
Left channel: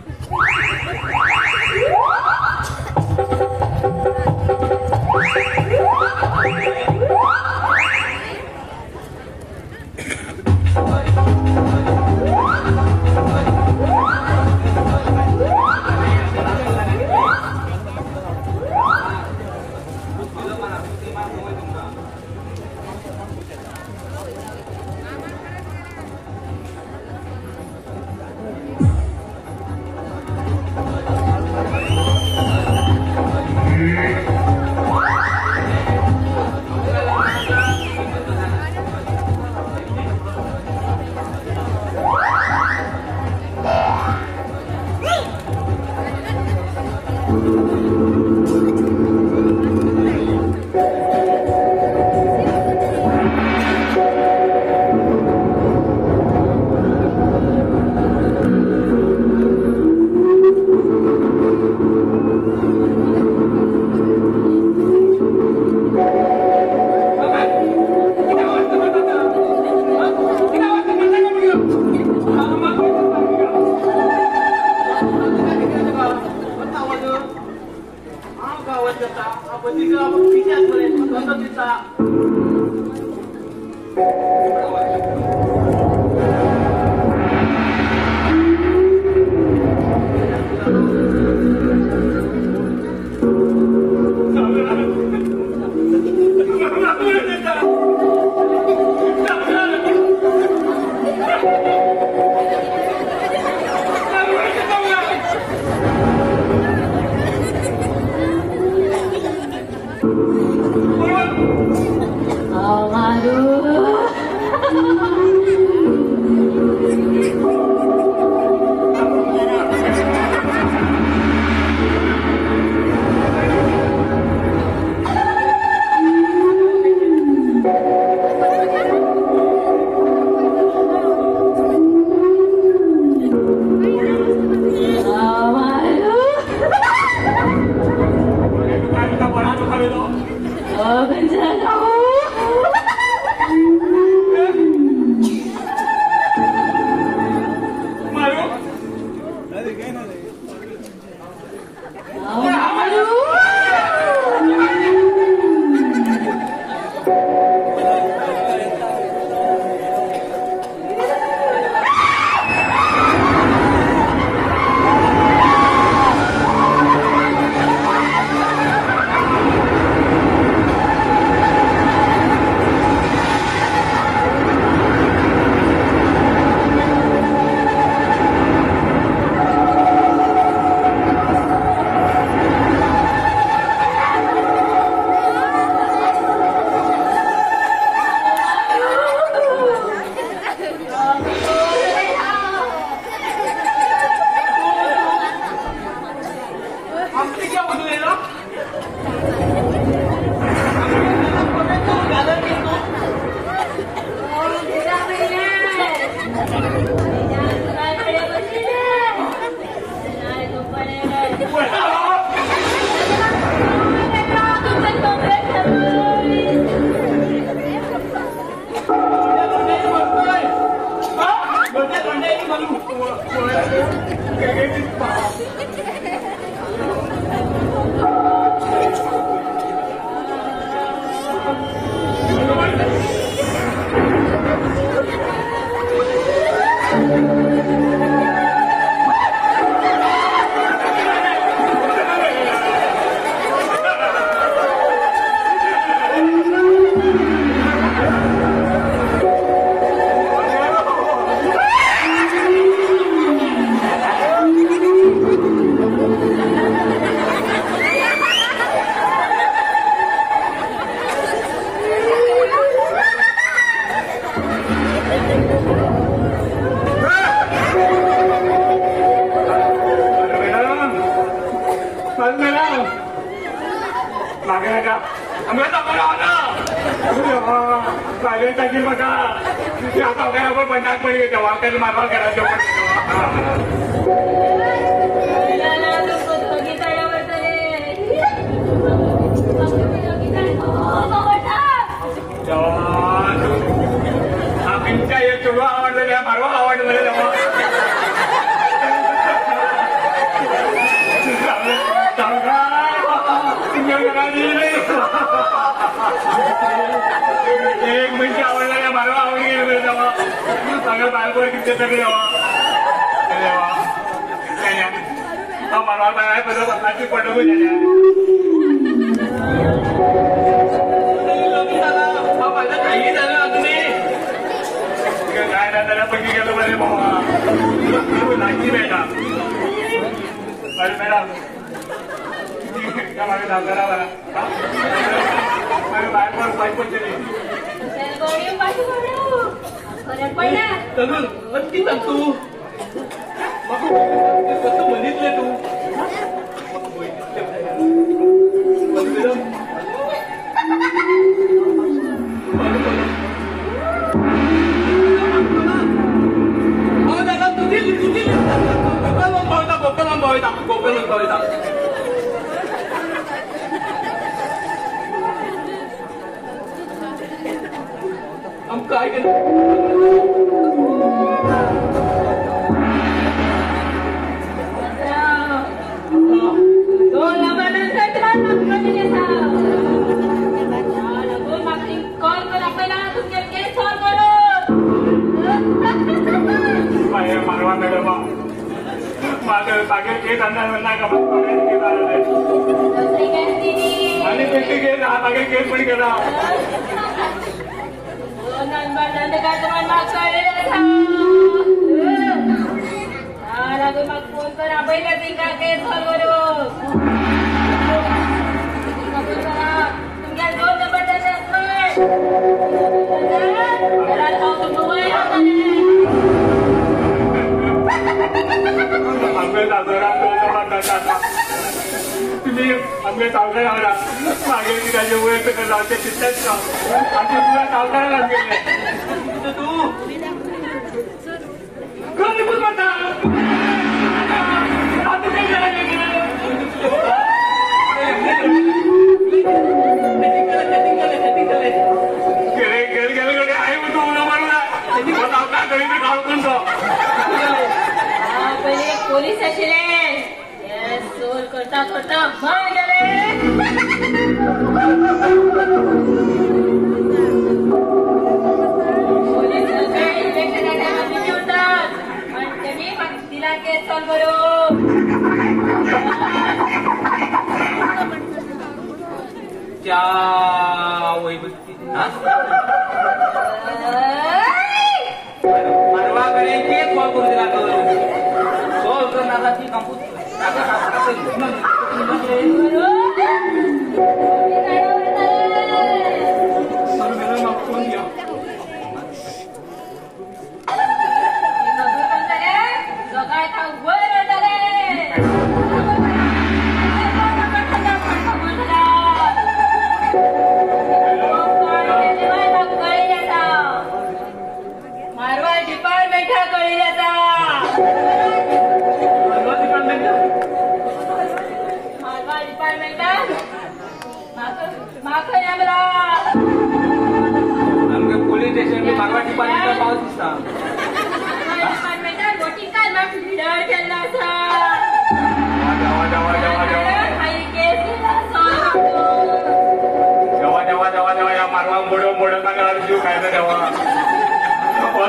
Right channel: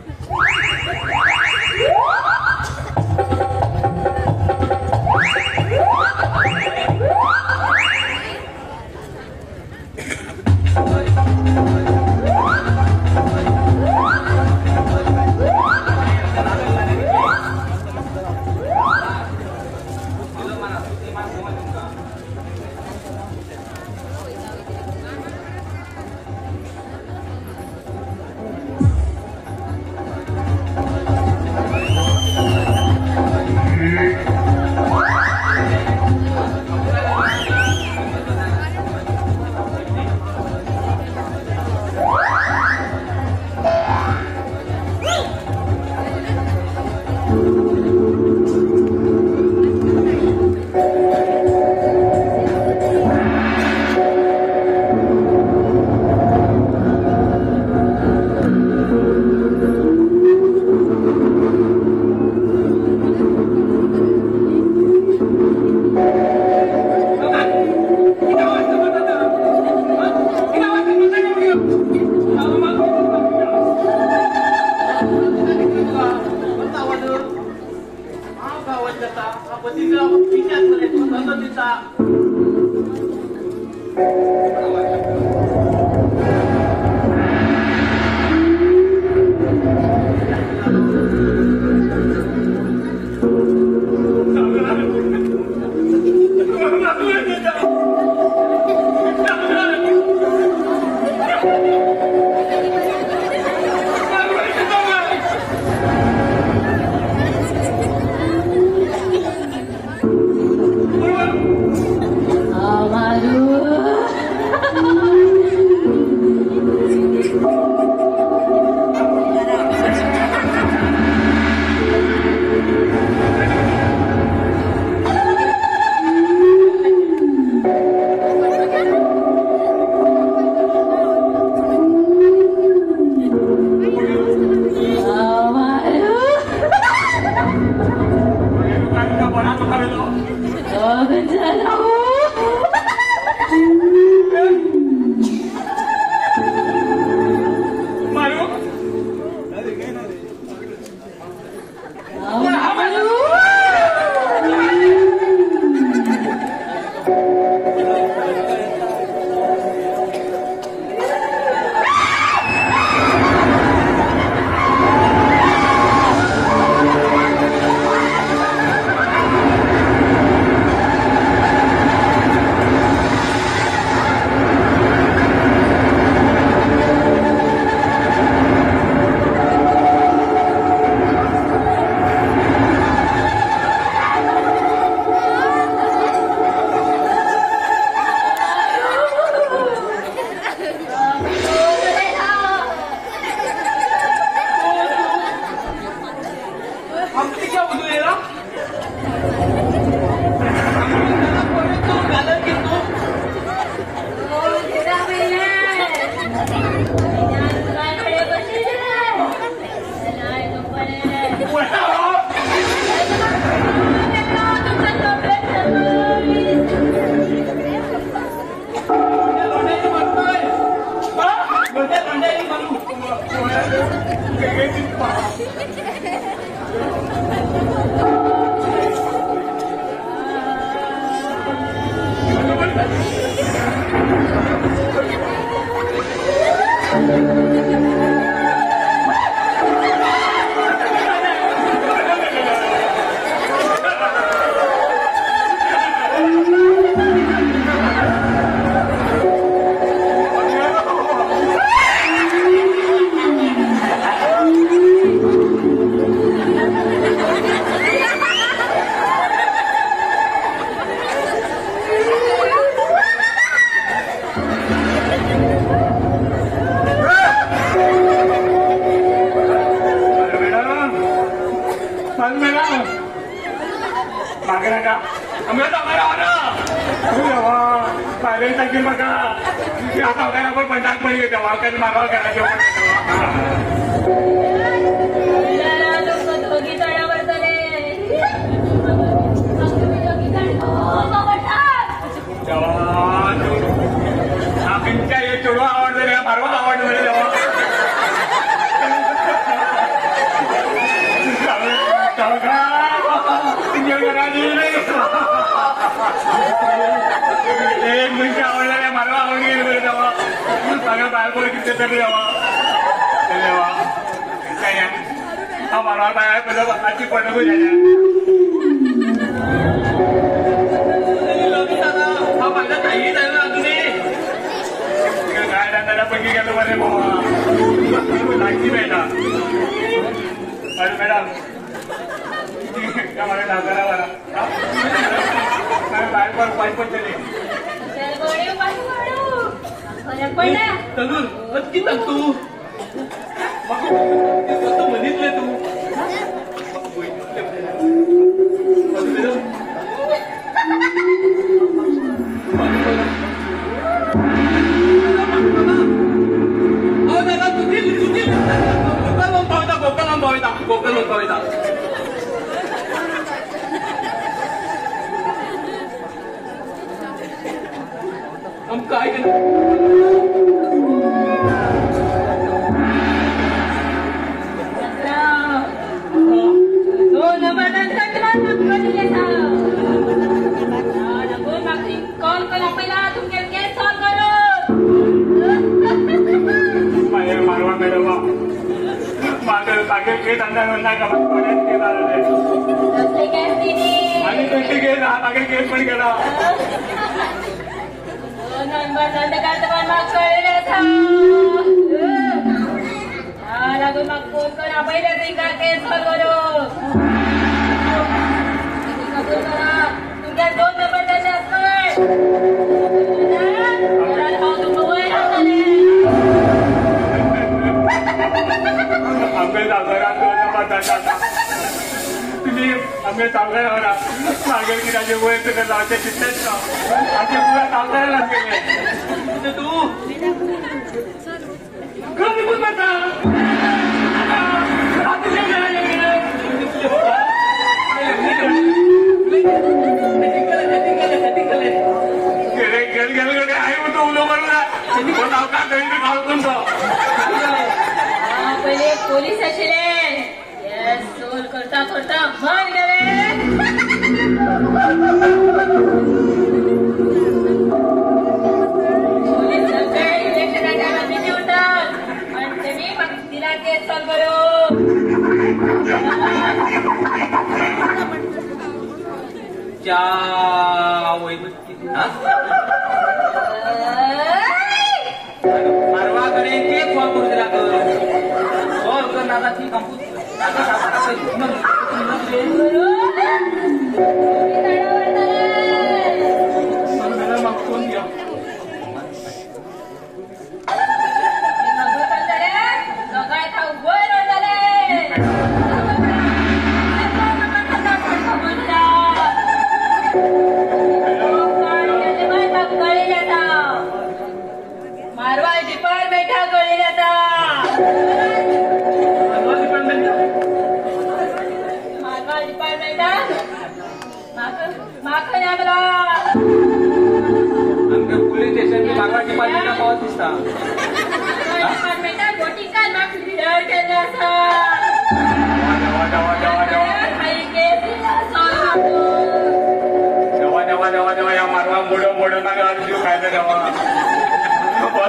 डिपार्टमेंटात गोटी कर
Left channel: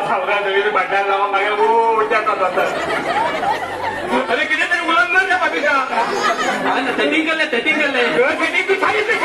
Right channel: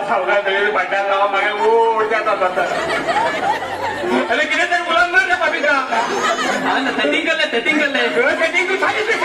तुम्ही भांड्याला मागे उडत्याचा अरे किती तरी गुलाम नाही बाबीचा सेटिंग केलंय सेटिंग तू सांगितलं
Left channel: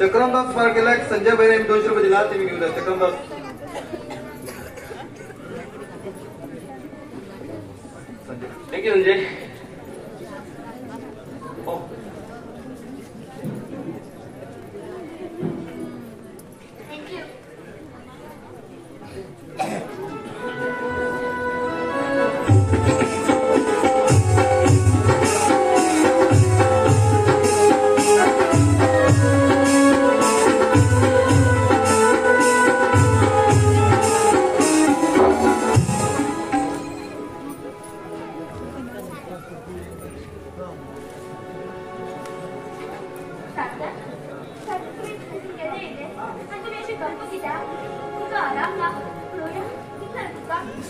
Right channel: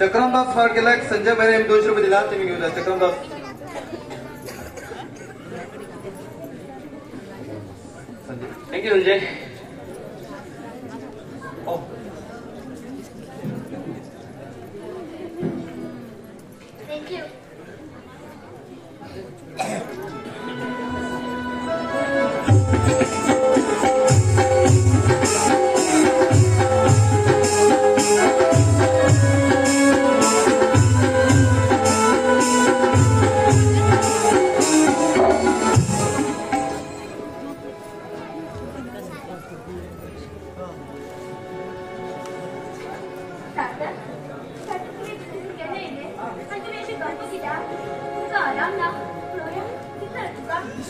चक्रमदास स्मारक केला संजय बैरे यांनी 200 रुपये दिला तुम्ही घेऊन जा चक्रमदास थँक्यू संजय Thank you.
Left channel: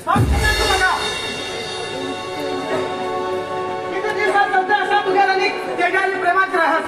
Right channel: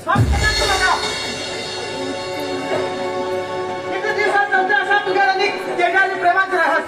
पण किती दिवसात असा तुझ्या जगाने प्रेमात राहत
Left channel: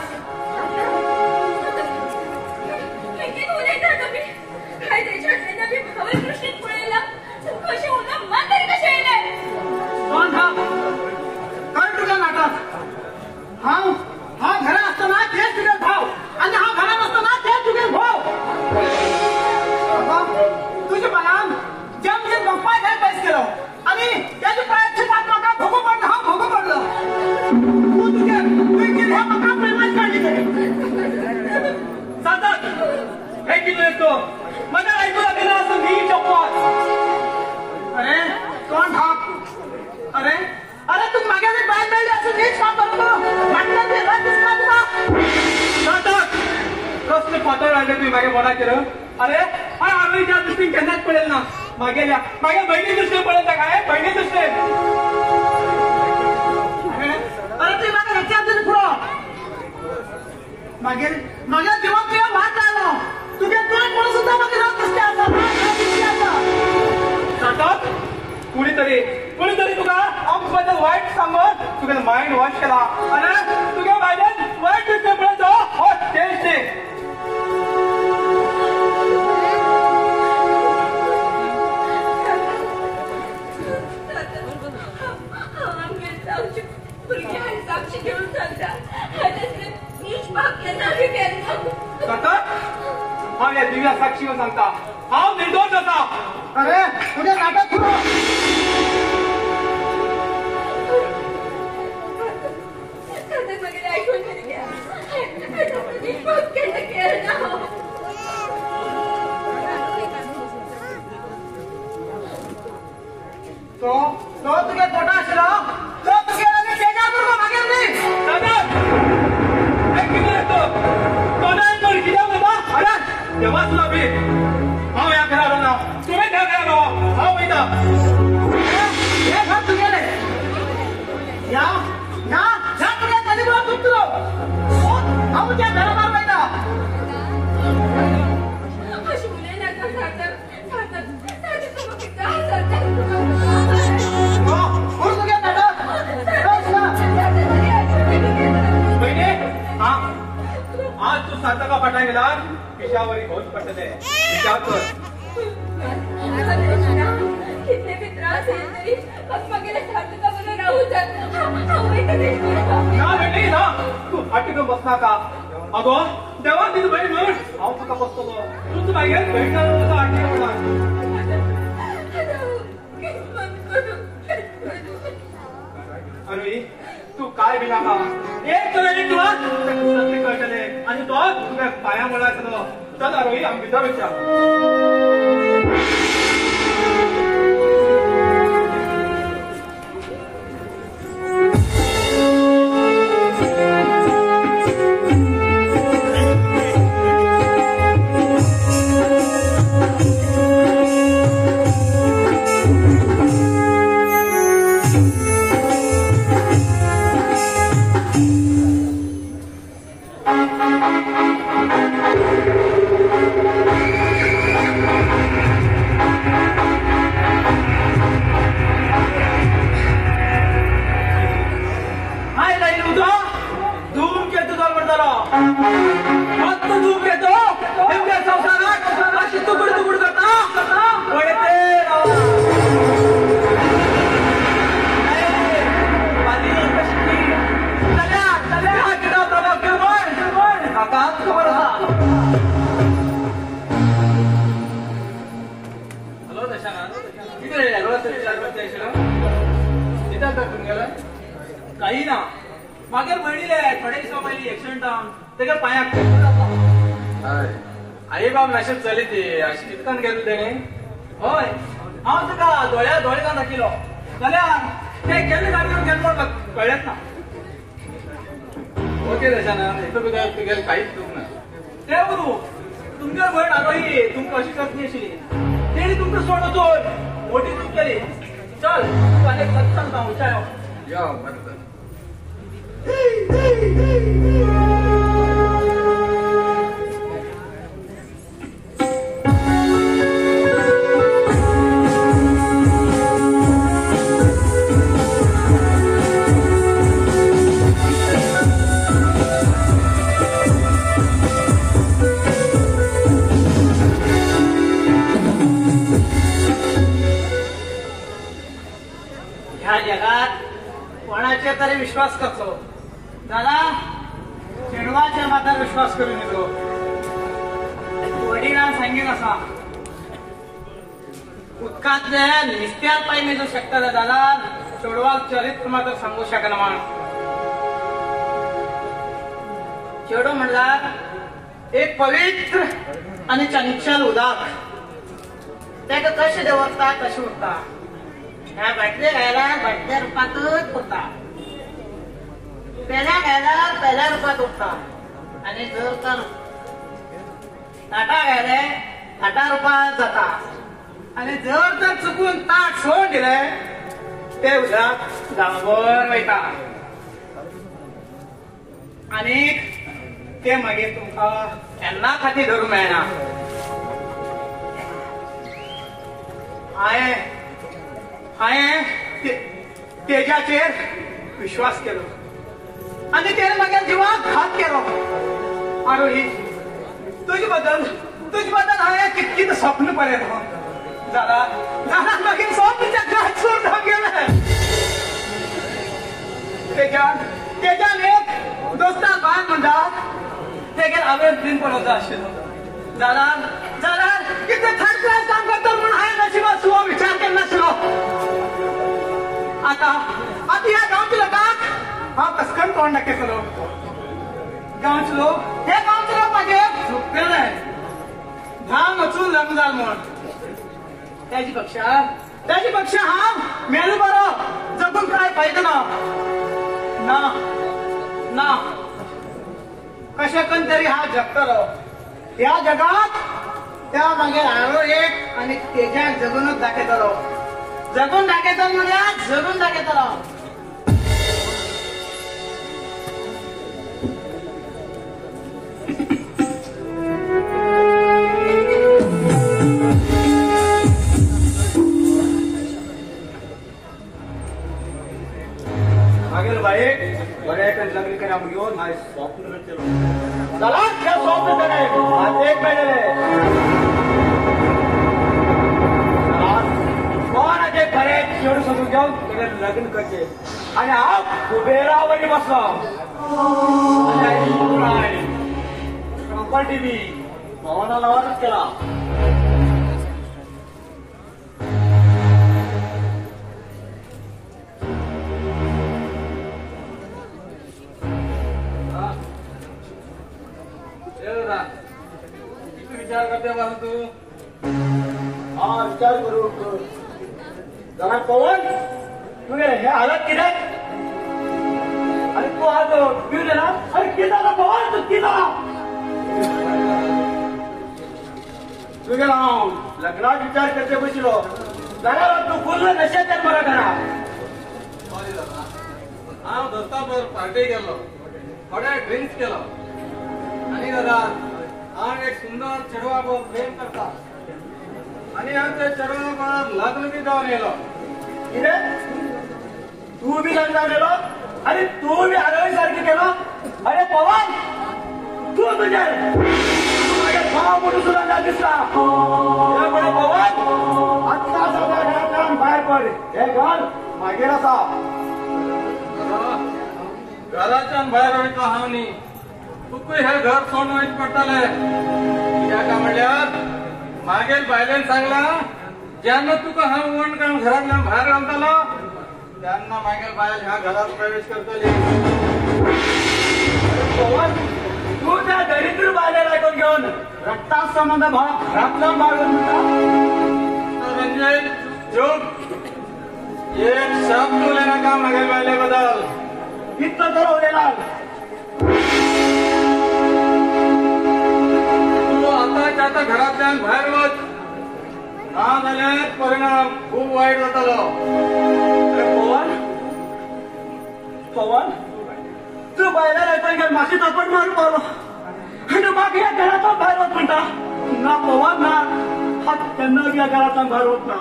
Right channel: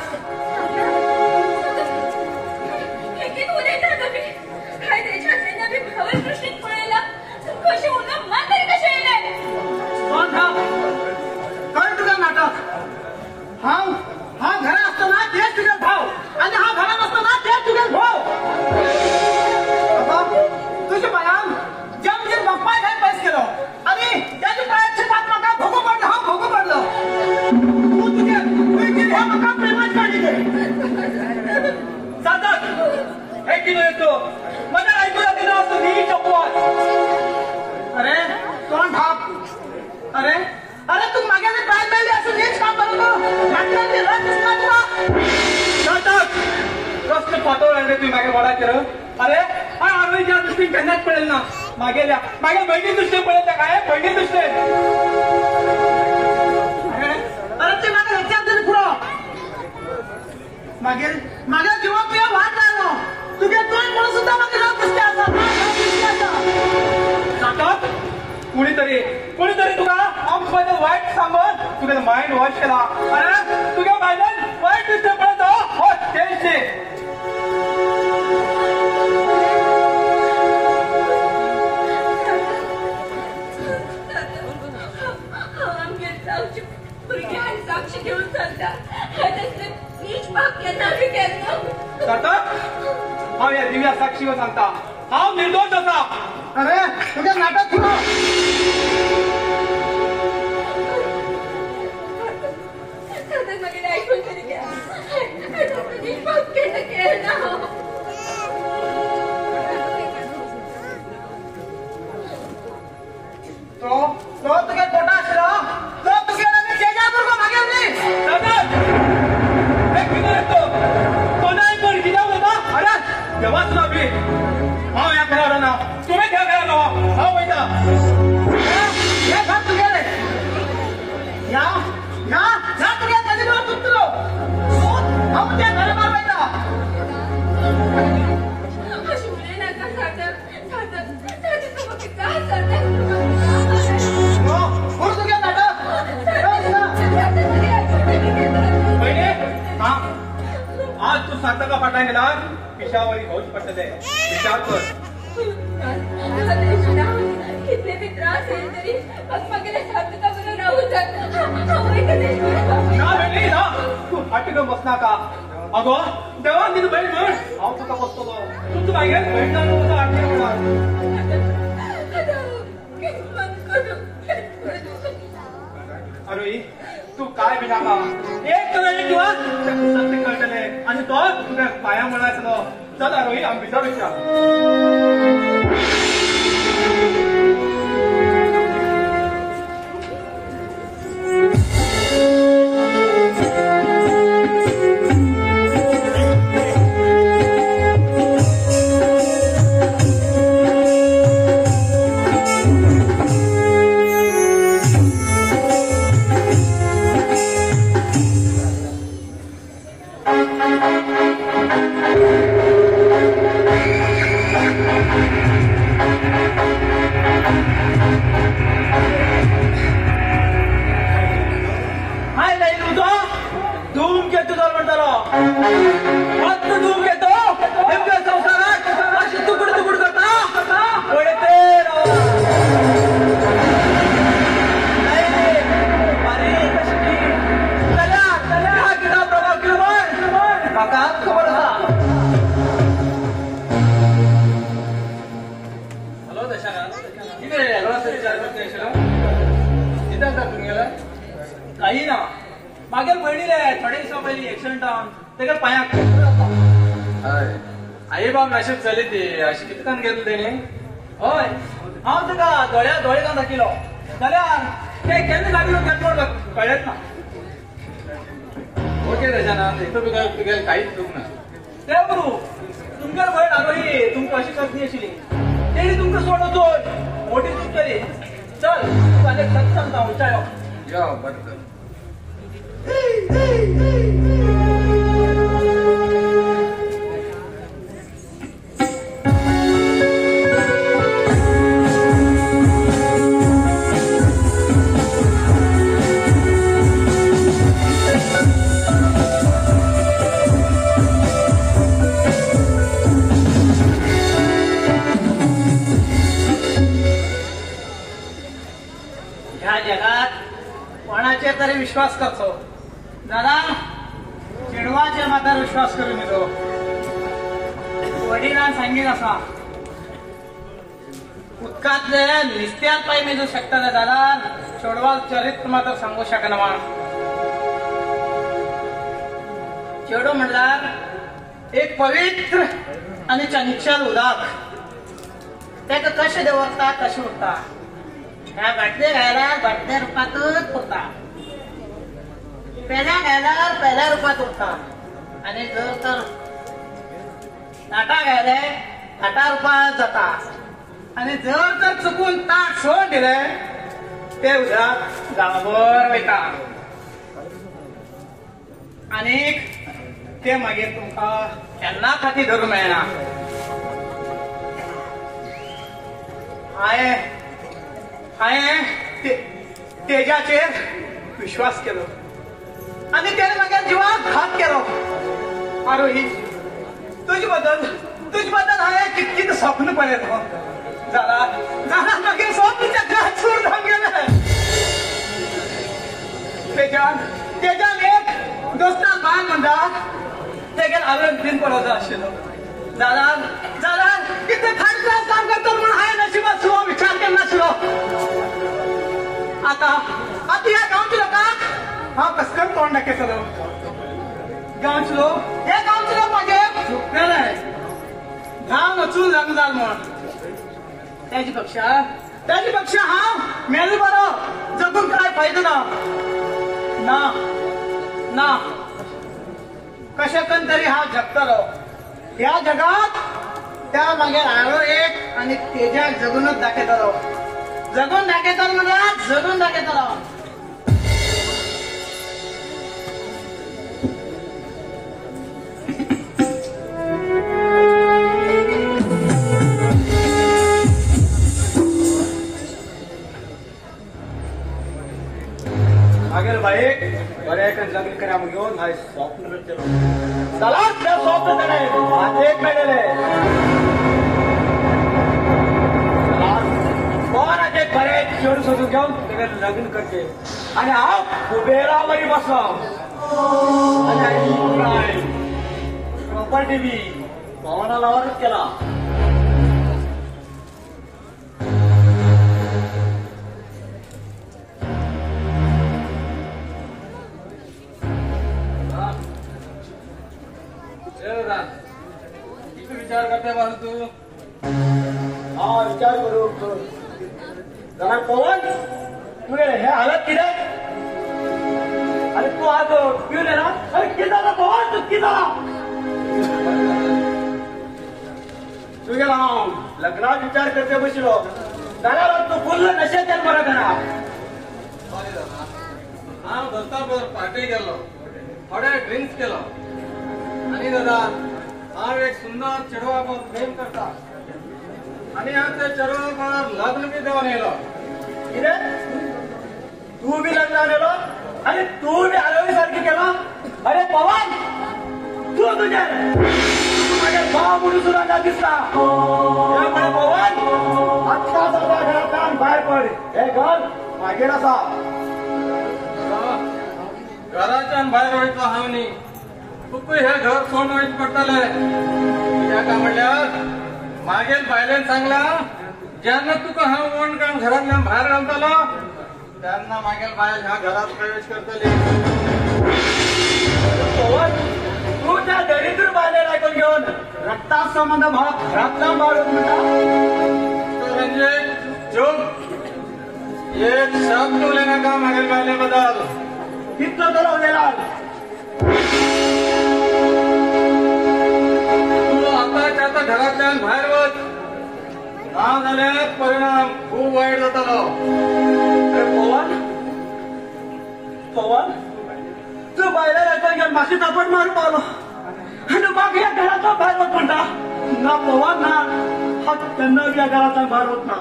मला ऐकून दिलं असं मी चौकवात. अरे कोण ठाक अरे अरे तू मागे काय मिळली असं नीट सांग रस्ते पातळ आणले तुम्ही मागे मला केलं. अरे हा आरोग्य त्या दृष्टीने त्यांनाच पडेल ना. मागे बहिणी दृष्टीने पडेल का काय बहिणी दृष्टीने. अरे ती मागे रस्त्यात तरी पुढं मागे माझ्या जीवात तुला वाट राहिलं तुझ्या तुला सुद्धा मागे राहत नसते कुणीतरी तुला आमच्याबद्दल वाईट सांगून तुझं माइंड वॉश केला. अरे तुझ्या माझ्या वाईट दृष्टी पडत हो टेन्सचे. साक्षी घेऊन चालतात हा या दिव्या साक्षीवर सांगता हा निर्दोष असा. अरे तुझ्या नाटक सुरू तो तुझ्या छोटा असला तो तुझ्या त्याच्याबरोबर मागे तेव्हा तुला मी हा या घरावर ना तुम्ही त्या घरावर हा बैठा हे घर तुझे या तुझ्या नदीवर तुटलो हम त्या घरावर बैठा आज तू सार्थका पटला गेला किशावरी पाऊस पडले विचार कर. कितने भी त्रास आहे तरी गेले सार्थका बरोबर ना भेटली ना तू हटकन बसला का. अगो तेव्हा मी तू बहीण म्हण हा तुका बसतो तू पाहिजे भेटणार नव्हतं आठवणी अरे तू काय बिना का एक तर सत्य कळले आणि तो तुझ्या पाया मुळाचं चल अरोही आम्ही विचारूया. काही ना मागे बहिणीला थोड्या दिवसा पहिले एक्सिडेंट आवन तेका पायाक आई बाब मॅसेज चली ती अशी कितकान गेलो तेणे हय हांव तुका दोळे घालून दाखयलो जाल्यार ते केन्ना गाडी केन्ना कळत ना. ओके रजना हितून तुगेल कांयच चूक ना. ते बरू तुमच्या भयण आरोही तुमकां अशी पत्नी आशिल्ली तेणी तुमकां सोडून चोर मोठी चूक केली. चल तू आनी सत्य सांगता विचारो या बरोबर. कातले निस्त्यान पाय मेजू शकता दादा चेडवाल चरित्र मात्र सांगू शकना चेडो म्हणल्यार एक पवित्र आणि चंचल उदाक तेका कशें दवरता कशें उरता ह्या घातले घायल्यार घातल्या रुपातच उरता पेल्या घायल्यार पेल्या रुपात उरता आणि जर तर ताटा घाले ताटा रुपात जाता आणि जर तर चुकून ताट सोड दिले ते उदक गळाभर वयता आणि ते मागीर तुमकां केन्ना खातीर धरूंक मेळना हांवें तेजाचेर विश्वास केलो आणि ते मागीर जिवाक घात केलो आरोही तुजे बद्दल हांवें कितकीं स्वप्न पळयलो जाल्यार मागीर स्वप्न घात सोडून गेले तेज्यान एक दोस्तान बाय म्हणटा तेगेर हांवें ड्रीम पळोवचो आशिल्लो जाल्यार कितें थर्ड क्लास काम करता म्हणून हांवें नशिबाचो विचार केन्नाशिल्लो आतां ह्या गांवच्या लोकांक हांव कस करून तोंड दाखयतलो गांवचे लोक म्हाजें सुकलेले जावं वचून लग्न जाल म्हण त्याची पक्षा हांव मेलो बरो जगून काय फायदो ना कशें करून तरी हांव जगतलो ह्या जगात त्या मागीर हारो एक आनी तेज्याक जगूनच दाखयतलो म्हणजे जगून दाखयतलो लग्न करा घेऊन माझे स्वप्न स्वप्न एक कोणाचे बरे चेडू सोडून घेऊन त्याने लग्न करते आणि हा कुबेरावरी बसला प्रॉपर्टी बी भावना लावाच केला विचार करते बाजू तू हा विचार करू जरा पवन तुझे हे हालत किती अरे तू आज पिऊन ना अरे किती झाला पवन तू किती झाला तुझे नाव लग्नात विचार करते बसलो जरा तू बोललं नशेच बरं करा हा दोस्ता पार्टी केलो थोडे ड्रिंक्स केलो आणि दादा हा एक सुंदर चेडवा प्रेम करता आणि हा त्या चेडवा लग्न बी जाऊन येलो तू बी लग्न गेलो आणि तू बी आरोग्य सारखी केलो अरे पवन तू तुझे भाव म्हणून सुद्धा दिसला त्यामुळे पवन आत्ता दादा घरात बाहेर पड हे घर मागेर असा घराच्यान भायर वयतलो हांव न्ही तुका हे घर सोडून वयच पडटले कित्याक म्हणल्यार मागेर बायलेन सांगल्या जेन्ना तुका हांव वण काडून घरांतल्यान भायर घालतलो तेन्ना मागीर बायल ह्या घरात प्रवेश करतली तू त्या दरिद्र बायलेला ऐकून घेऊन रक्ता संबंध भाव घरातला मारून म्हणजे एक शब्द उलयना का मागीर बायले बद्दल इतलं तर होण्याला आता घरातल्यान भायर वच ना जाल्यार परिणाम खूप वायट जातालो पवन तू बायला ऐकून माशी तापड मारून मारलो आणि बाकी या घराचा भायर होत म्हणता ना पवन ना हा त्यांना या घराचा भार होत ना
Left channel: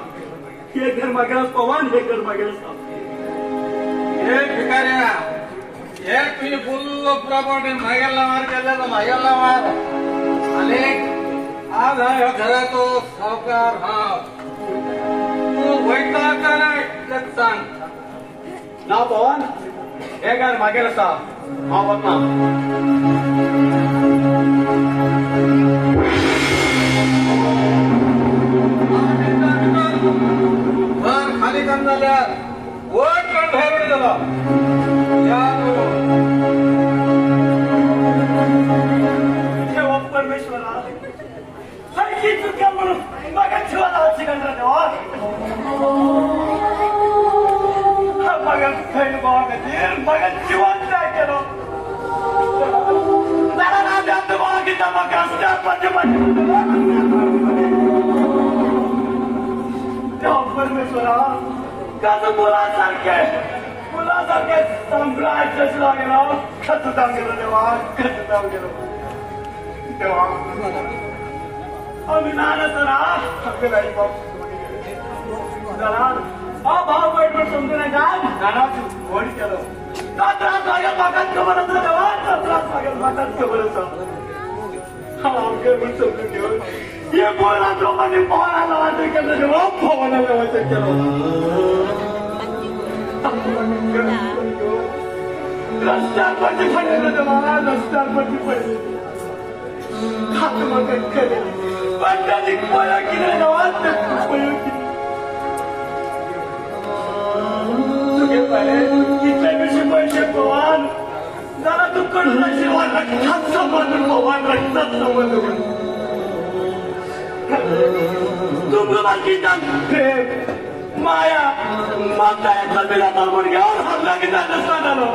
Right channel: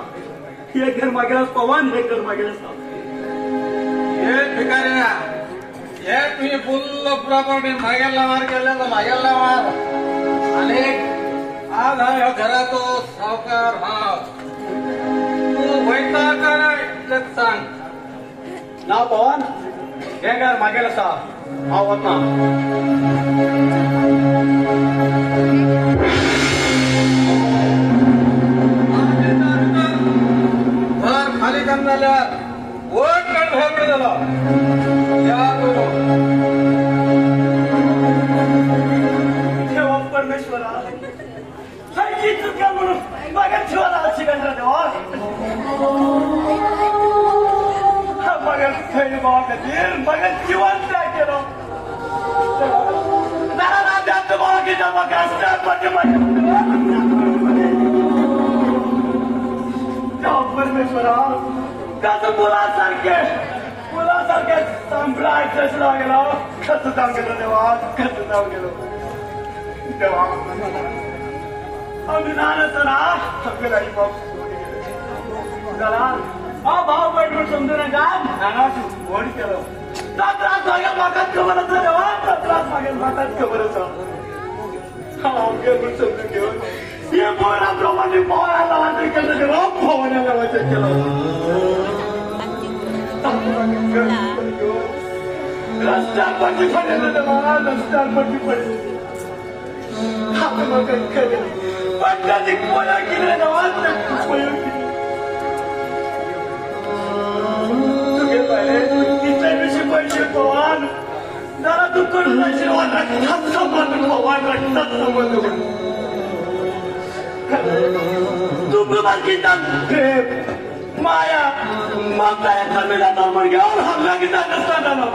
हे घर मागेल पवन हे घर मागेल हे भिकाऱ्या हे तुझी फुल्ल प्रॉपर्टी मागेला मार केलेला मागेला मार आणि आज हा घराचो सावकार हा तू वैता कर सांग ना पवन हे घर मागेल असा हा होत ना माझी चुकी म्हणून माझ्या जीवाला शिकंद्र देवा माझ्या खैर बाबा कधी माझ्या जीवन काय केलं बाबा की जमा परमेश्वरा त्याचं मुलासारखे सांभाळायचंच लागेल खत सांगितलं तेव्हा खत सांगितलं तेव्हा आम्ही लहान असताना जरा हा भाव पडलो समजून नाही का फोन केलं सत्रास मागेल मागात खबर होतं तेव्हा सत्रास मागेल मागात खबर होतं समजून केलं हे पोराप्रमाणे पोराला वाटत केलं तेव्हा पोराला वाटत केलं रस्त्यावरती पडलेलं तेव्हा रस्त्यावरती पडलेलं काय केलं पाटलांनी मला केलेलं वाटत इतर पैसे पवान जरा तू कुठलाशी वाटत संबंध वाटत तू प्रेम माया मग त्या मिळाला मुलग्यावर हल्ला घेता नसताना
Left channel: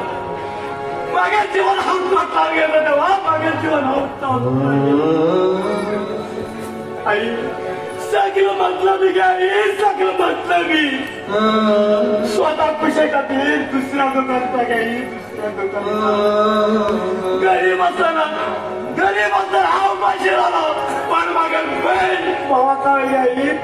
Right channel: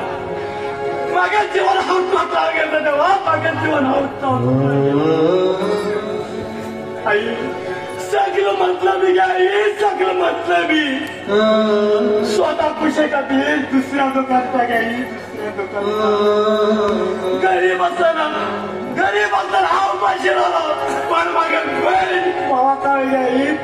मागे जीवन हौसा गेलं तेव्हा मागे जीवन हौसा आई सगळं म्हटलं मी काय सगळं म्हटलं मी स्वतः खुशी का ती दुसऱ्या दुकानचा घ्याई दुसऱ्या दुकानात गरीब असताना हा उपाशी झाला पण मागे भावाचा घ्याई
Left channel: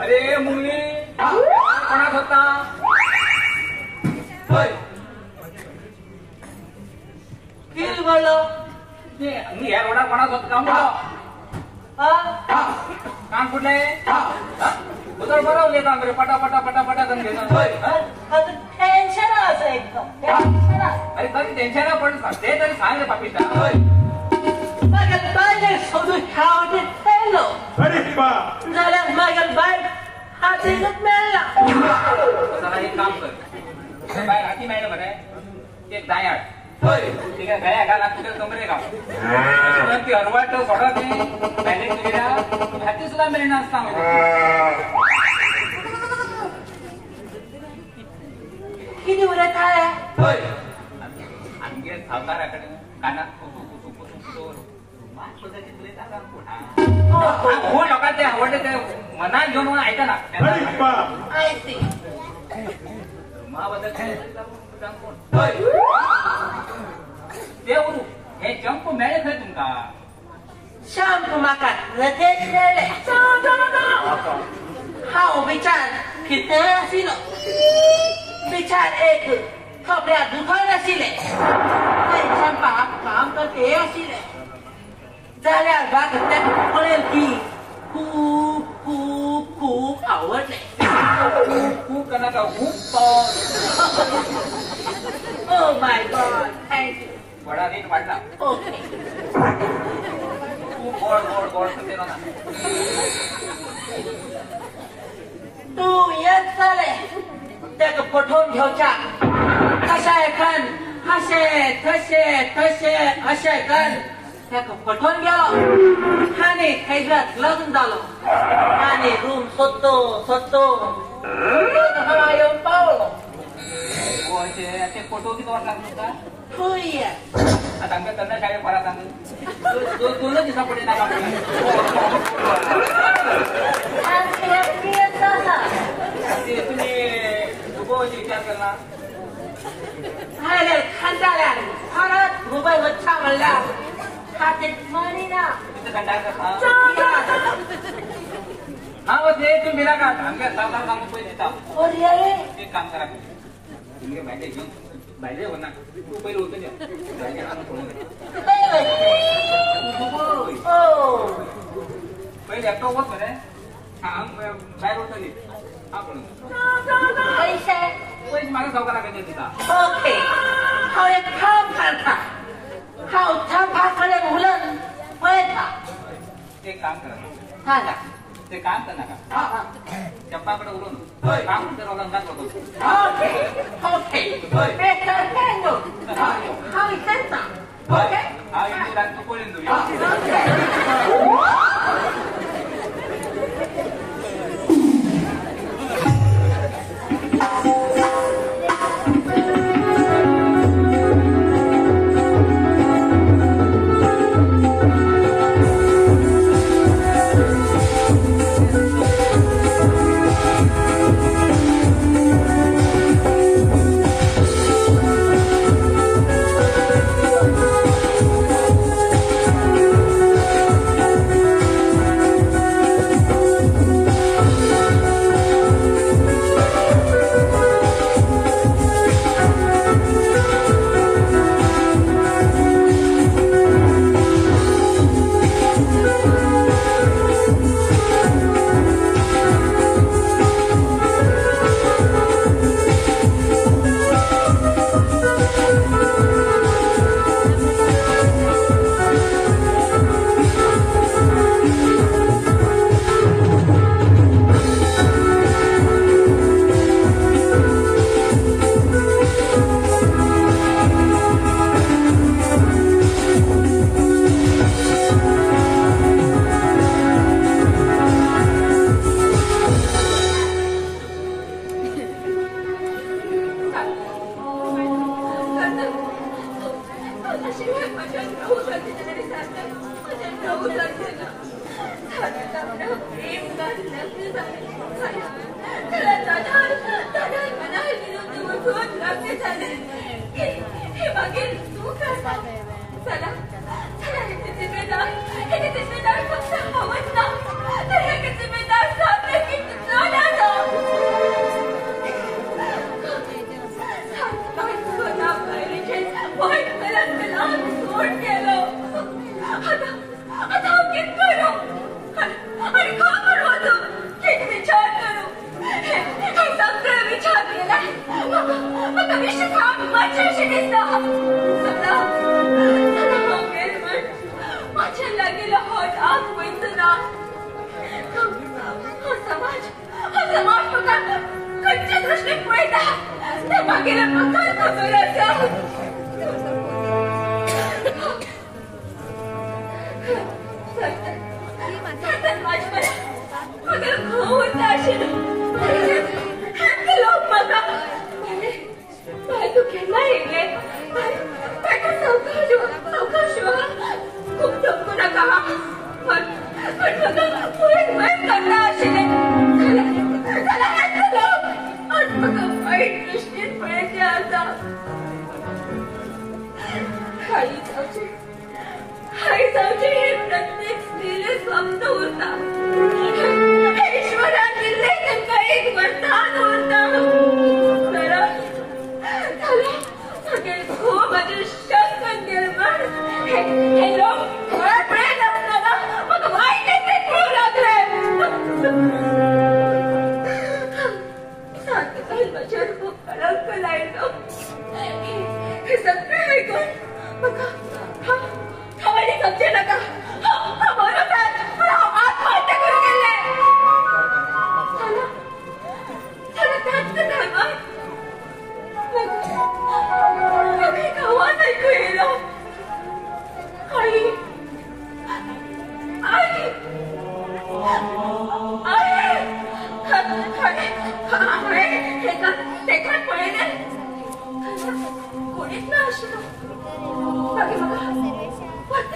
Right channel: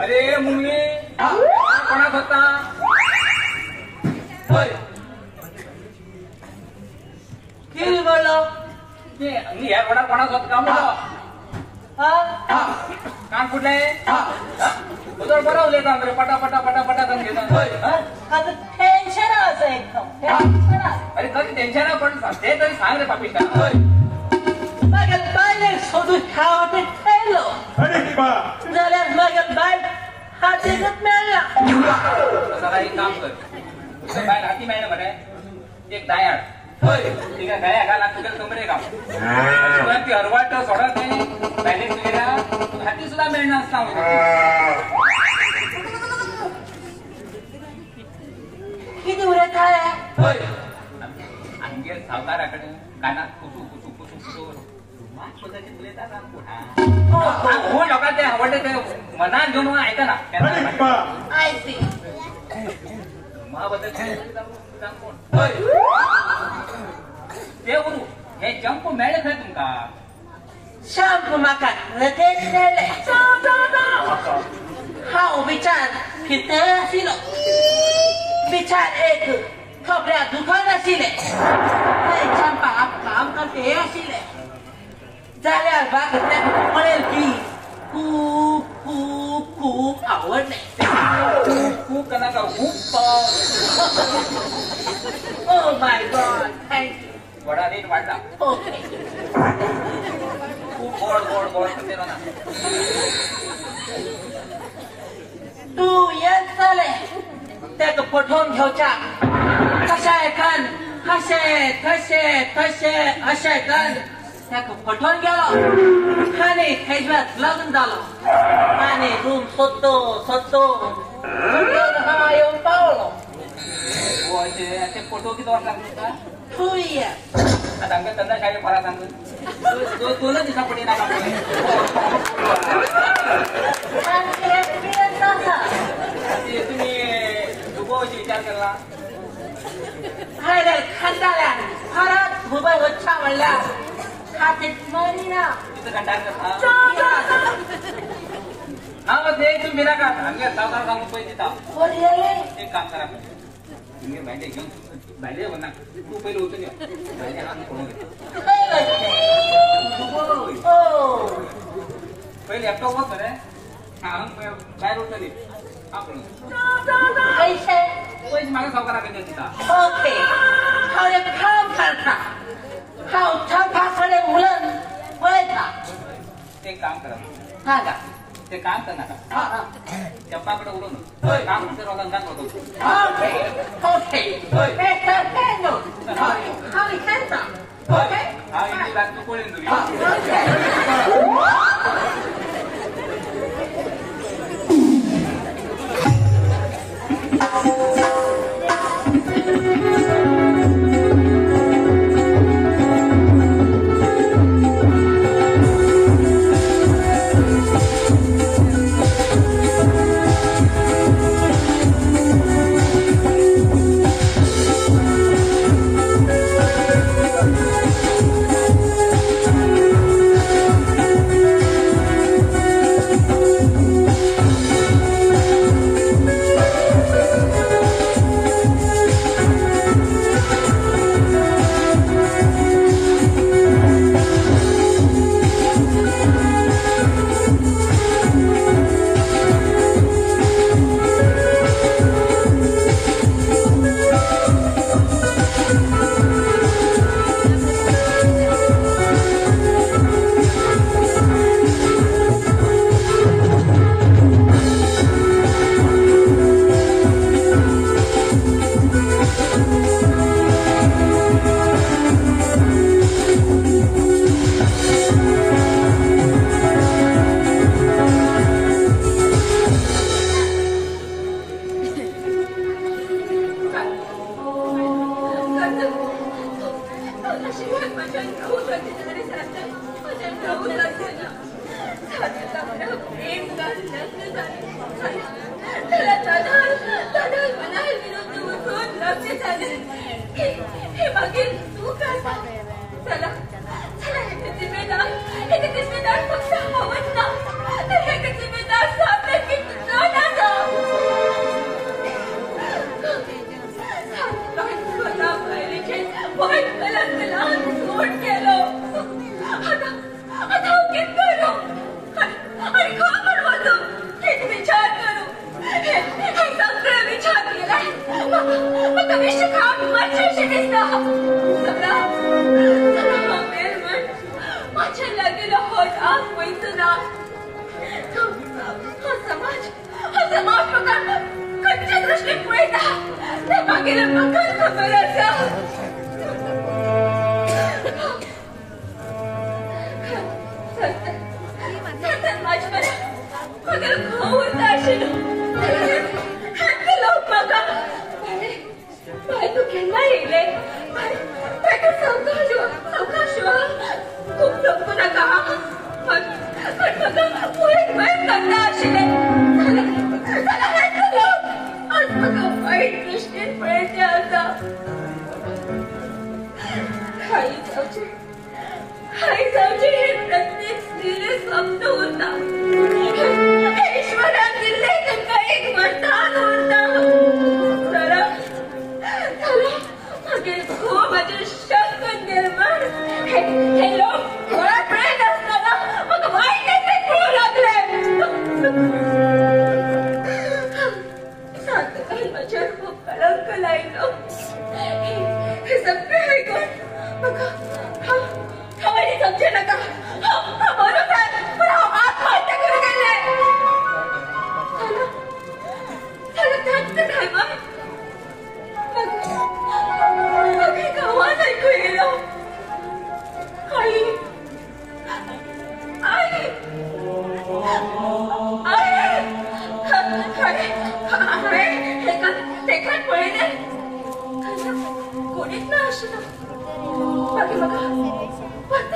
अरे मुली कोणात होता किती बोललो मी या रोडा कोणात होत का म्हणलं कान कुठले उदर बरवले का पटापटा पटापटा करून घेतात टेन्शन असं एक अरे कधी टेन्शन पण ते तरी सांग रे पाकिस्तान बाय सोडून खावते ठेवलं झाल्यात माझ्या बाय हाती मिळाला जरा एक काम कर बाय हाती नाही बरे एक दायाळ ठीक आहे दया का लागतं कमरे का ती हरवाट सोडा नाही बॅलेन्स गेल्या हाती सुद्धा मिळणार असता किती उरत आहे आणखी सावकाराकडे कानात कुसू कुसू कुसू हो लोकांना ते आवडते ते मनात घेऊन ऐका ना ते बोलू हे जंप मिळत नाही तुमका शांत माका हा विचार किती असेल विचार एक थोड्या दुकान असेल त्याच्या बाप काम करते असेल जाल्यार बाग कळेल की खूप खूप खूप आवडले खूप त्यांना का खूप oh my God thank you vada एक वाटा ओके ह्या पटवून गेलो आणि ह्याच्यात लग्न झालं आणि रूम सोदतो येऊन पावलो ते फोटो किती वाट लागतो का तू ये आता आमका त्यांना काय फरा सांगतो दोन दिवसा पुढे नाही तुम्ही दुबोची विचार केला अरे खंडाळ्या खरंच भुबा वच्छा म्हणला हातीत मरी ना तिथं कंटाळ हा मग ते तुम्ही ना का आमच्या सावकार सांगतो पैसे एक काम करा तुम्ही भांडे घेऊन भांडे हो ना तू पहिले होतो भांडे आणून फोन पहिले एकटा होत ना रे हा बाहेर होतो हा पण पैसे मागे सावकारा घेऊन तिथं ओके हा एक काम करता हा चौकाकडे मुलं वळता एक काम करा सांगा ते काम कर नका चप्पाकडे उडून काम करवाला सांगतो ओके आम्ही बातमी कोळीन तुम्ही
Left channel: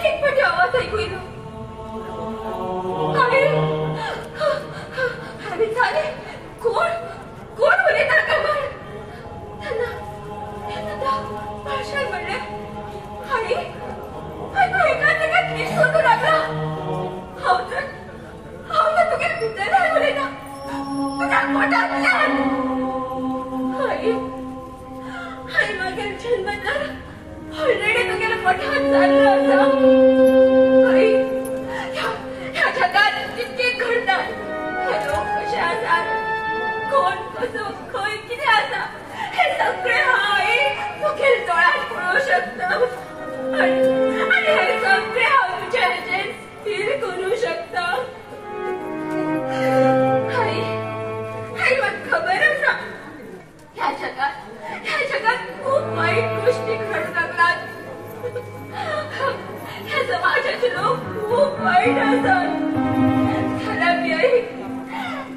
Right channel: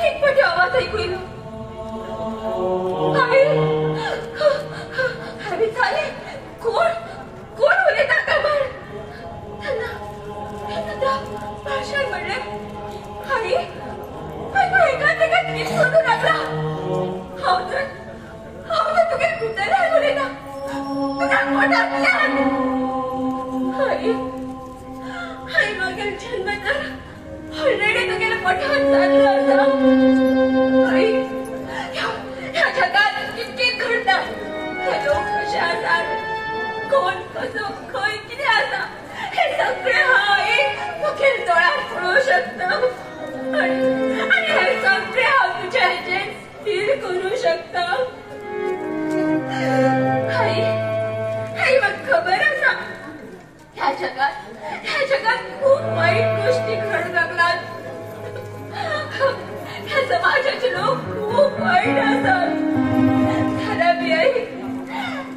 कितपट आवाज ऐकू येईल अरे चाले कोण कोण उलयता कामार त्यांना भाषण म्हणले आणि एका जाग्यात नीट सोडून लागला हांव तर तुगे भितर उलयता तुझ्या पोटांतल्यान आई मागीर जन्म तर ऑलरेडी तुगेल्या पोटांत जाल्लो आसा आई ह्या जगात कितके घडटा हे लोक कशे आसात कोण कसो खंय कितें आसा हे सगळें हांव आई मुखेल दोळ्यात पळोवंक शकता आणि हे सगळें हांव तुज्या हेजेर स्थिर करूंक शकता आई म्हाका खबर आसा ह्या जगात खूप वाईट गोष्टी घडत लागतात ह्या समाजाचे लोक खूप वाईट असतात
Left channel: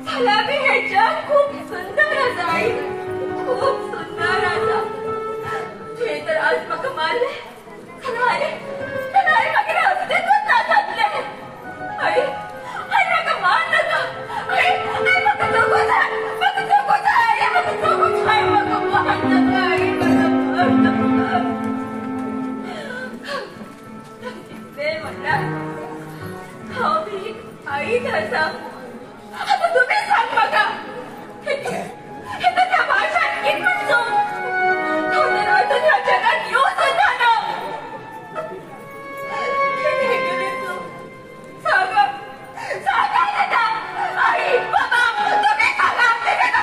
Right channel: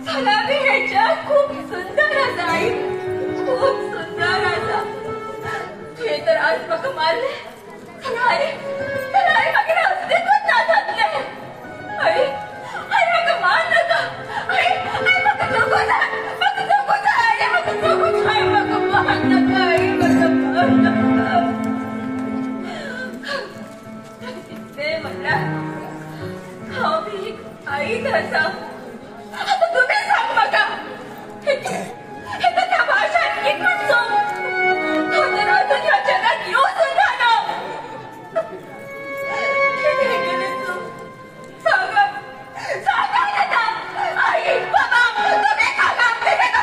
फलाबी हे जग खूप सुंदर आसा आई खूप सुंदर आसा तुवें तर आज म्हाका मारले आई मागीर अस्तित्वच ना जातलें आई म्हाका मार नाका आई म्हाका जगूं जाय आई म्हाका जगूं जाय म्हाका मार नाका आई म्हाका मार नाका ते म्हणल्यार हांव बी आईच आसा आता तुम्ही सांग म्हाका हे त्या भाषेत कितपत तो तर अजून ह्या जगात येवंक जाना कितें केलें तूं सांगा दादा आई बाबा तुम्ही सांगा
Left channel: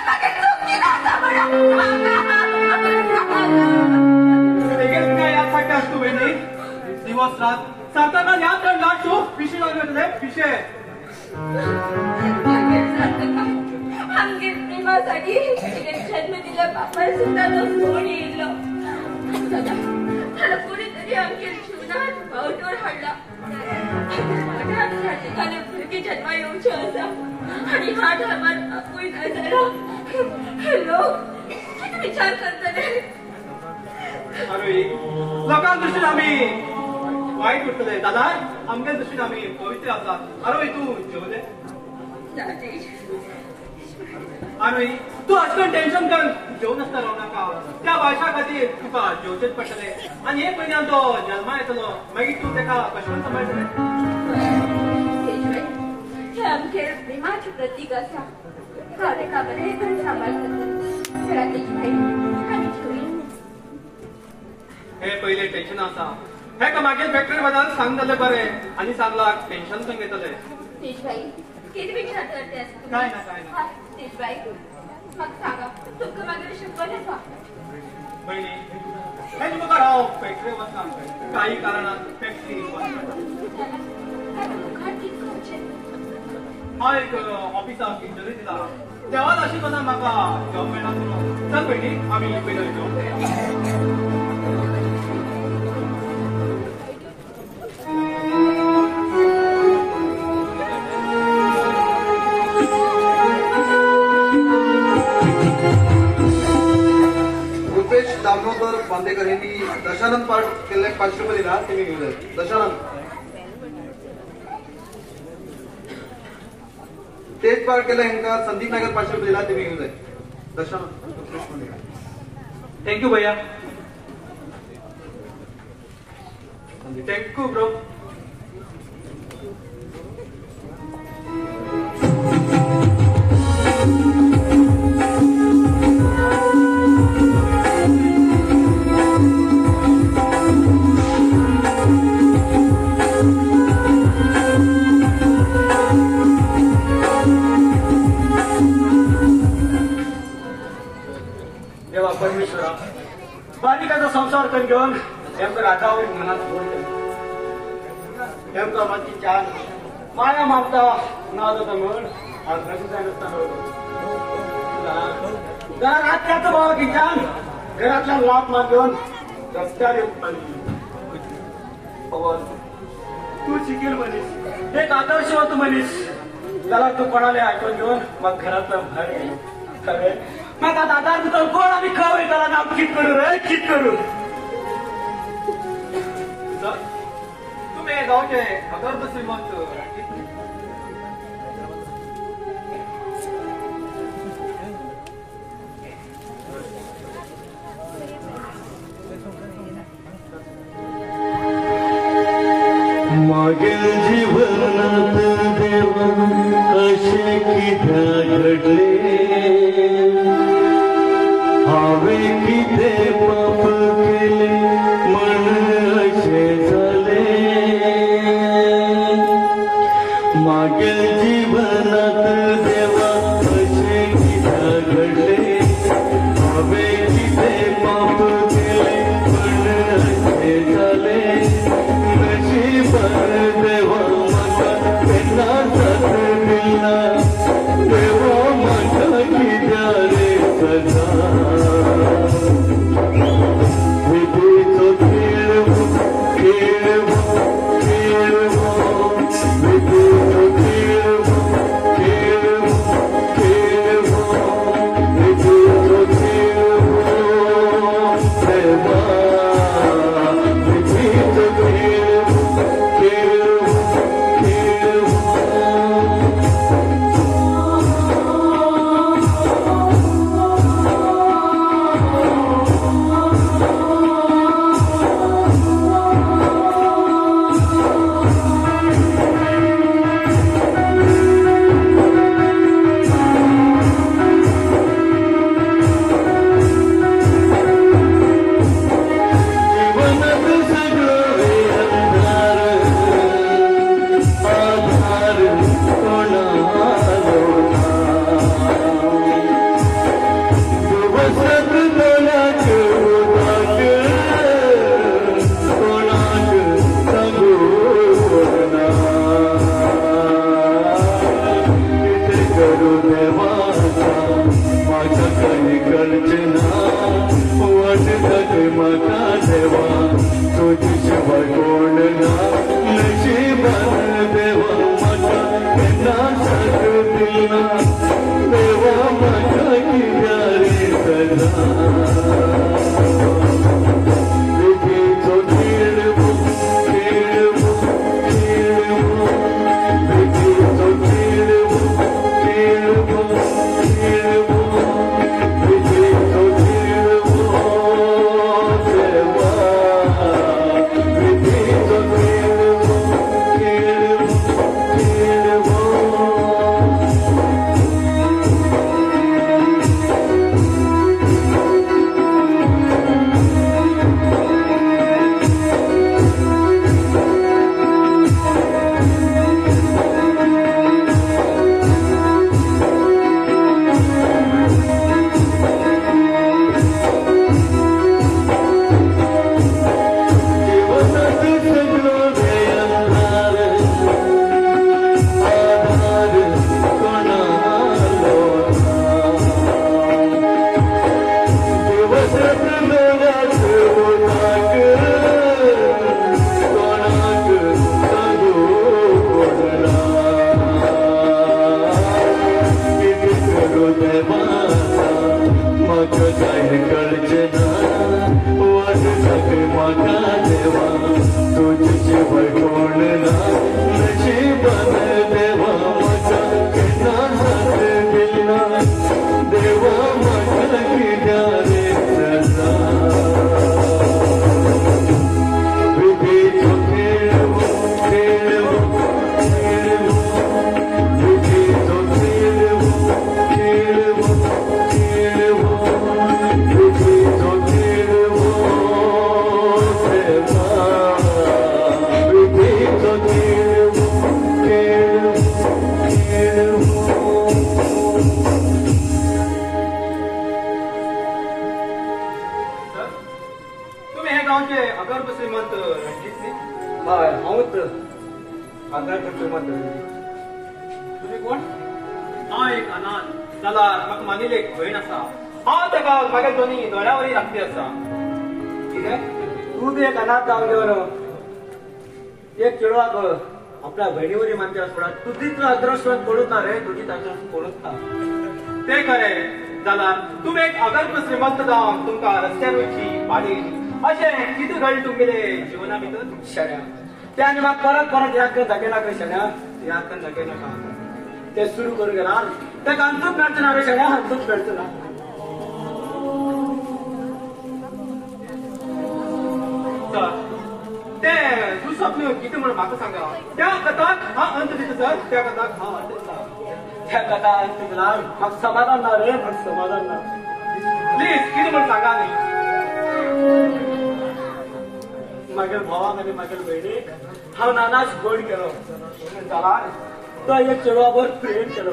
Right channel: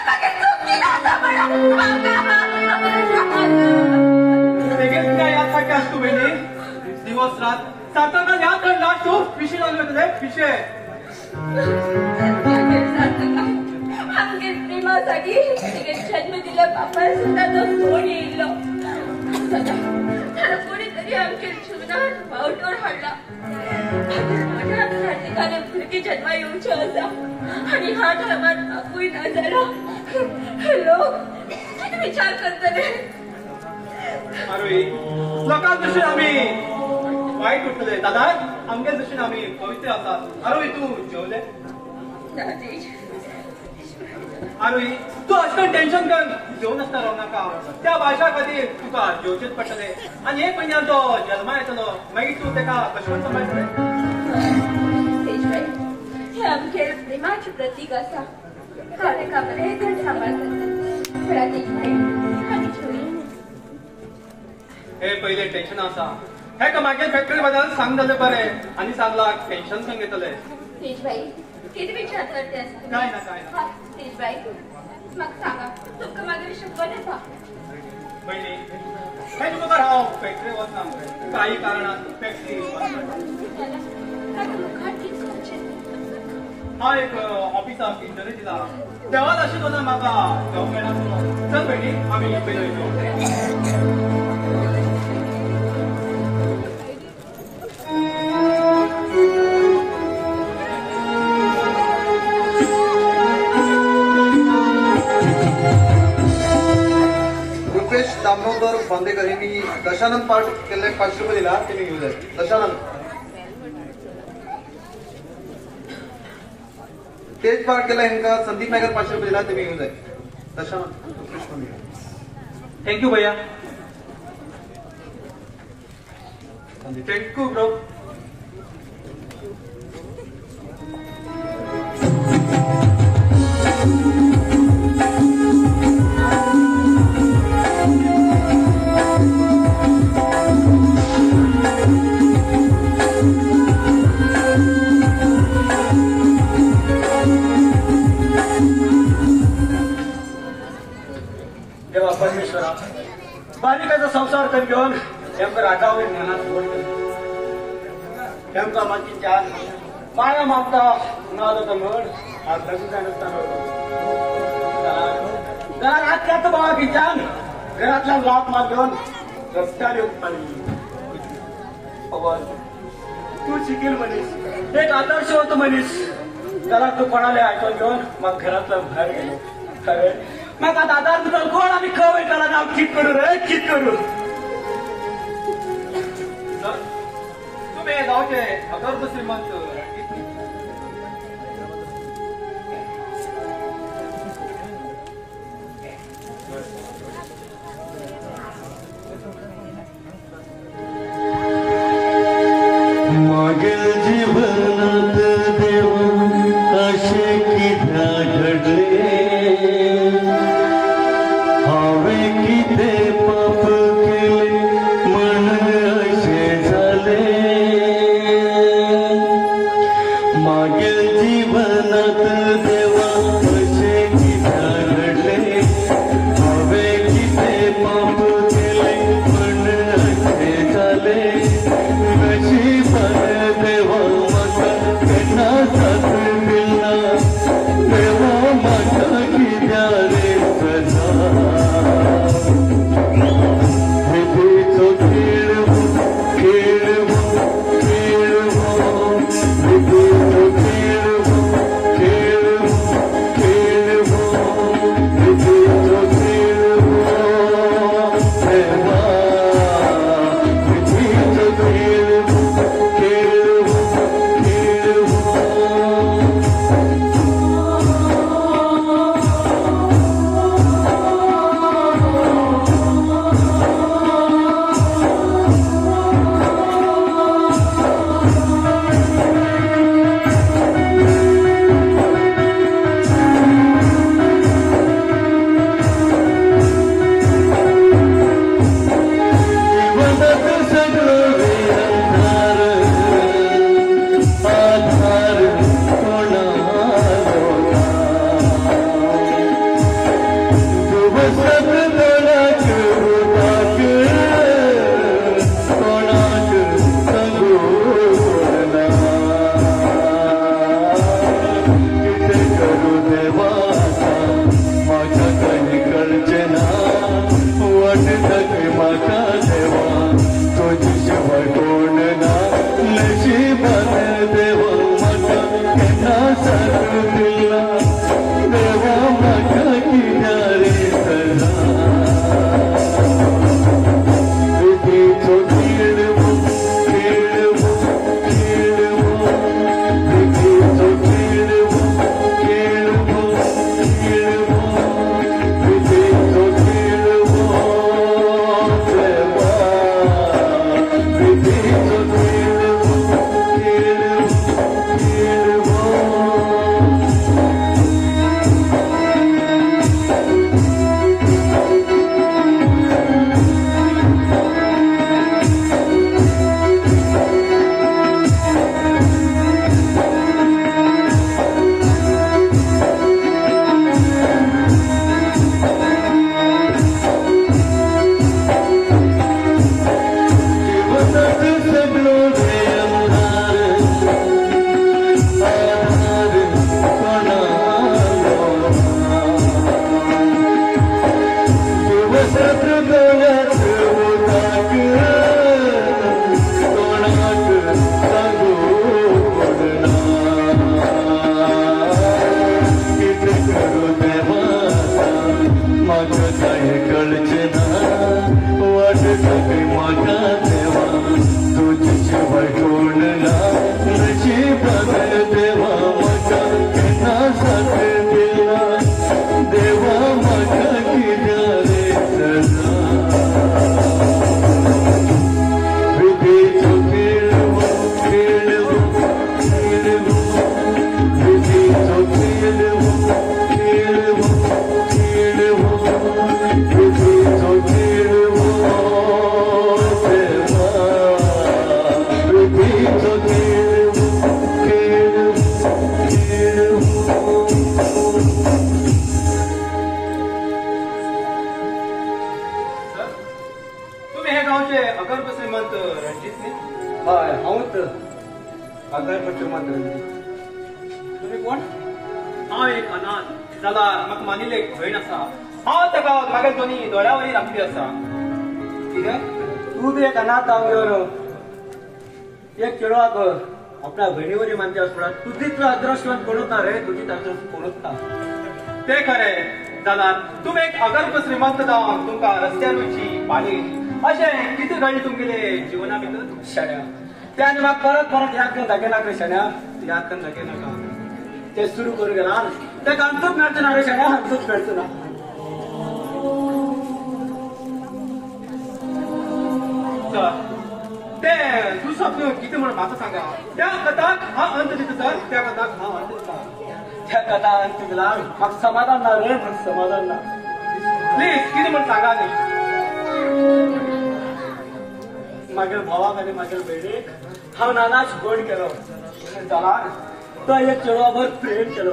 मागीर चूक केली आसा बेगीन तुका याद सारकें आसता पयली दिवस रात सारका याद करता तूं पिशे लागले तुले पिशे आमगे प्रेमासाठी जन्म दिल्या बापार सुद्धा तो सोड येयलो त्याला कोणीतरी आमगे जीवनात फावटोर हाडला माझ्या घातकाने भुरगी जन्मा येवच्यो आसा आणि ह्या टायमार बापूय ना जालो लोक कितें विचार करतले अरे लोकां दृश्टीन आमी वायट उरतले दादा आमगे दृश्टीन आमी पवित्र आसा अरे तूं जेवले आणि तू असं टेन्शन कर जेवण असता राव नाका त्या भाषा खातीर तुका जेवचेच पडटले आणि एक म्हयन्यान तो जल्मा येतलो मागीर तूं ताका कशें सांबाळटलें हे आमचे प्रेमाचे प्रतीक आसा ताका बरें तरेन सांबाळटात घरात एक बायल आनी छोरी हे पहिले टेन्शन आसा हे का मागीर फॅक्टरी बद्दल सांग जालें बरें आनी सांगला टेन्शन सांग येतलें तेजबाई किती विचार करते काय ना तेजबाई मग सांगा तुमका मागीर शिकवण येता पयली हे तुका हांव फॅक्टरी वचना काही कारणान फॅक्टरी हांव एक ऑफिसाक इंटरव्यू दिला देवान आशिल्लो ना म्हाका जॉब मेळना सांग पयली आमी पयली बांदेकर यांनी दशानंद पाठ केले 500 रुपये दिला ते मी घेऊन जाईल दशानंद तेच पाठ केला ह्यांका संदीप नागर 500 रुपये दिला ते मी घेऊन जाईल दशानंद थँक्यू भैया थँक्यू ब्रो बालिकाचा संसार तर घेऊन त्यांच्या रागावर मनात त्यांचा मागची चार माया मारता नाद होता म्हणून आज त्याचं बाबा की जाम घरातल्या लाभ मागून रस्त्यावर तू शिकेल म्हणीस एक आदर्शवत म्हणीस त्याला तू कोणाला आठवण घेऊन मग घरातला बाहेर गेलो मग आता आधार तर कोण आम्ही खवय त्याला नाव चित करू रे चित करू तुम्ही गावचे अगर्भ श्रीमंत रणजित मागील जीवनात देवा असे कित्या घडले हावे किते पाप केले म्हण असे झाले मागील जीवनात देवा असे कित्या घडले हावे किते पाप केले म्हण असे झाले देवा त्यांना साथ दिला देवा माझा कित्या रे सजा विधीचो खेळ खेळ खेळ विधीचो खेळ खेळ खेळ विधीचो खेळ देवा विधीचो खेळ तुम्ही कोण? हा एक अनाथ त्याला म्हाका मानिले एक भयण आसा हांव ताका म्हागे दोनी दोळ्यावरी राखली आसा कितें तू बी एक अनाथ जावन एक चेडवाक आपल्या भयणीवरी मानचे आसता तू तितलो अदृश्टवान कोणूच ना रे तुजी अदृश्ट कोणूच ना ते खरें जाल्यार तुमी एक अगल्प श्रीमंत जावन तुमकां रस्त्यार वयची पाणी अशें कितें घडलें तुमगेले जिवना भितर शेड्या त्याने म्हाका परत याद करून दाखयला शाण्या याद करून दाखयला ते सुरू करू गेला ते आमचूच मेळचो ना शाण्या आमचूच मेळचो ना ते तू स्वप्न किती म्हणून म्हाका सांगा त्या कथाक हा अंत दिता सर त्या कथाक हा अंत दिता त्या कथा अंत दिला म्हाका समाधान ना रे म्हाका समाधान ना प्लीज किती म्हणून सांगा न्ही मागीर भावाक आनी मागीर भयणीक हांव नानाच गोड केलो जाला तो एक चेडवाबर प्रेम केलो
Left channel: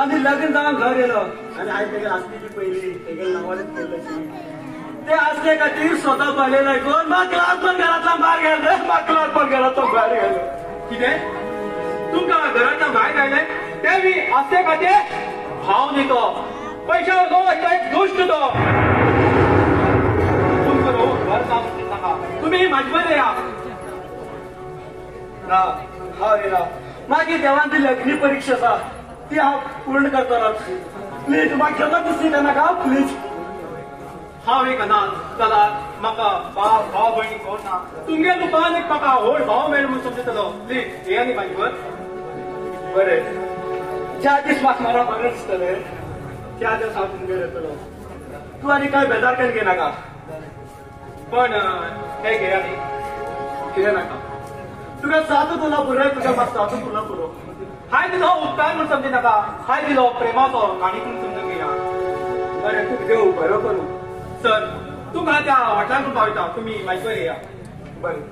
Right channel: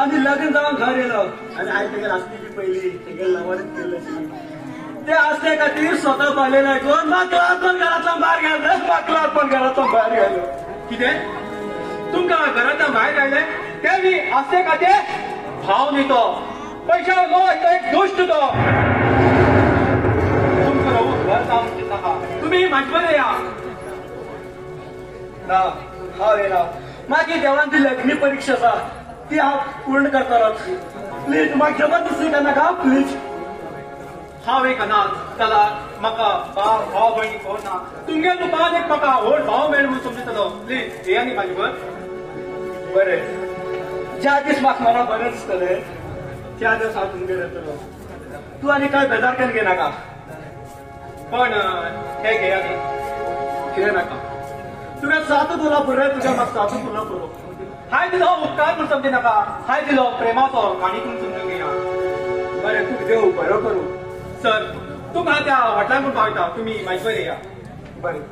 आनी लग्न जावन घर येलो आनी हांवें तेगेर आसली पयली तेगेर नांवान केल्ली ते आसले खातीर स्वता पाहिले नाही कोण म्हाका पण घरांतल्यान भायर गेलो म्हाका पण घरांतल्यान भायर गेलो कितें तुमकां घरांतल्यान भायर घायले ते बी आसले खातीर भाव न्ही तो पैशा लो एक गोश्ट तो तुमकां घर जावन दिता तुम्ही माझी बरे या मागीर देवान ती लग्नी परीक्षा आसा ती हांव पूर्ण करतलो प्लीज म्हाका केन्ना दुसरी नाका प्लीज हांव एक अनाथ चला म्हाका भाव भयणी कोण ना तुमगे दुकान एक म्हाका व्हड भाव मेळ म्हूण समजतलो प्लीज ये न्ही म्हाजे बर बरें ज्या दीस म्हाका मरण बरें दिसतलें त्या दीस हांव तुमगेर येतलो तूं आनी कांय बेजार केन्ना घेनाका पण हे घे आनी कितें नाका तुवें सारको तुला पुरो तुका म्हाका सारको तुला पुरो हाय दिलो उपकार म्हूण समजी नाका हाय दिलो प्रेमाचो आनी तुमी समजून घेया बरें तुका देव बरो करूं सर तुका त्या हॉटेलांत पावयता तुमी म्हाजे बरें या बरें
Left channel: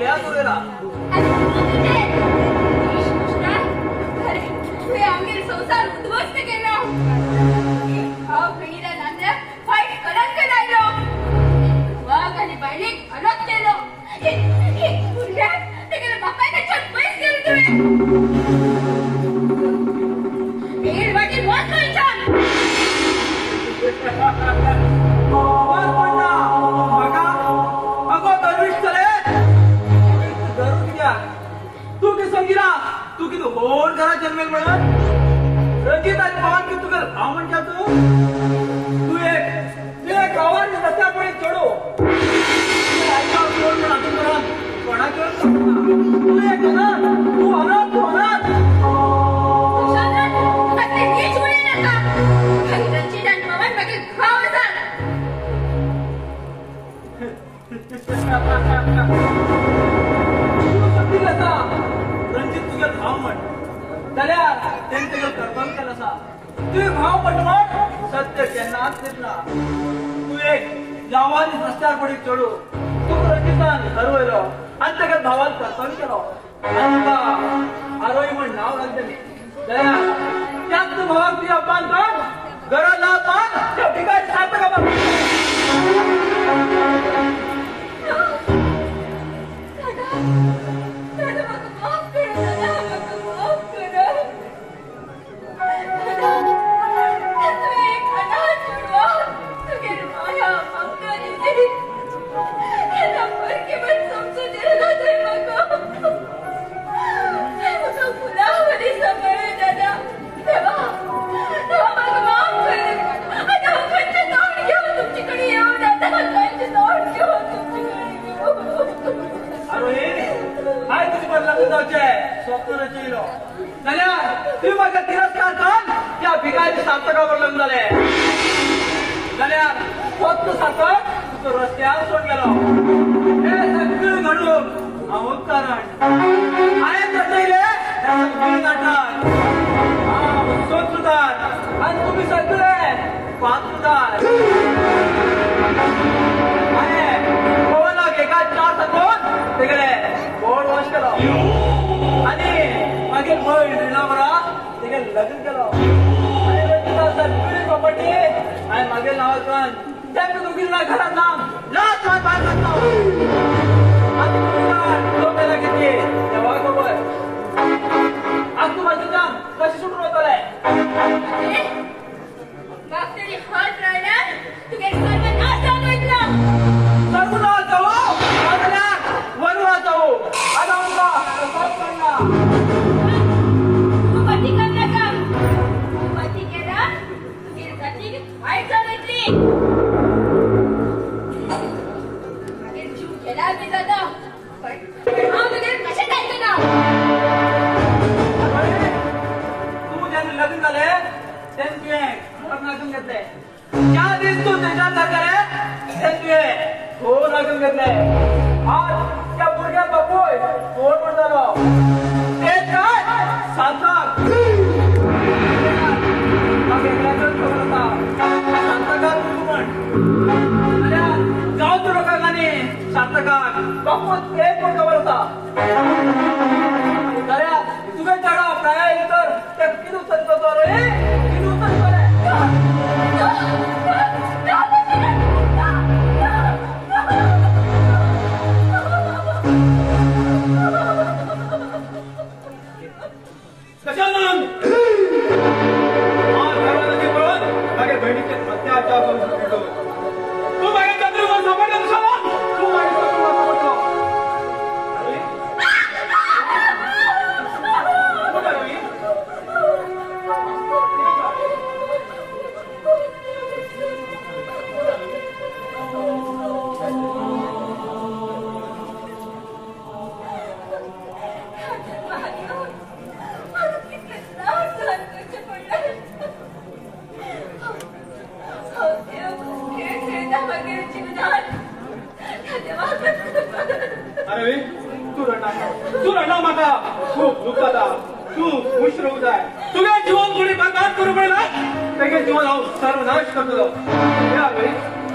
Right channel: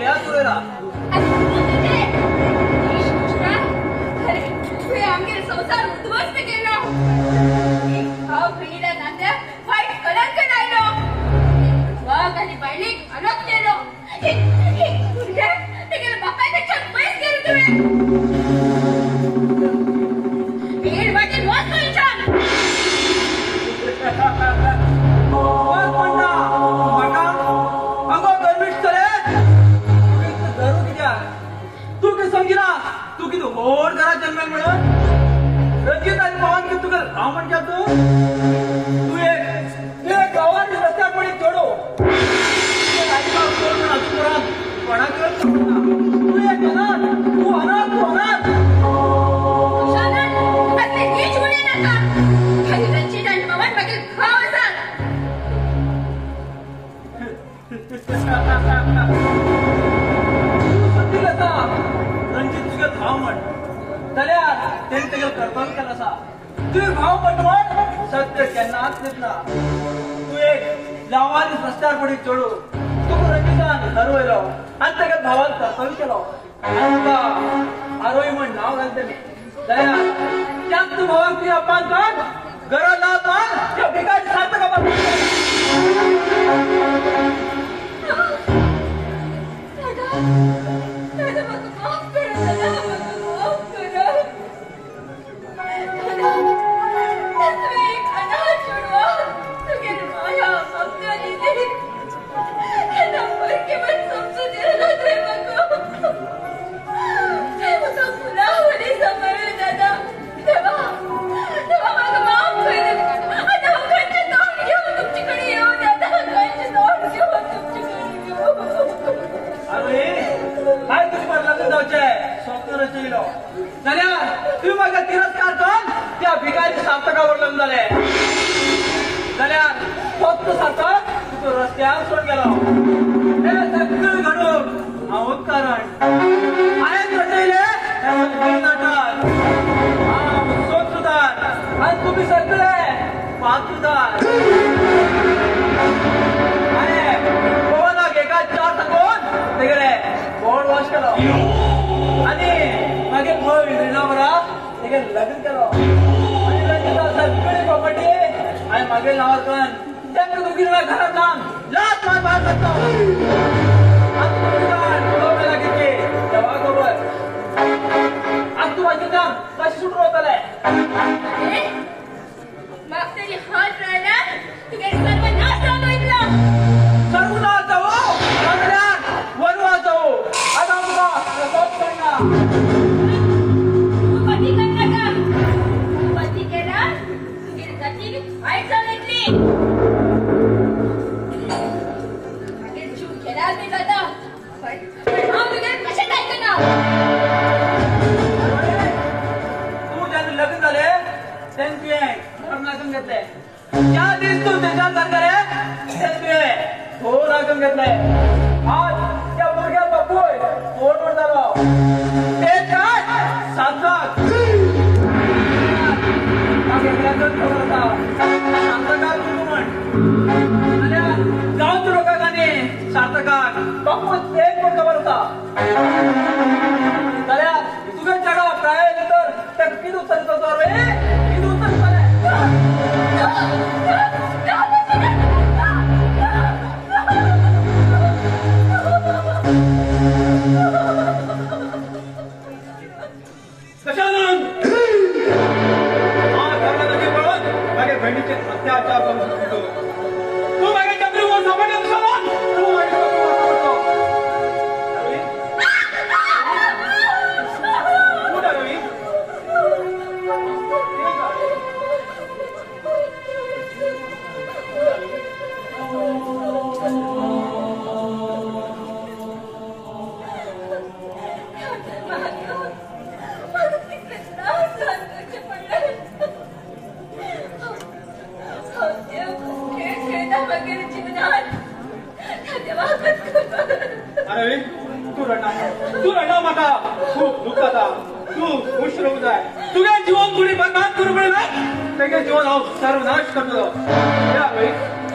आपल्या तुवेला आमगे संसार उद्ध्वस्त केला भाव बहिणीला नांद्यात वाईट कलंक लागलो मग आणि बहिणीक अलग केलो तुझ्या बापाने छत पैस केलं तुम्ही एक वाटी बहुत पैसा अगो गर्विष्ठ तू की समजिला तू की होड करा जन्मेल म्हणून रंजित आणि पवन की तुझं भाव म्हण का तू एक गावात रस्त्यावर पडी जोडो तू एक अनाथ तू अनाथ तू अनाथ रणजित तुझ्या भाव म्हण जाल्यार तेणे तुगे कर्तव्य केला असा तुझे भाव पटवून सत्य केन्नाच घेतला तू एक लावानी रस्त्यार पडी चडू तू रणजितान हरवयलो आनी तेका भावान कर्तव्य केलो आरोही म्हण नाव घालतली जाल्यार त्याच तू भावाक तुझ्या अपमान कर गरज ना अपमान त्या भिकारी सार्थका स्वप्न रचयलो जाल्यार तुम्ही म्हाका तिरस्कार कर त्या भिकारी सार्थका वडलोन जाले जाल्यार स्वप्न साकत तुका रस्त्यार सोड गेलो हे सगळें घडूंक हांव कारण हांवें रचयले हे सगळे नाटक सोद सुदार आनी तुमी सगळे पात सुदार पवनाक एका चार सकून तेगेले बोर्ड वॉश केलो आगे भाव रिणावरा तेगे लग्न केलो आनी लग्न सगळी प्रॉपर्टी हांवें मागेल नांवांतल्यान तेंका दोगी जाणां घरांत जावन लात मार भायर काडटा आनी तुमी मेला घेतली देवा खबर आज तूं राजूच्यान कशें सुटून वतले मागतरी हात राहिल्यार तुगे सर्वनाश जावन वयतलो सर्वनाश जावो जाल्यार वनवास जावो आनी आमकां सोद करना लग्न झाले त्यांचे नागम घेतले ज्या दिवस तू त्याच्यात सरकारे त्यांचे हो नागम घेतले आज त्या भुरग्या बापूय फोन म्हणतालो ते काय सांगतात गाव तू लोकांनी शांतकाक बापू ते पण खबर होता तुझे चढा प्राय तर त्या किती उतरतो रे किती उतरतो कशाला माझ्या बहिणीचे अत्याचार करू शकतो तू माझ्या चंद्रवर समजत तू अरे तू रडना म्हाका तू खूप जाता तू खुश रावू जाय तुगे जीवन पुढे बरबाद करू पडे तेगे जीवन हांव सर्वनाश करतलो या भाई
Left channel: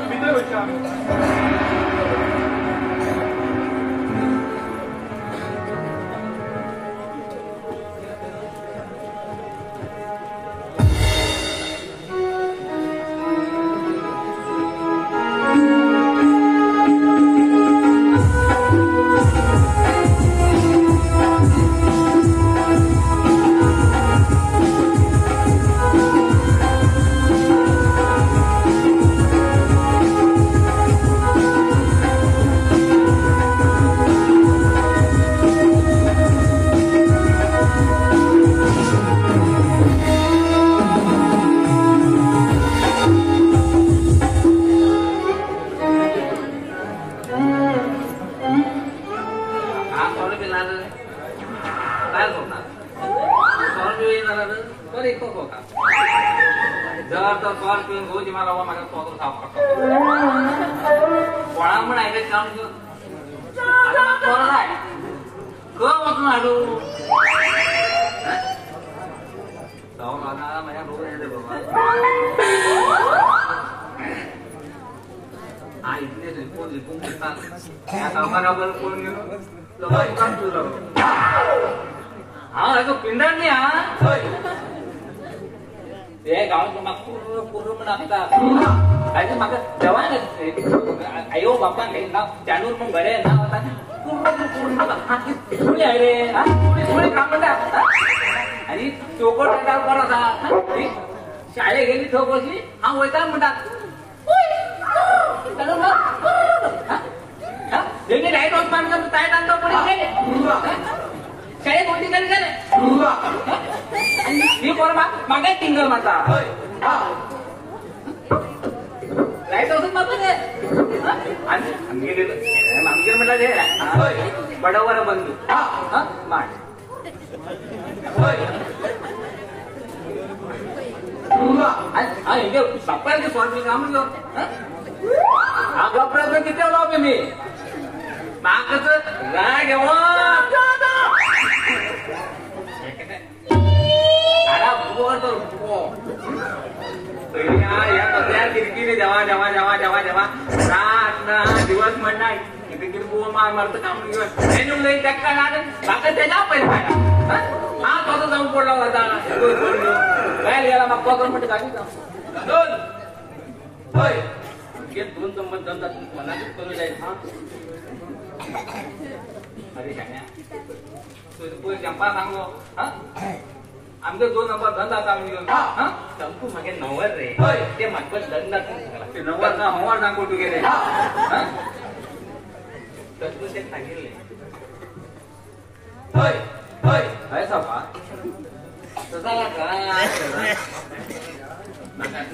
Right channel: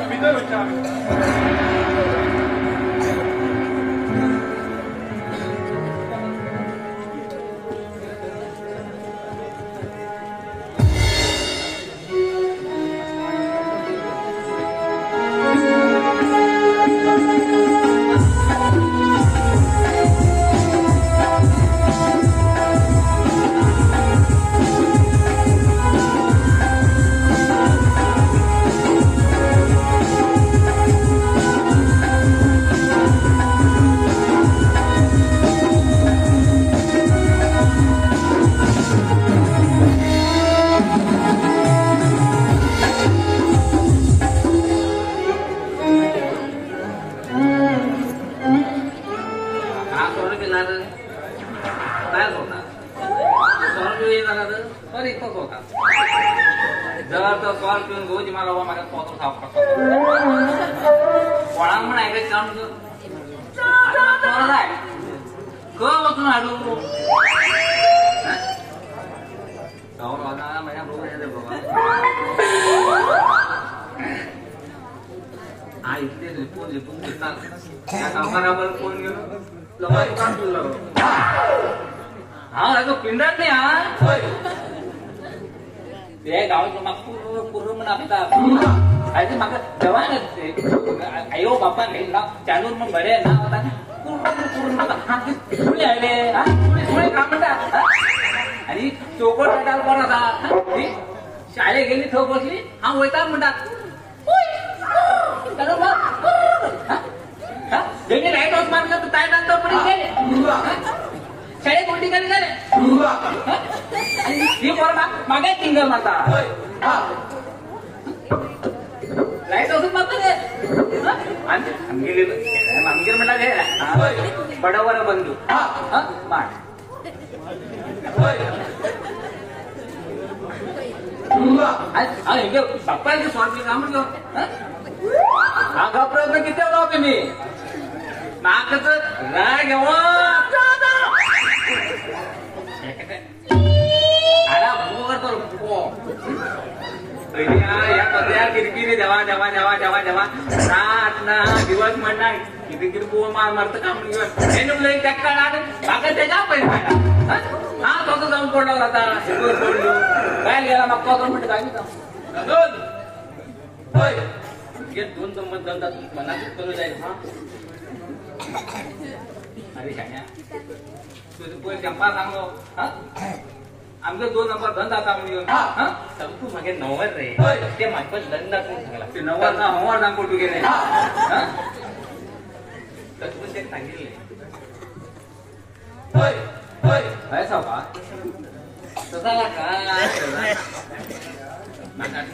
भितर वयता हाडू पिंडार नाही हा ते गावात पूर्ण म्हाका तेव्हा आयो बाप्पा घेतला चालून मग बरे ना रे काम म्हणतात आणि चोकट बरा शाळेत गेली थो बसली हा वैताग म्हणतात गेली राईट हाऊस मारला तू काय नंतर पुढे गेले शाळेत कोणती गाडी झाले ही बरं मागे सिंगल माझा लाईट हाऊस मारतो ते आमगे मला घे बडावर बंधू माठ बाप्पांचे स्वामी काम मागा प्रयत्न किती होता तुम्ही मागच राग या कचऱ्या किरकिरी जेव्हा जेव्हा जेव्हा जेव्हा जेव्हा ना दिवस म्हणणार किरकिर मारतं काम नाही टक्का ना मागं त्याच्या पैसे हा कसं जाऊन पडला होता पडली काय गेला मग कसं म्हणते काय दोन संबंध मनातच कमी जाईल अरे शाण्या तुझे चंपा सांगो आमचे 2 नंबर धंद आता तू मागे 90 रे ते माझ्या धंदा ते 90 ना हवा सांगू तू गेले तू ते सांगितले काय सभा तसाला का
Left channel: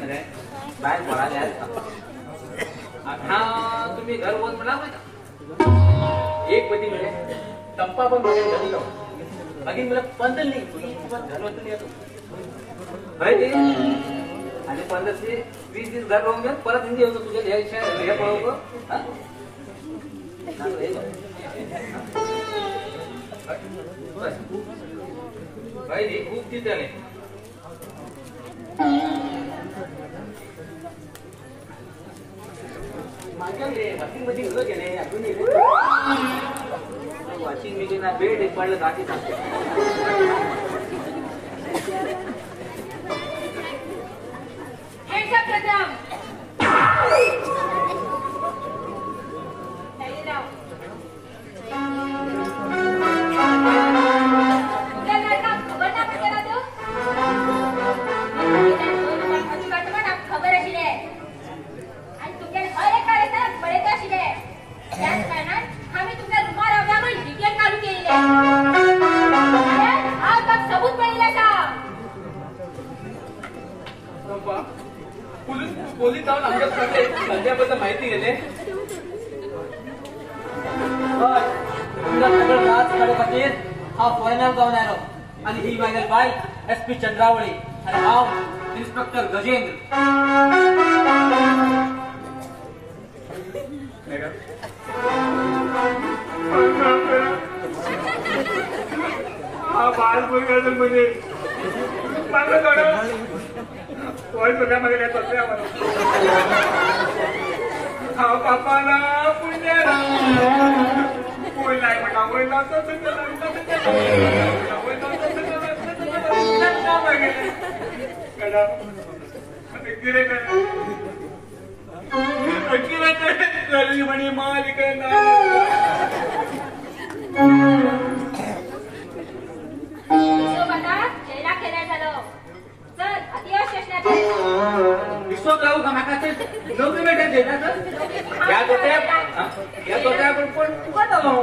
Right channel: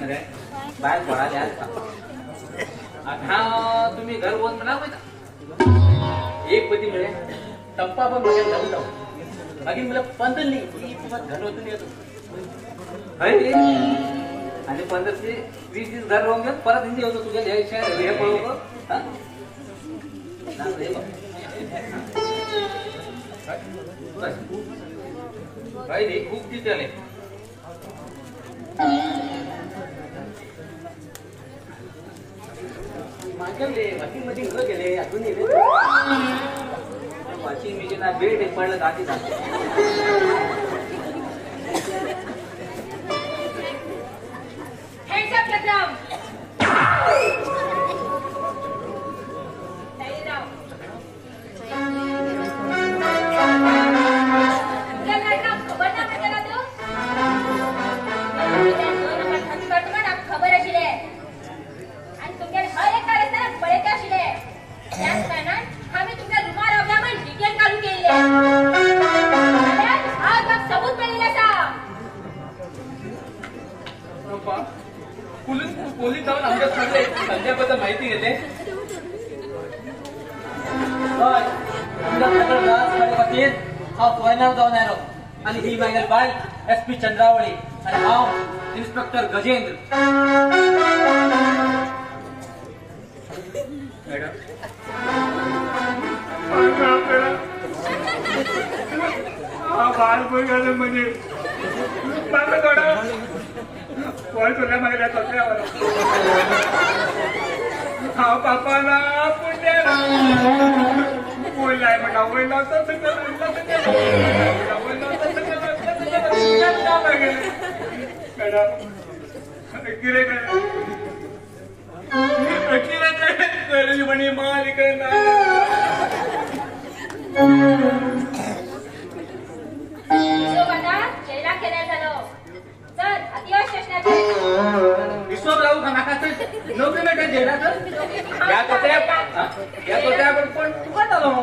रे काय बोलायला हा तुम्ही घर बंद करा एक पती मिळे टप्पा पण बघायला बाकी मला पंधर नाही घरवतून येतो आणि 15-20 घर राहून घ्या परत हिंदी होतो तुझ्या हे पळवतो भाई खूप ती झाले मध्ये उभं गेले अजून वॉशिंग मशीन बेड पडलं रात्री पोलीस जाऊन आमच्या संध्याबद्दल माहिती घेते हा फॉरेनर जाऊन आलो आणि ही मागेल बाय SP चंद्रावळी आणि हा इन्स्पेक्टर गजेंद्र हा बाल कोई म्हणजे कोण तुला मागे हा पापाला पुण्य कोण नाही म्हणा गरीब म्हणे मालिक विश्वास राहू का माका नव्हते बेटा जेवणाचं यात होत्या पण कोण आलो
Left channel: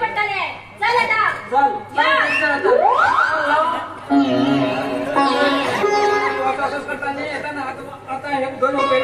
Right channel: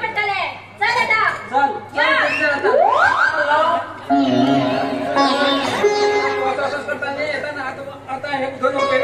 पडताले चल आता हे दोन होते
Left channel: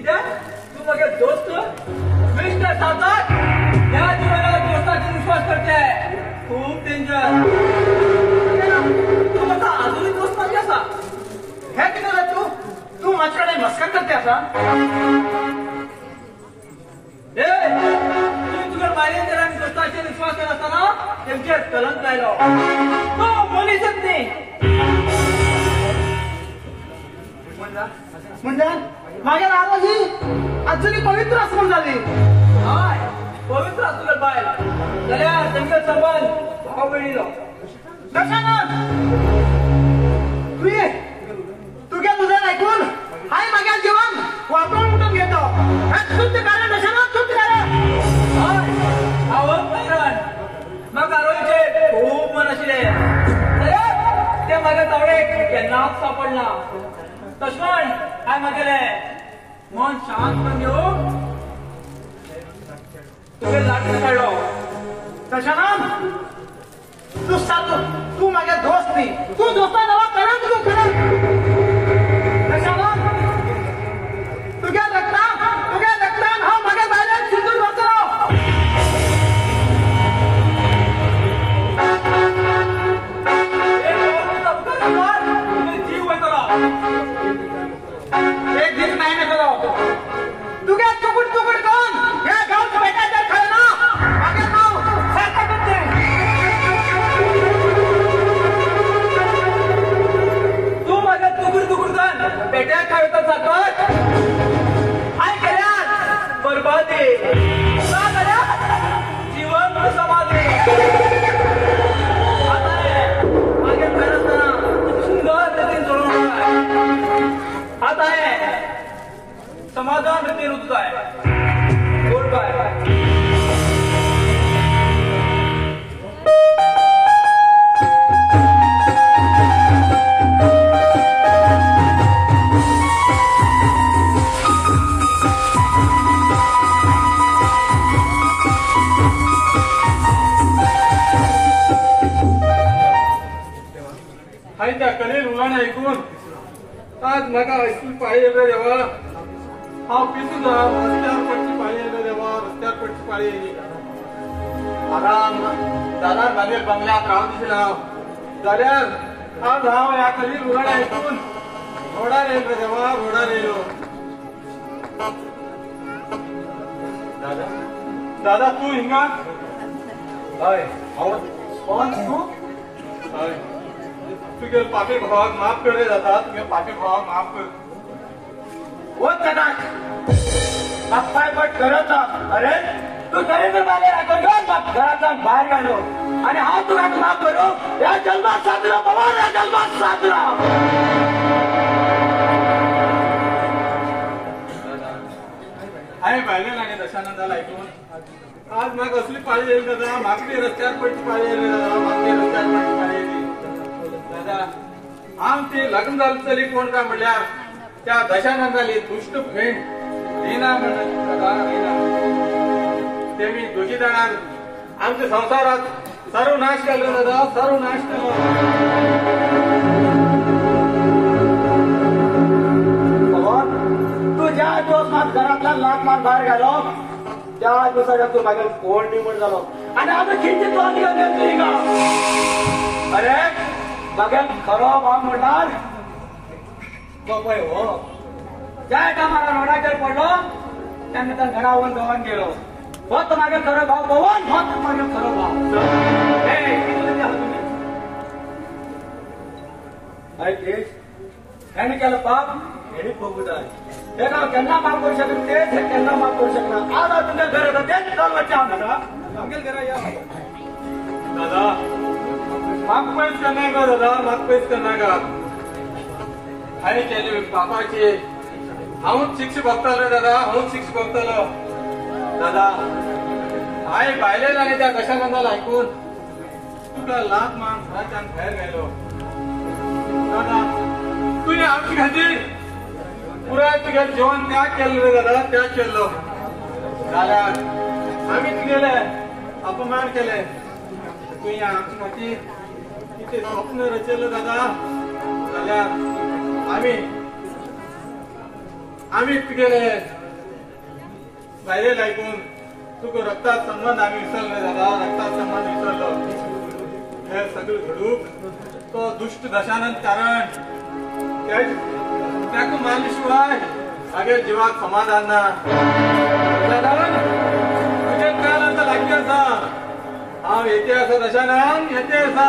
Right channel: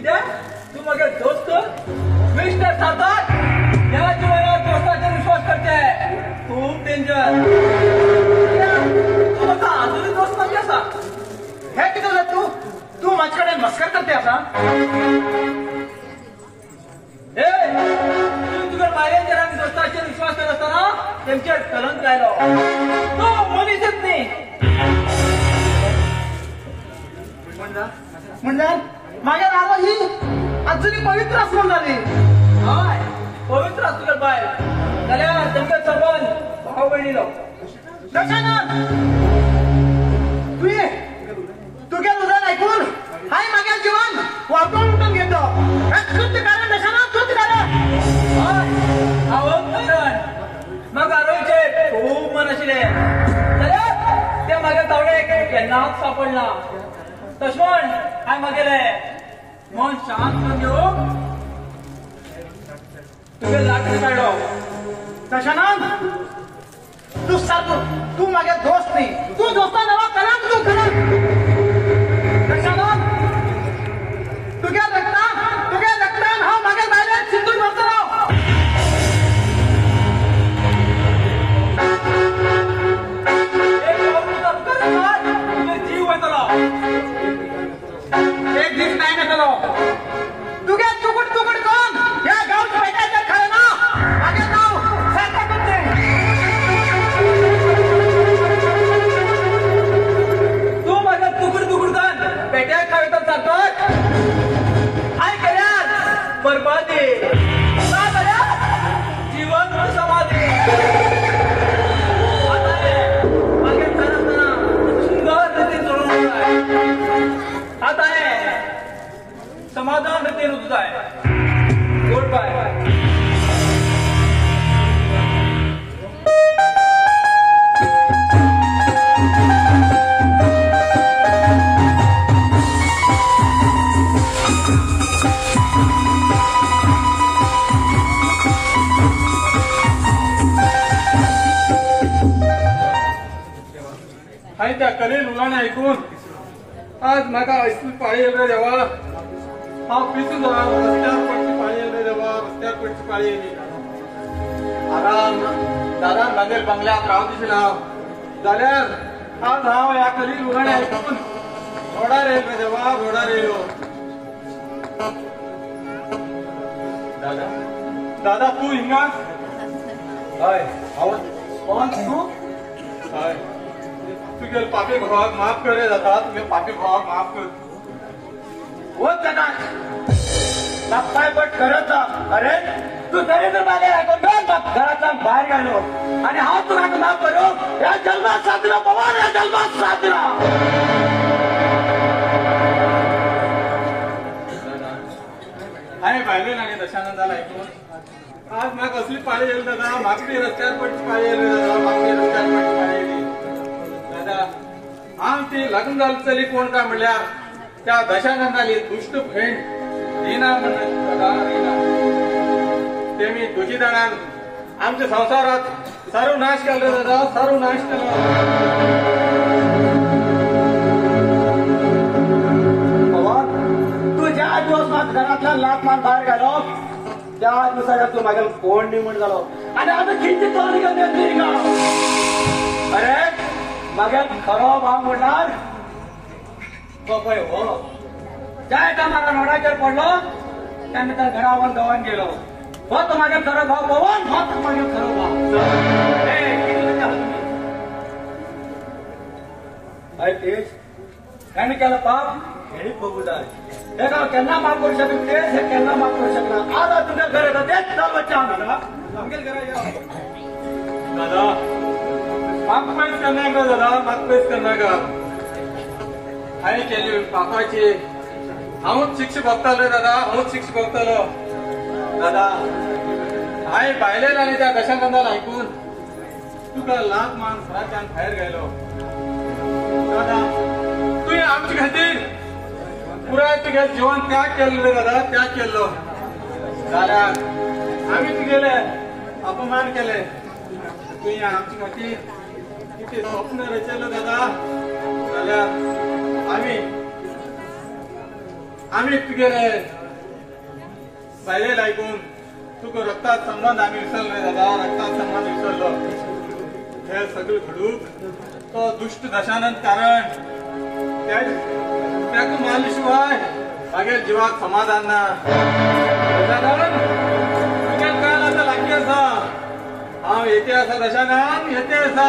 कित्याक तू म्हाका दोस्त मिस्टर सावकार ह्या जिवनात दोस्ताचेर विश्वास करचे खूप डेंजर. तू म्हाका अजूनय दोस्त करचे आसा हे कितें जालें तू म्हाजे कडेन मस्कर करते आसा. तुका भायल्या जरांक दोस्ताचेर विश्वास करनासतना तेंचेर कलंक लायलो. तू मनीसच न्ही. म्हणजे माझ्या नावाला ही अजूनही पवित्र आसमान झाली. हय पवित्र आसलो बाय जाल्यार तेंका चलवून भाव भयणीलो. तुगे उदाहरण ऐकून हाय माझ्या जीवन वापरून घेतो. शुद्ध कारण असे ना शुद्ध कारण कारण मग आरोग्य खूप मन आशिल्ले ते माझ्या जवळ केन्नाच सापडना. तशें हांवें म्हगेलें मन शांत करून घेवून तुगे लागीं काडलो. तशें ना तू सारको तू म्हागे दोस्त न्ही. तू दोस्ता नांवां कळत तूं खरें. तशें ना तुगे रक्तान हांव म्हागे गायल्यान सिंदूर भरतलो. तुगे जीव वयतलो. एक दीस नाही नकलो तुगे तुकड करून ह्या गांवच्या बेटाचेर खालो ना म्हागे नांव सारकें करते. तू म्हागे तुकड करून बेट्याक खावयता सारकोच हांवें केल्यार बरबादी ना जाल्यार जिवंत समाधी. म्हागे मेळनासतना सुंदर रितीन चलोवंक जाय. आता हे समाधान रीतीन वचूंक जाय. Good bye. हाय त्या करेल उलाण ऐकून आज म्हाका असली पाळी येयल्या देवा. हांव पितू ना रस्त्यार पडची पाळी येयल्या देवा. रस्त्यार पडची पाळी येयली. आराम दारान बांदेल बंगल्यात रावं दिसना जाल्यार आज हांव ह्या करील उलाण ऐकून रोडार येयलो देवा. रोडार येयलो. दादा तू हिंगा. हय हांव कोण तूं. हय तुगे पापी भावाक माफ करे जाता. तुगे पापी भावाक माफ कर. वच जाता बापाय बट करत अरे तू दरेंद्र बागे घरातल्यान भायर गेलो आनी हांव तुका माफ करूं. ह्या जल्मात साधना पवन ह्या जल्मात साधना. हांवें भायले नागे दशानंदाला ऐकून आज म्हाका असली पाळी येयली दादा. म्हाका ती रस्त्यार पडची पाळी येयली दादा. म्हाका ती रस्त्यार पडची पाळी येयली दादा. हांव ती लग्न जाल्ली चली कोण काय म्हणल्यार त्या दशानंदाली दुष्ट फ्रेंड रिना म्हणटा दादा. रिना तेमी दोगी जाणांक आमच्या संवसारात सर्वनाश केलो दादा. सर्वनाश केलो. तू ज्या दिवस म्हाका घरांतल्यान लाट मारून भायर गेलो त्या दिसाक तू म्हाका फोन न्ही म्हण जालो आनी आमी कितली तोंड घेतली का. अरे म्हागे खरो भाव म्हणल्यार पपय हो. ज्या टायमार रोडाचेर पडलो तेन्ना त्या घरा वन गांवान गेलो. हो तो म्हागे खरो भाव पवन. हो तो म्हागे खरो भाव. हेणी केलं पाप हेणी भोगू जाय. हे हांव केन्ना माफ करूं शकना. तेच हे केन्ना माफ करूं शकना. आज तुमच्या घर येता तेच बच्चा म्हाका आमगे घरा या दादा म्हाका पयस करनाका दादा. म्हाका पयस करनाका. हांवें केली पापाची हांवूच शिक्षा भोगतालो दादा. हांवूच शिक्षा भोगतालो दादा. हांवें भायले आनी त्या दशानंदाला ऐकून तुका लाख मान घराच्यान भायर गेलो दादा. तुवें आमचे खातीर पुराय तुगे जेवण त्या केल्लो रे दादा. त्या केल्लो कारण आमी तुगेले अपमान केले. तुवें आमचे खातीर कितें स्वप्न रचयलें दादा. जाल्यार आमी आम्ही गेले पाहिजे ऐकून तुका रक्तात संबंध आम्ही विसरले दादा, रक्तात संबंध विसरलो. हे सगळी घडूक तो दुष्ट दशानंद कारण त्याक मानल्याशिवाय मागे जीवाक समाधान ना. तुझ्या काय आता लागले असा हांव येते असं दशानंद येते असा.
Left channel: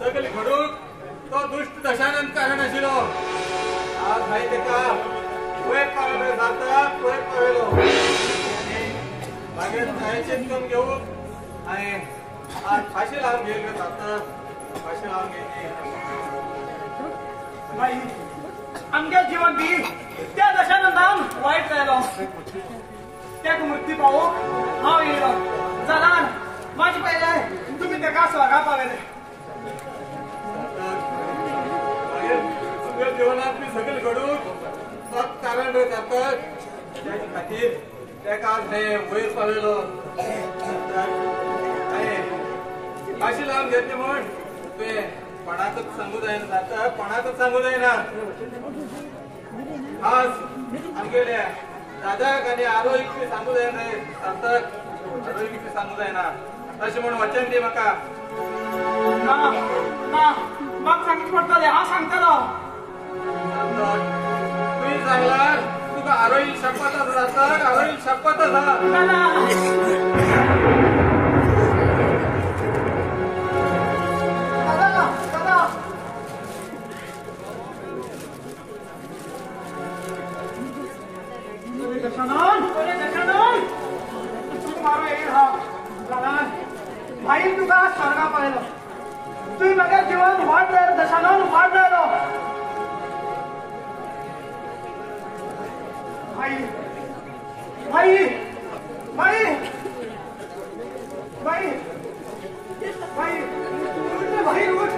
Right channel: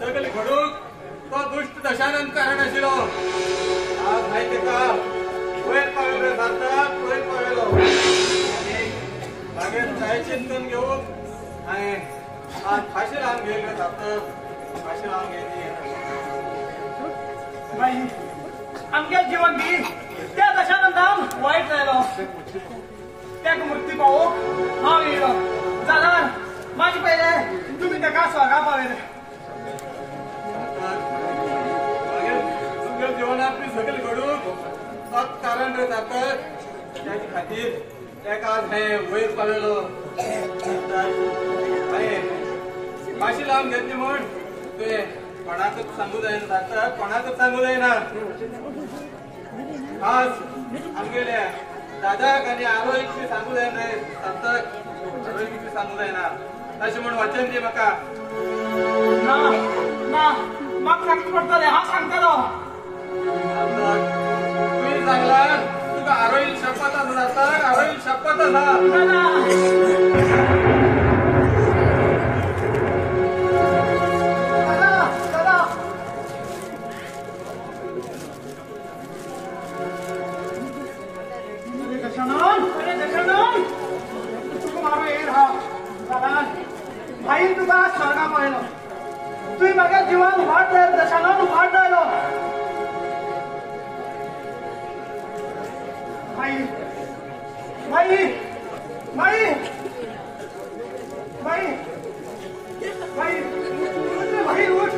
सगळे घडूक तो दुष्ट दशानंद कारण आशिल्लो. आज माहिती का वयर पावलो जाता वयर पावलो मागीर कांयचेच करून घेऊन आणि आज फाशी लावन गेले जाता फाशी लावन गेली. बाई आमच्या जिवाक बी त्या दशानंदान वायट जालो. त्याक मृत्यू पावोक हांव येयलो. जाल्यार माझे पहिले तुम्ही ताका स्वर्गा पावयले. जीवनात मी सगळे घडून सात कारण जातात त्याच्या खातीर त्याका आज हे वयर पावयलो. फाशी लावन घेतली म्हण तुवें कोणाकच सांगू जायना जाता कोणाकच सांगू जायना. आज आमगेले दादाक आनी आरोईक बी सांगू जायना रे साताक आरोईक बी सांगू जायना अशें म्हण वचन दी म्हाका. ना ना म्हाका सांगूक पडटलें हांव सांगतलो. तुम्ही सांगला तुका आरोईल शपथ जाता आरोईल शपथ भाई तुका स्वर्गा पळयलो. तुवें म्हाका जिवान वाट जायलो दशानंद वाट जायलो. भाई भाई भाई भाई भाई उठ रे भाई उठ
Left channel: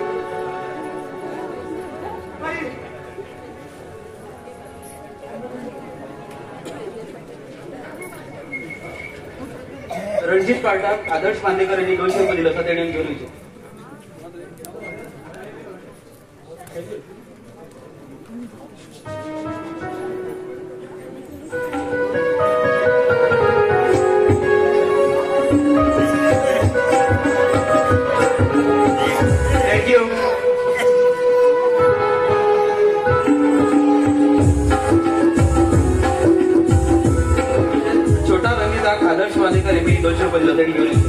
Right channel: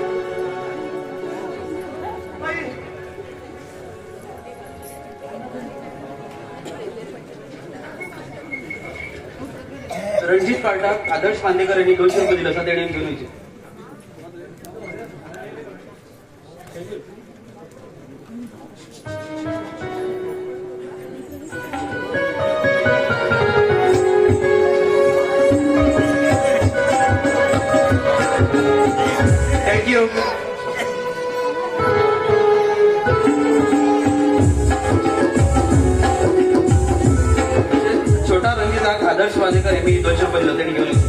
भाई. रणजित कार्टाक आदर्श बांदेकर यांनी 200 रुपये दिले असं तेणी घेऊन येचे. थँक्यू. छोटा रंगीताक आदर्श बांदेकर यांनी 200 रुपये दिले तेणी घेऊन येचे.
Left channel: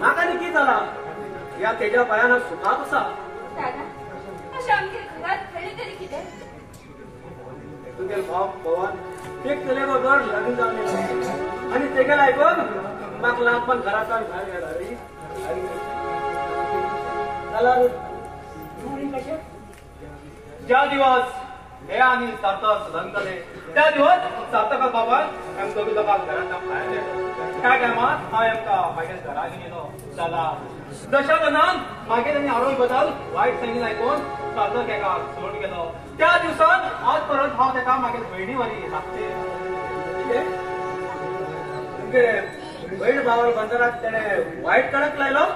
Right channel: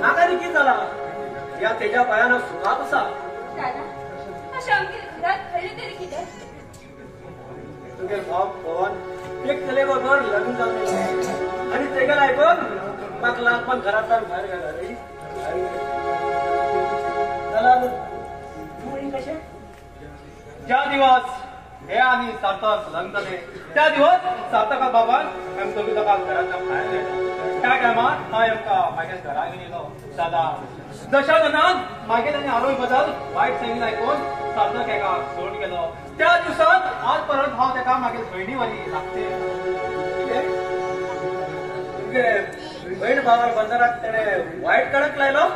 म्हाका कितें जाला या तेज्या पायान सुखात आसा. दादा अशें आमगे घरात घडले तरी कितें तुगे भाव पवन एक चले बरोबर लग्न जावन आणि तेगे आयकून म्हाका लागपाक घरांतल्यान भायर गेला रे जाल्यार तूं कशें ज्या दिवस हे आणि सार्थक लग्न जाले त्या दिवस सार्थका बाबान आमी दोगी लोकांक घरांतल्यान भायर लायलो त्या टायमार हांव आमकां मागीर घरा घेवन येयलो दादा दशा लग्नाक मागीर आनी आवय बद्दल वायट सांगितलें आयकून सार्थक हेका सोडून गेलो त्या दिवसात आज परत हांव तेका मागीर भयणी वरी लागते तुगे बहीण भावार बंदरात तेणे वायट कडक लायलो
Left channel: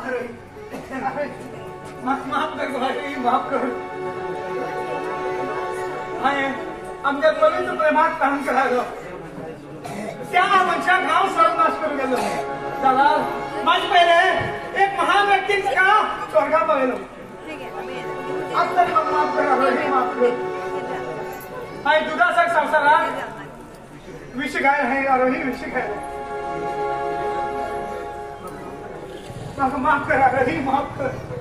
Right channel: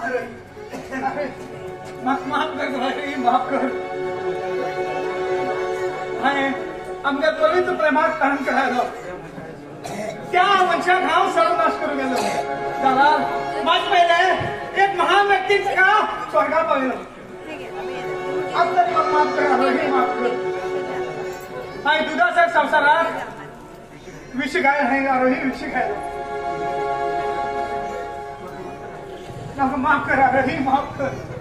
अरे माफ कर भाई माफ कर हाय आमच्या दोघींचं प्रेमात काम करायलो त्या मनशाक हांव सर्वनाश करून गेलो जाल्यार माझ पयले एक महान व्यक्तीक का स्वर्गात पळयलो आज तरी म्हाका माफ कर हरी माफ कर हाय दुदासाक संवसाराक विश घायल हाय अरोही विश घायल म्हाका माफ कर अरोही माफ कर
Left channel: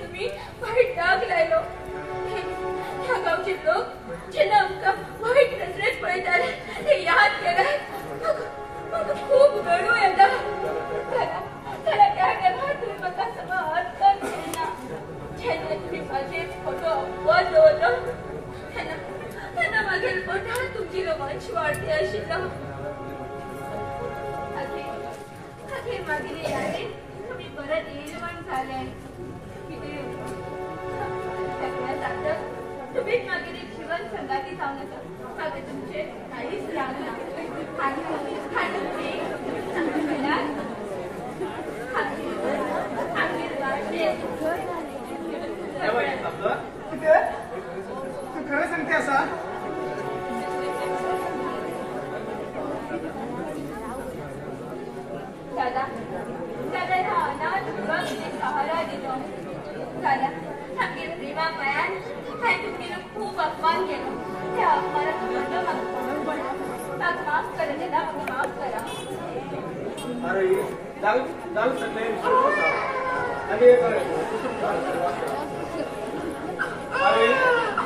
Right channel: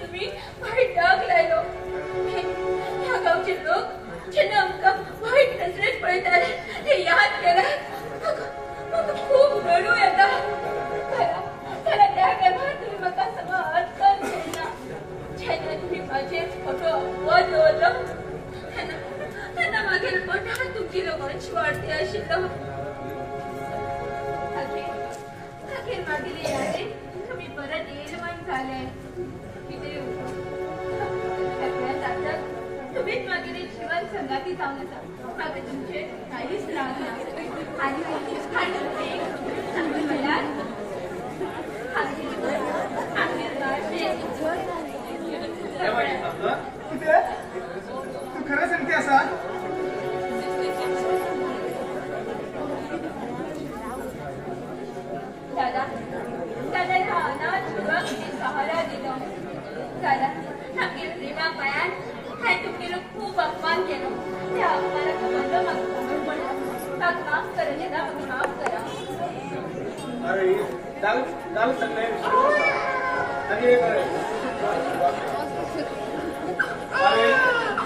तुम्ही वाईट डाग लायलो ह्या गावचे लोक जेन्ना आमकां वाईट नजरेन पळयतात ते याद केल्यार म्हाका खूब रडू येता जाल्यार त्या टायमार तुमी म्हाका समजून घेयना जेन्ना तुमी म्हाजेर फोटो बंद दवरलो तेन्ना मागीर पोटार तुमची रोमांच वाडटी आशिल्लो अखेर मागीर यादे तुम्ही परत येयलवान जाले तुम्हीच मागीर जीवन संगाती जावन आसा म्हाका तुमचे कांयच राग ना आनी तुमी एक सांगून म्हणल्यार तू खरं सांगते असा दादा ह्या अनाथ युवक सहारा दिलो दादा आमगे प्रेमा पायान हांवें तुमगेलो खूब अपमान केलो त्या अपमानाक माझो म्हाका म्हणून पडलो म्हाका माफ करा दादा म्हाका माफ करा अरे जाल सगळे आणि अरे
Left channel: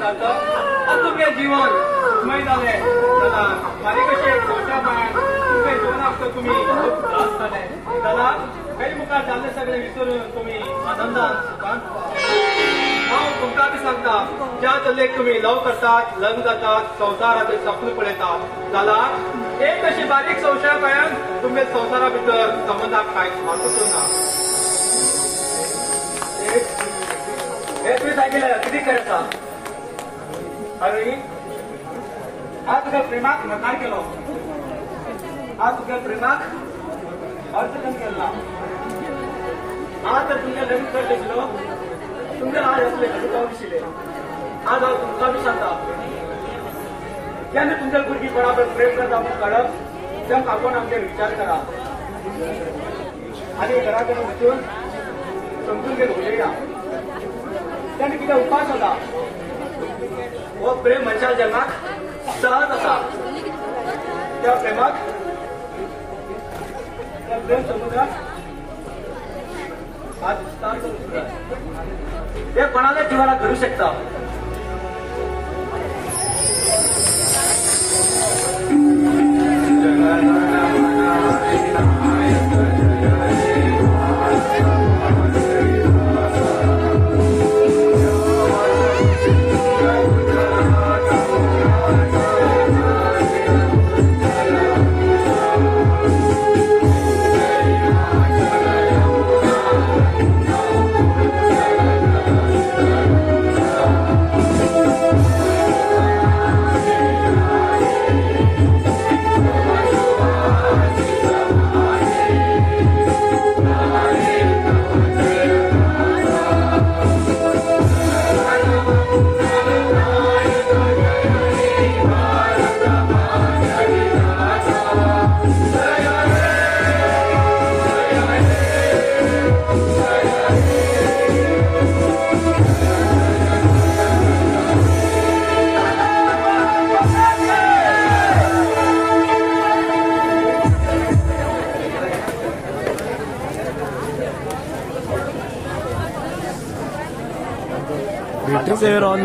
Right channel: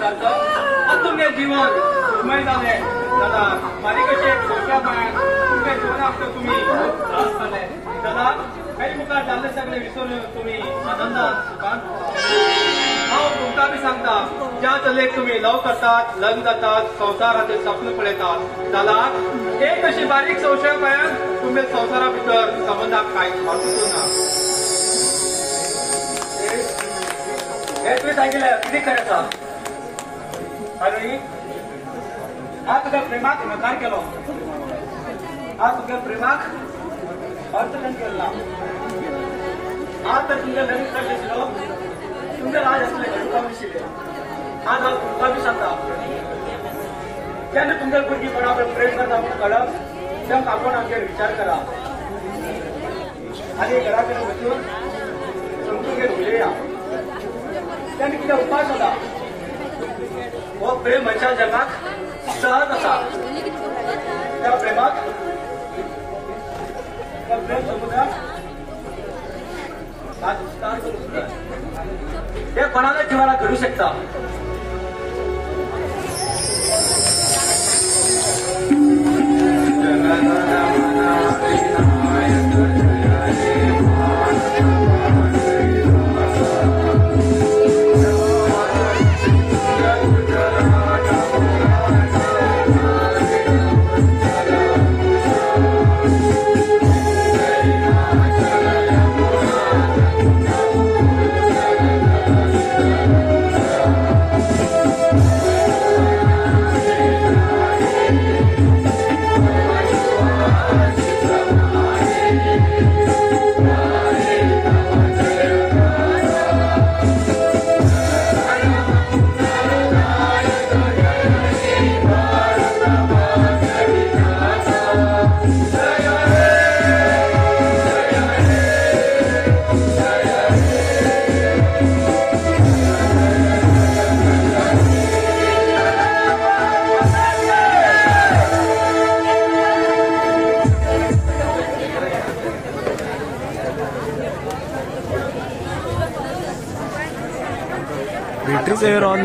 दादा तुमगे जीवन सुखमय जालें दादा मारी कशे दोशा पाय तुमगे जीवनाक तुम्ही त्रास जाले दादा काही मुखार जाल्ले सगळे विसरून तुम्ही आनंदान सुखान हांव तुमकां बी सांगता ज्या चलेक तुम्ही लव करतात लग्न जातात संवसाराचें सपन पळयतात जाल्यार एक अशी बारीक संशया पायान तुमगे संवसारा भितर संबंधाक कांयच म्हत्व ना हे तुवें सांगिल्लें कितें करायचा अरे हांव तुका प्रेमाक नकार केलो हांव तुका प्रेमाक अर्थकन केला हांव तर तुमगे लग्न करत आशिल्लो तुमगे ल्हान आसले घडोवपाक दिशिल्ले आज हांव तुमकां बी सांगता जेन्ना तुमगे भुरगीं कोणा बरोबर प्रेम करता म्हूण कळप तेन्ना आपण आमचे विचार करा आनी घरा कडेन वचून समजून घेवन उलया तेन्ना कितें उपाय जाता हो प्रेम मनशाच्या जगात सहज आसा त्या प्रेमाक प्रेम समुदाय हे कोणाच्या जीवनात घडू शकता Batteries are on.